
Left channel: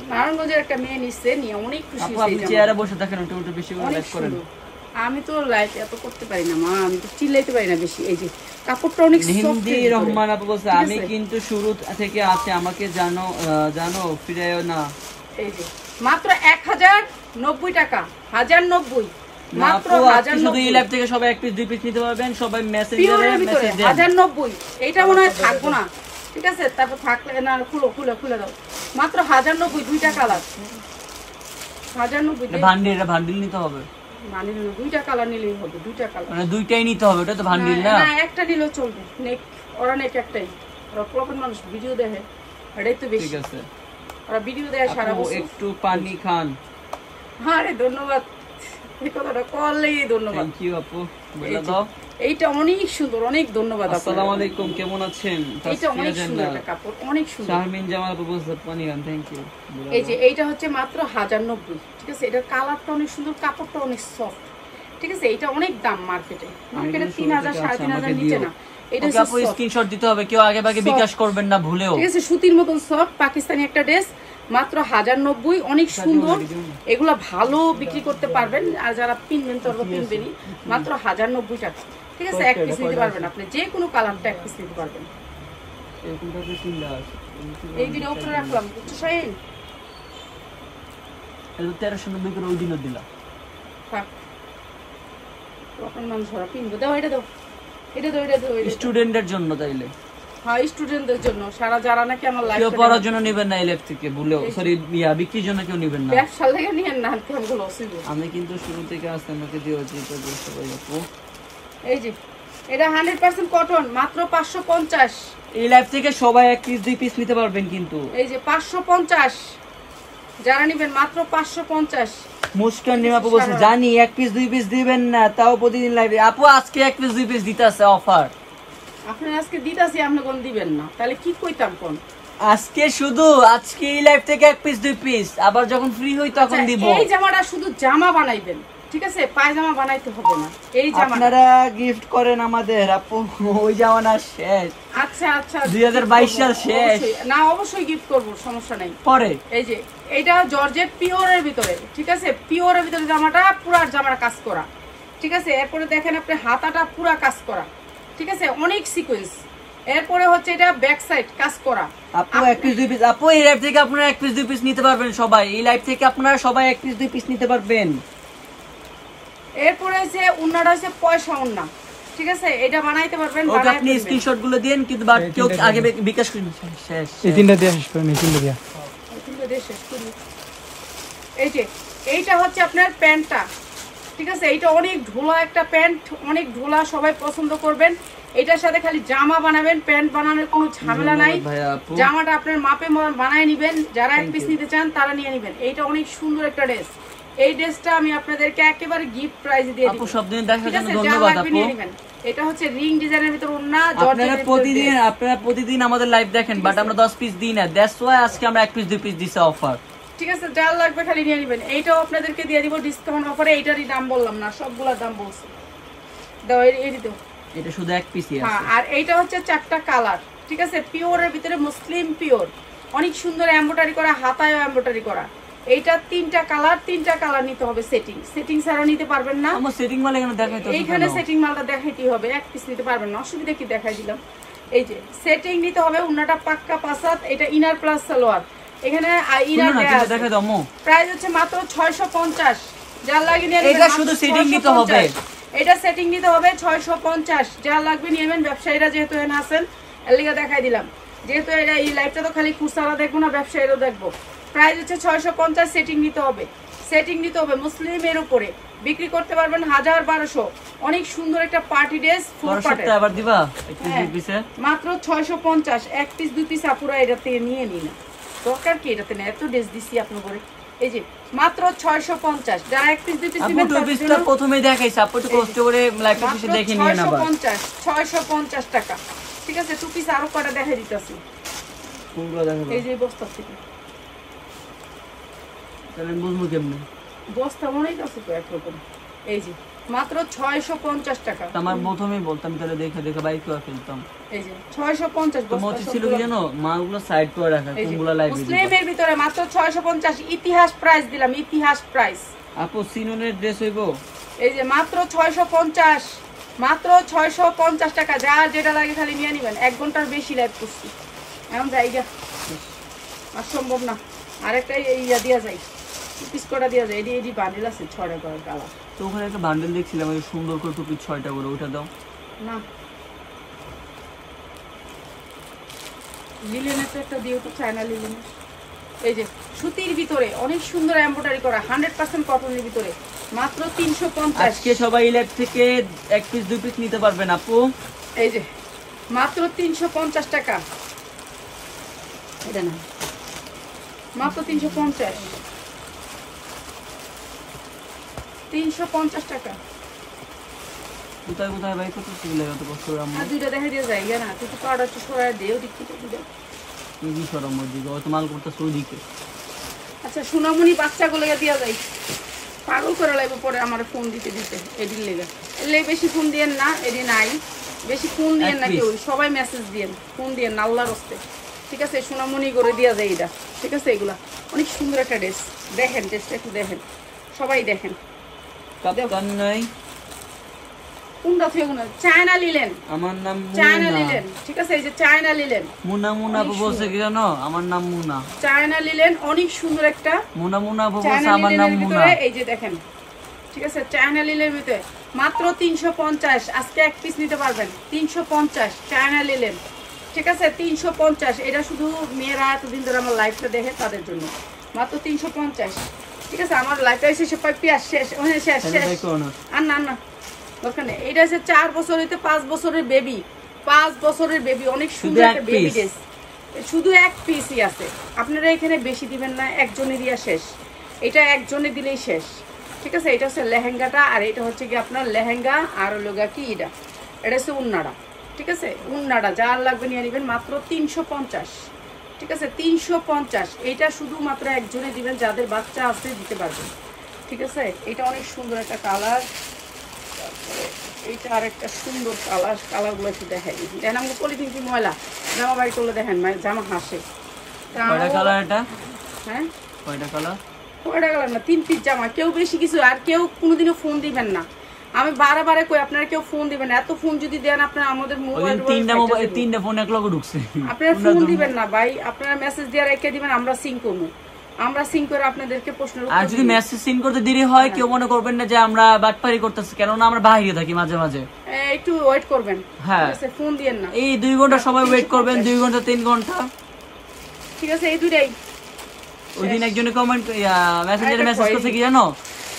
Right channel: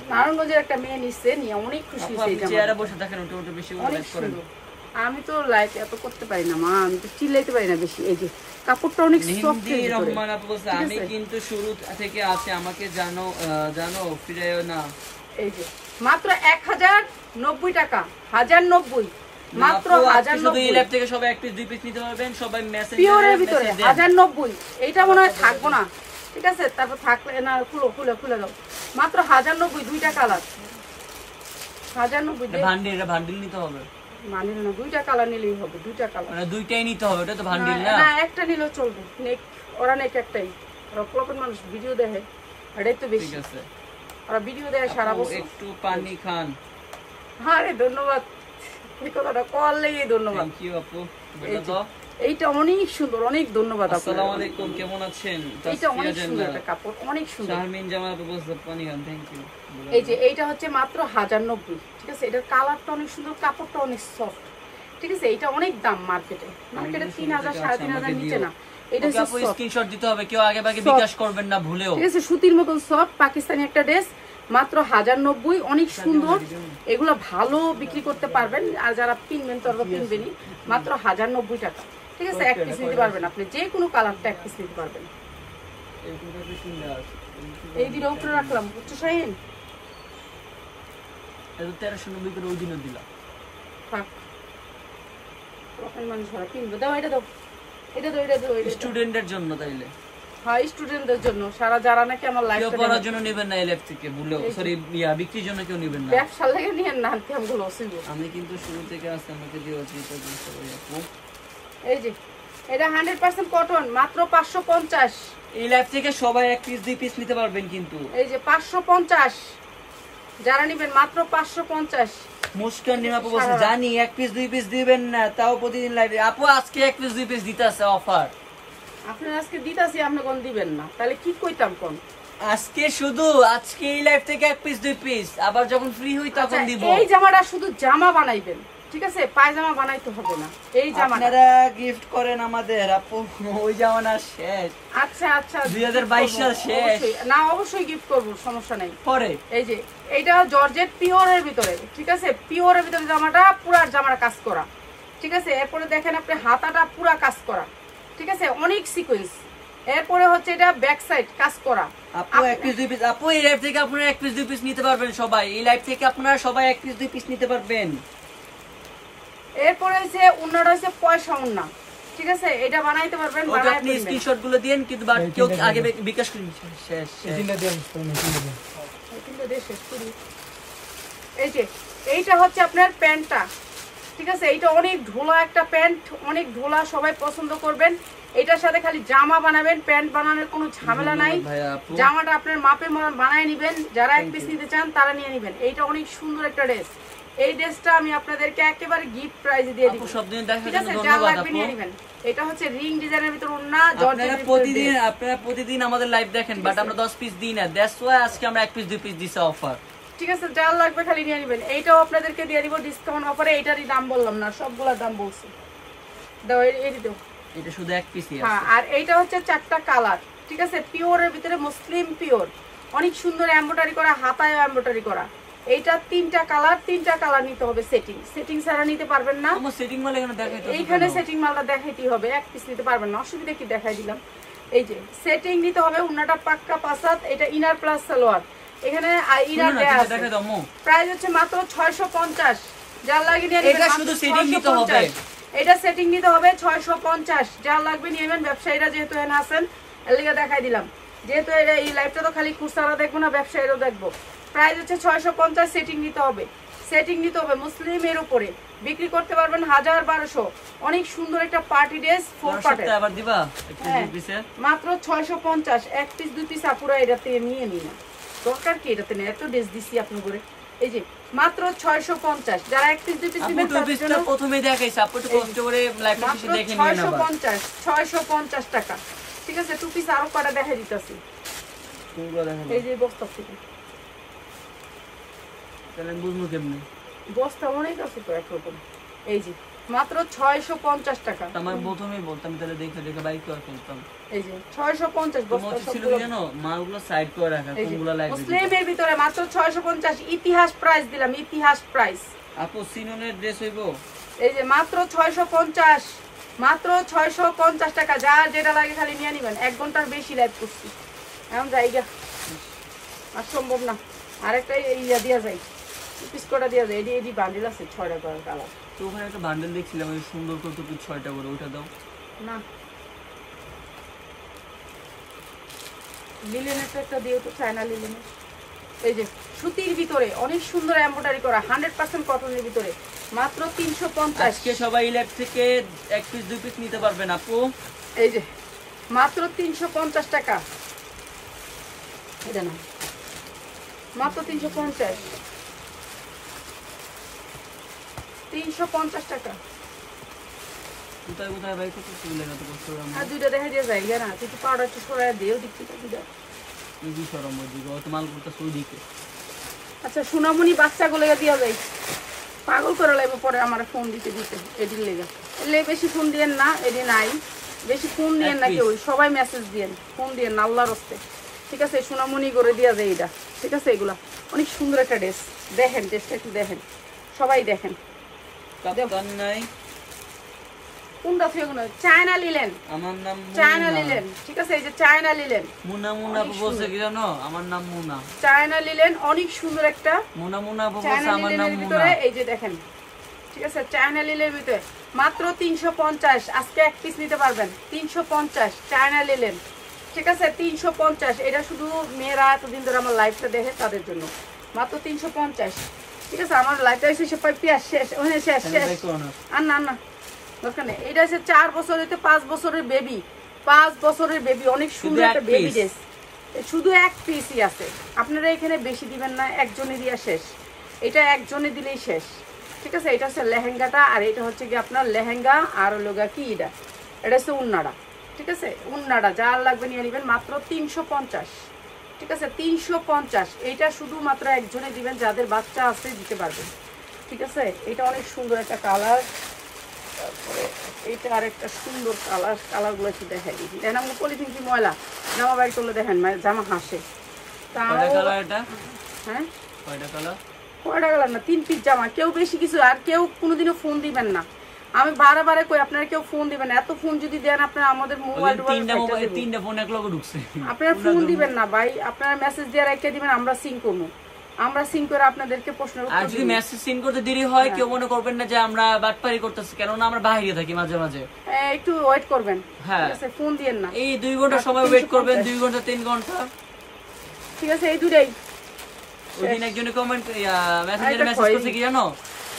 নারায়ণগঞ্জের একটা মেয়ে নিচ্ছে, নিয়ে অনেক খুশি হয়েছে। চেয়ারে বসে থাকেন, ওটা বেশি অনেক সুন্দর। আমি তো লাইট এত করতে পারি না মা, আমি তো চিল্লাইতে পারি না বেশি। এই যে কাপড়টা অনেক সফট। রহমান আপু বলছে আমি কিন্তু শুরু থেকে আছি, আমাকে জানো ফিরায়ও না। এই যে মাত্র 1090 টাকা, 1090, মাত্র 1090। এই লাইভ থেকে সবাই এক পিস দুই পিস নিতে পারবেন, সবাই মেসেজ পিওরের ভিতরে 1090। এইটা মনে হয় থাকবো না, ঠিক আছে, তারপর থাকলে না, খুলে দাও। মাত্র 1090, দুইটা কালার, 1090। ভান্ডিল নিতে হবে, মানে না, দুইটা কালার নিলেই হবে, দুইটা কালার, মানে দুইটাই নিতে হবে, এটা তো ভান্ডিল না। না একটা নিলেও চলবে। নেক ওরা নেক একটাই, ওরা কখন মানুষ ভিডিও দেখে, এটাই তো বেশি। ঠিক আছে, ওরা ভিডিও দেয় সারা বছর। একটু পানি খান। আরে ধন্যবাদ, এই কথাটা করলেই ধন্যবাদ। থ্যাংক ইউ আপু, বলে দাও। এইটা অনেক সুন্দর, অনেক ধন্যবাদ আপনাকে। আসসালামু আলাইকুম, কেমন আছেন? এইটা অনেক সুন্দর একটা কাপড়, অনেক সুন্দর। শারমিন জামাল আপু বলছে পানি খান, থ্যাংক ইউ। এই যে এইটা হচ্ছে মাত্র 1090, ঠিক আছে, এটার কালারটা অনেক সুন্দর, কাপড়টা অনেক সফট, ঠিক আছে। এটা অনেক দাম মার্কেটে 3000 3500 নিচে না। এটা হচ্ছে আপু স্ক্রিনশট দিতে হবে, কেউ আগে ভাগে বিকাশ করবেন না ভুলেও, ঠিক আছে। সুতির মতন সফট পাকিস্তানি একটা ড্রেস, মাত্র 1090, অনেক সুন্দর। এগুলো ভালো বিক্রি করতে পারবেন, আর যারা কিনবেন তারা কিনবেনই। মাত্র 1090 টাকা, ঠিক আছে। এক পিস নিতে পারবেন আপনি, যে কোনো কালারটা এক পিস নিতে পারবেন। এই দুটো উপরে রাখলাম, বুঝছো শাহিন? 1390 করে ওই দিনও দিলাম। থাক, তখন মানুষ ওরা কিনবো। দাও এটা দাও, এটা দাও, এটা দাও, এটা দাও। স্টুডেন্টদের জন্য তাইলে হ্যাঁ, স্টুডেন্টদের জন্য, সারা যারা নাকি আমার কেউ লাইফ পড়ার জন্য নেবেন না এই ল্যাব থেকে, ভুলেও সরি বিক্রির জন্য কেউ নেবেন না। ব্যবসা লাগে নিয়ে না কেমন লসিব। আমি কিন্তু শুরু থেকে আপনাকে দিয়েছি তো সবাই দেখো। এই যে এটা 100% কটন, মাত্র 550। এই ল্যাব থেকে সবাই 1 পিস 2 পিস নিতে পারবেন কিন্তু। এই যে 550, যারা নেবেন মাত্র 550। মুস্কান নিমাপু বলছে জানি 1 পিস 2 পিস দিবেন না, তাও প্রতিদিন লাইভে। আপু আজকে 1 পিস 2 পিস দিতে আছে অফার। আপনারা আজকে দিতাছি, আপনি কোন দিবেন না, তাহলে কি কইতাম কোন? আজকে শুধু আজকে এই লাইভ থেকে 1 পিস 2 পিস, আবার যখন ফ্রি হই তখন আচ্ছা, দিব। এই জামাটা শুধু জামা বানাইবেন, ঠিক আছে? পায়জামা বানাইতে হবে না। এই জামাটা আপনারা গিফট করেন আমাদের আপু, ওই জামানা শেষ। আচ্ছা আচ্ছা, 2022 সাল শেষ। অবশ্যই। না, অবশ্যই গিফট করব, সমস্যা নাই। পরে এই যে এইটা জর্জেট পিওরের ভিতরে, ঠিক আছে? পিওরের ভিতরে জামাটা, পুরা জামাটা কাজ করা, ঠিক আছে? এরপরে দেখেন আপনি হাতাটা পুরা কাজ করা, ঠিক আছে? অনেক সিকোয়েন্স। এরপরে হচ্ছে এটা ব্যাক সাইড কাজ করা। আপু 1 পিস 2 পিস, আপু এই লাইভ থেকে আপনারা 1 পিস 2 পিস নিতে পারবেন সবাই। এই লাইভ থেকে আপনারা সবাই 1 পিস 2 পিস নিতে পারবেন। এরপরে হচ্ছে উন্নাটা হচ্ছে পয়সা উন্না, ঠিক আছে? এটা বানাইতে পারবেন, ওকে বানাই আপনি স্ক্রিনশট গুলো দেন, কিন্তু বাট কেউ আগে বিকাশ করুন। শেষ এই তিনটা দিয়ে আসবে, এই তিনটা দিয়ে। এই যে এইটা হচ্ছে আপনার প্যান্টটা, ঠিক আছে? এইটা অনেক ঢোলা একটা প্যান্ট, অনেক ঢোলা, সবাই পছন্দ করবেন। এটার সাথে খালি জামা বানাবেন, প্যান্ট বানানোর কোনো ঝামেলা নাই। জামাটা আপনার মাপে বানায় নিবেন, যারা 1 পিস নিতে চান তারা নিয়ে নিবেন। এইটা অনেক সুন্দর একটা ড্রেস। এই ড্রেসটা আমি আপনাদেরকে একেবারে গিফট প্রাইজে দিয়ে দিব, আপু সব দিন দেখার ঠিক জন্য আছে? যা ধন্যবাদ লাগবে আপু। নিয়ে নেবেন। এটা হচ্ছে রিং ডিজাইনের ভিতর ওন্না, আপনারা জর্জেটের আপনারা প্রতিদিন আমাদের লাইভ দেখেন, বাট আমরা 10 পিস দিই না। দ্যাটস ওয়াই আজকে আমরা 1 পিস 2 পিস দিছি অফার। ঠিক আছে? যা লাগবে খালি নিয়ে নেবেন। এইটাও আপনাদেরকে দিয়ে দিব ডিসকাউন্ট অফারে। এইটারই দাম বললাম না, সবগুলোর দাম বলছি। দাও, এই দাও। এটা শুধু 1 পিসই হ্যাঁ, আছে। আর এইটা হচ্ছে 4টা কালার, ঠিক আছে? পিওরের ভিতরে মুসলিম পিওর, অনেক সুন্দর এমব্রয়ডারি করা, হাতায়ও এমব্রয়ডারি করা। এইটা 3টা কালার নিতে হবে। সেটিং ছাড়া নিতে পারবেন না। আমার সেটিং মাল এখানে দেখাইতে হবে। এইখানে সেটিং মালটা দেখাইতেই হবে, 1 পিস নিতে পারবেন না, অসুবিধা কি? দেখাই দিলাম। এই যে সেটিং নিতে হবে, উন্নাটা পাক্কা পাসাত। এটা ইনার প্লাস সালোয়ার, এখানে ইনার দেয়া আছে। দেখাই দাও মো। প্রাইস হচ্ছে মাত্র 650। যার লাগে নিয়ে নেবেন। এটা শুধু সেটিং নিতে হবে। এটা সেটিং নিতে হবে 650। যা লাগবে নিয়ে নেবেন। ব্যবসায়ীরা যেহেতু এখানে আছেন, এর লিগে দেখাই দিলাম। যেহেতু এটা এই লাইভটা তো খালি খুচরা দেখবো না, ব্যবসায়ীরাও দেখবো। প্রাইস হচ্ছে 650। সেটিং নিতে হবে মুসলিমের উপরে, বিক্রি করতে পারবেন 1000-1200। অনেক সুন্দর একটা পার্টি ড্রেস, 4 পার্টের। আবার দিবা একটু হ্যাঁ, পিসে মাত্র 650। 1 পিস 2 পিস আপুরা এটাতে নিয়ে নি না, দরকার কি এটাতে না? এত ড্রেস দিছি আপনি করে। এই যে মাত্র 650। যারা 1 পিস 2 পিস নেবেন তার জন্য প্রথমে দেখাইছি, আপু একটু কষ্ট করে লাইভটা মাত্র পিসে দেখে নিন আবার। 650 টাকা, ঠিক আছে? 2 পিস আরো কটা দেখাই দিতেছি। কোনগুলো দেখাবো? এই যে বস্তা থেকে, তাহলে বুঝবো কেমনি? বস্তা অনেক আছে তো একরকম। এই যে মাত্র 650 টাকা। আমার প্রথমেই বলতাম তাহলে দেখে দেখে বাইক করে ফেলতাম। এই যে 650 বস্তা তোমার ছিল সবগুলো। কি জানো, মালগুলো সাইড করে রাখা, এই যে কোনগুলো লাগবে। মুসলিমের ভিতরে মাত্র 650। ইতিহাস প্রাইস দিলাম, ইতিহাস প্রাইস। আপু সিনুনের ড্রেস হইবো? এই যে মাত্র 650, মাত্র 650 টাকা। যার যেটা লাগে খালি নিয়ে নিবেন। 1 ঘন্টার বেশি লাইভ করছি, এখন যাই গা, আর সম্ভব না। আরেকটা ইয়া দিয়া যায়, পিস কটা দিয়া যায়। এডি বান্ডিল আছে 6টা করে কালার। তো ওখানে একটা বান্ডেল দেখছিলাম, ওই সুন্দর করে টুপি 6টা করে, ওটা দাও না, লিলেনের একটা দিও তো, চায়না লিলেনের। এই যে সুতির ভিতরে অনেক সুন্দর এমব্রয়ডারি করা, 100% কটনের ভিতরে, মাত্র 350। আজকে সবাই ল্যাব থেকে 1 পিস 2 পিস নিতে পারবেন আপু। এই যে মাত্র 350 টাকা। এটা না, মাত্র 350। 350 টাকা। কোথায় কোথায় বাইক করতে গেলে এত কষ্ট করে আর আমার। দুইটা দেখা দিয়ে যায় না, তুই তো পাউডার একটু সরাই দিও, দিচ্ছি তো দুইটা। এই যে সরম দিকে ওই তো মাল করতে সৌদিকে। আচ্ছা, সোনামণি বাচ্চাগুলো দিয়া যায়, পাগল করে লাগবে পরে আমার ফোন দিতে এদিন লেগে। এলে বেশি ফোন দিয়েন না, এদি নাই বেশি ফোন দিয়েন না কেউ, সবাই মেসেজ দিয়েন, ফোন দিয়েন আল্লাহর হস্তে, ঠিক আছে? সোনামণি করে দেওয়া যায় এটা, ঠিক আছে? এগুলা অনেক সুন্দর একটা ড্রেস। দেখেন ড্রেসটা একটু দেখেন, সবাই দেখেন। কাপ্তান নাই কোনটা থেকে কোনটা? চায়না লিলেন, আমার নাম চায়না মুনা। লিলেন, ঠিক আছে, এই যে চায়না লিলেন, মুনা মুনা আপু বলছে কি জানো, আমার নাম মুনা। চায়না লিলেন অনেক সুন্দর একটা মুনা মুনা আপু চায়না বলছে আমার নাম লিলেনের মুনা। ভিতরে এই যে দেখেন, ঠিক আছে, চায়না লিলের ভিতরে মাত্র 350, আজকে এক পিস নিতে পারবেন 350 চায়না লিলেন, ঠিক আছে, 350। এটা শুধু মেয়েরা এতদিন ধরে আমার লাইফটা দেখে তাদের জন্য, মাত্র 350, ঠিক আছে। আমার লাইফটা শেষে পাই পিয়াস শেষ, ওখানে শেষ শেষ, দেখো না আর না না দরকার নেই। এটা হচ্ছে 4 বছর হইতে 5 বছরের বেবি, 5 বছরের বেবি, অনেক সুন্দর একটা বেবি ড্রেস, শুধু এক পিসই আছে। আপনারা এখানে বেশি দিবেন না, একজনে দিয়া শেষ, এটা একজনে দিলেই শেষ, ঠিক আছে। এটা হচ্ছে লেহেঙ্গাটা, আর এটা হচ্ছে কি আপনার লেহেঙ্গা, আর লোগা কি এটা হচ্ছে উন্নাড়া, ঠিক আছে, উন্নাড়া যার লাগবে নিয়ে নেবেন মাত্র 350, ঠিক আছে, 350। এইটা শুধুমাত্র একজনে দিবেন, যাদের বাচ্চা আছে দিতে পারবেন, ঠিক আছে। এটা অনেক সুন্দর একটা কালার, তারপরে এইটা আর একটা সুন্দর কালার, কালারগুলো একটু দেখাই দিচ্ছি। দেখেন আমাকে পলিথিন কি ময়লা, জামা বাড়ি করলে দেখেন জামা হাসে। কয়টা কালার এটা? হ্যাঁ কয়টা কালার? কয়টা কালার না, 3 পিস জামা। কেউ বেশি কিছু, আর কেউ কোনোদিনও ফোন দিবেন না, আমি বারে কই আপনারা কেউ ফোন দিবেন না। এত ফোন যদি দেন আপনারা আমাদের মোবাইল তিনটা ফোন এক লগে ঢুকছে। আপনারা ফোন দিবেন না ভাই, আপনারা মেসেজ দিয়ে রেখে দিবেন, আমরা সিং করবো, আমরা সিং করে আপনাদেরকে প্রশ্নের আর উত্তর যদি দিব। মেসেজ সিন করতে দেরি হয় কেউ মনে করবেন না যে আমরা বাটপারি করতেছি, কেননা আমরা বাইরে থাকি মাঝে মাঝে। একটু ওয়েট করবেন, হ্যাঁ। ঠিক আছে, ফোন দিয়েন না, এই 2 ঘন্টা সময় ওয়েট করবেন, 2 ঘন্টা 3 ঘন্টা, ঠিক আছে। এই দুটাই ওই দিন একজনে কমেন্ট মেসেঞ্জারে এটা মেসেজ কই? করছে কি জানো,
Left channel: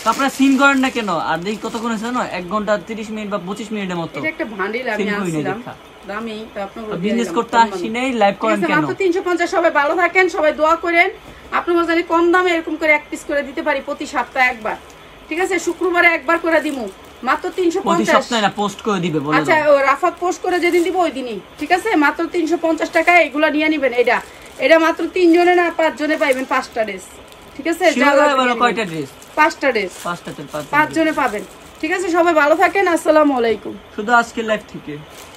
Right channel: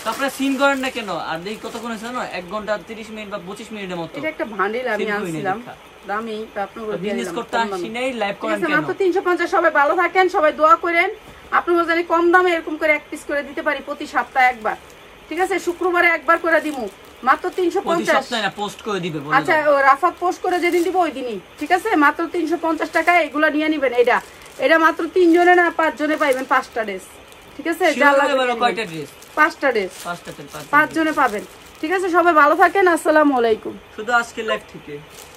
তো আপনারা সিন করেন না কেন? আর দেখি কতক্ষণ আছে জানো, 1 ঘন্টা 30 মিনিট বা 25 মিনিটের মতো। এটা একটা ভান্ডিল আমি সিং করি না আনছিলাম দেখা। দামি, তা আপনাকে দিয়ে বিজনেস দিলাম করতে কম আসি দামে। নাই, লাইভ ঠিক করেন আছে, কেন? মাত্র 350। সবাই ভালো থাকেন, সবাই দোয়া করেন, আপনার জানি কম দামে এরকম করে এক পিস করে দিতে পারি প্রতি সপ্তাহে একবার, ঠিক আছে, শুক্রবারে একবার করে দিমু, মাত্র প্রতি 350। সপ্তাহে না, পোস্ট করে দিবে বলে আচ্ছা, দাও। ও রাফাত পোস্ট করে যেদিন দিব ওই দিনই, ঠিক আছে, মাত্র 350 টাকায় এগুলো নিয়ে নিবেন। এটা মাত্র 3 জনে না 5 জনে পাইবেন 5টা ড্রেস, ঠিক আছে, যা শিওর লাগবে বলো নিয়ে কয়টা নিবেন। ড্রেস? 5টা ড্রেস, 5টা তো 5 জনে পাবেন, ঠিক আছে। সবাই ভালো থাকেন, আসসালামু আলাইকুম। শুধু আজকে লাইভ থেকে।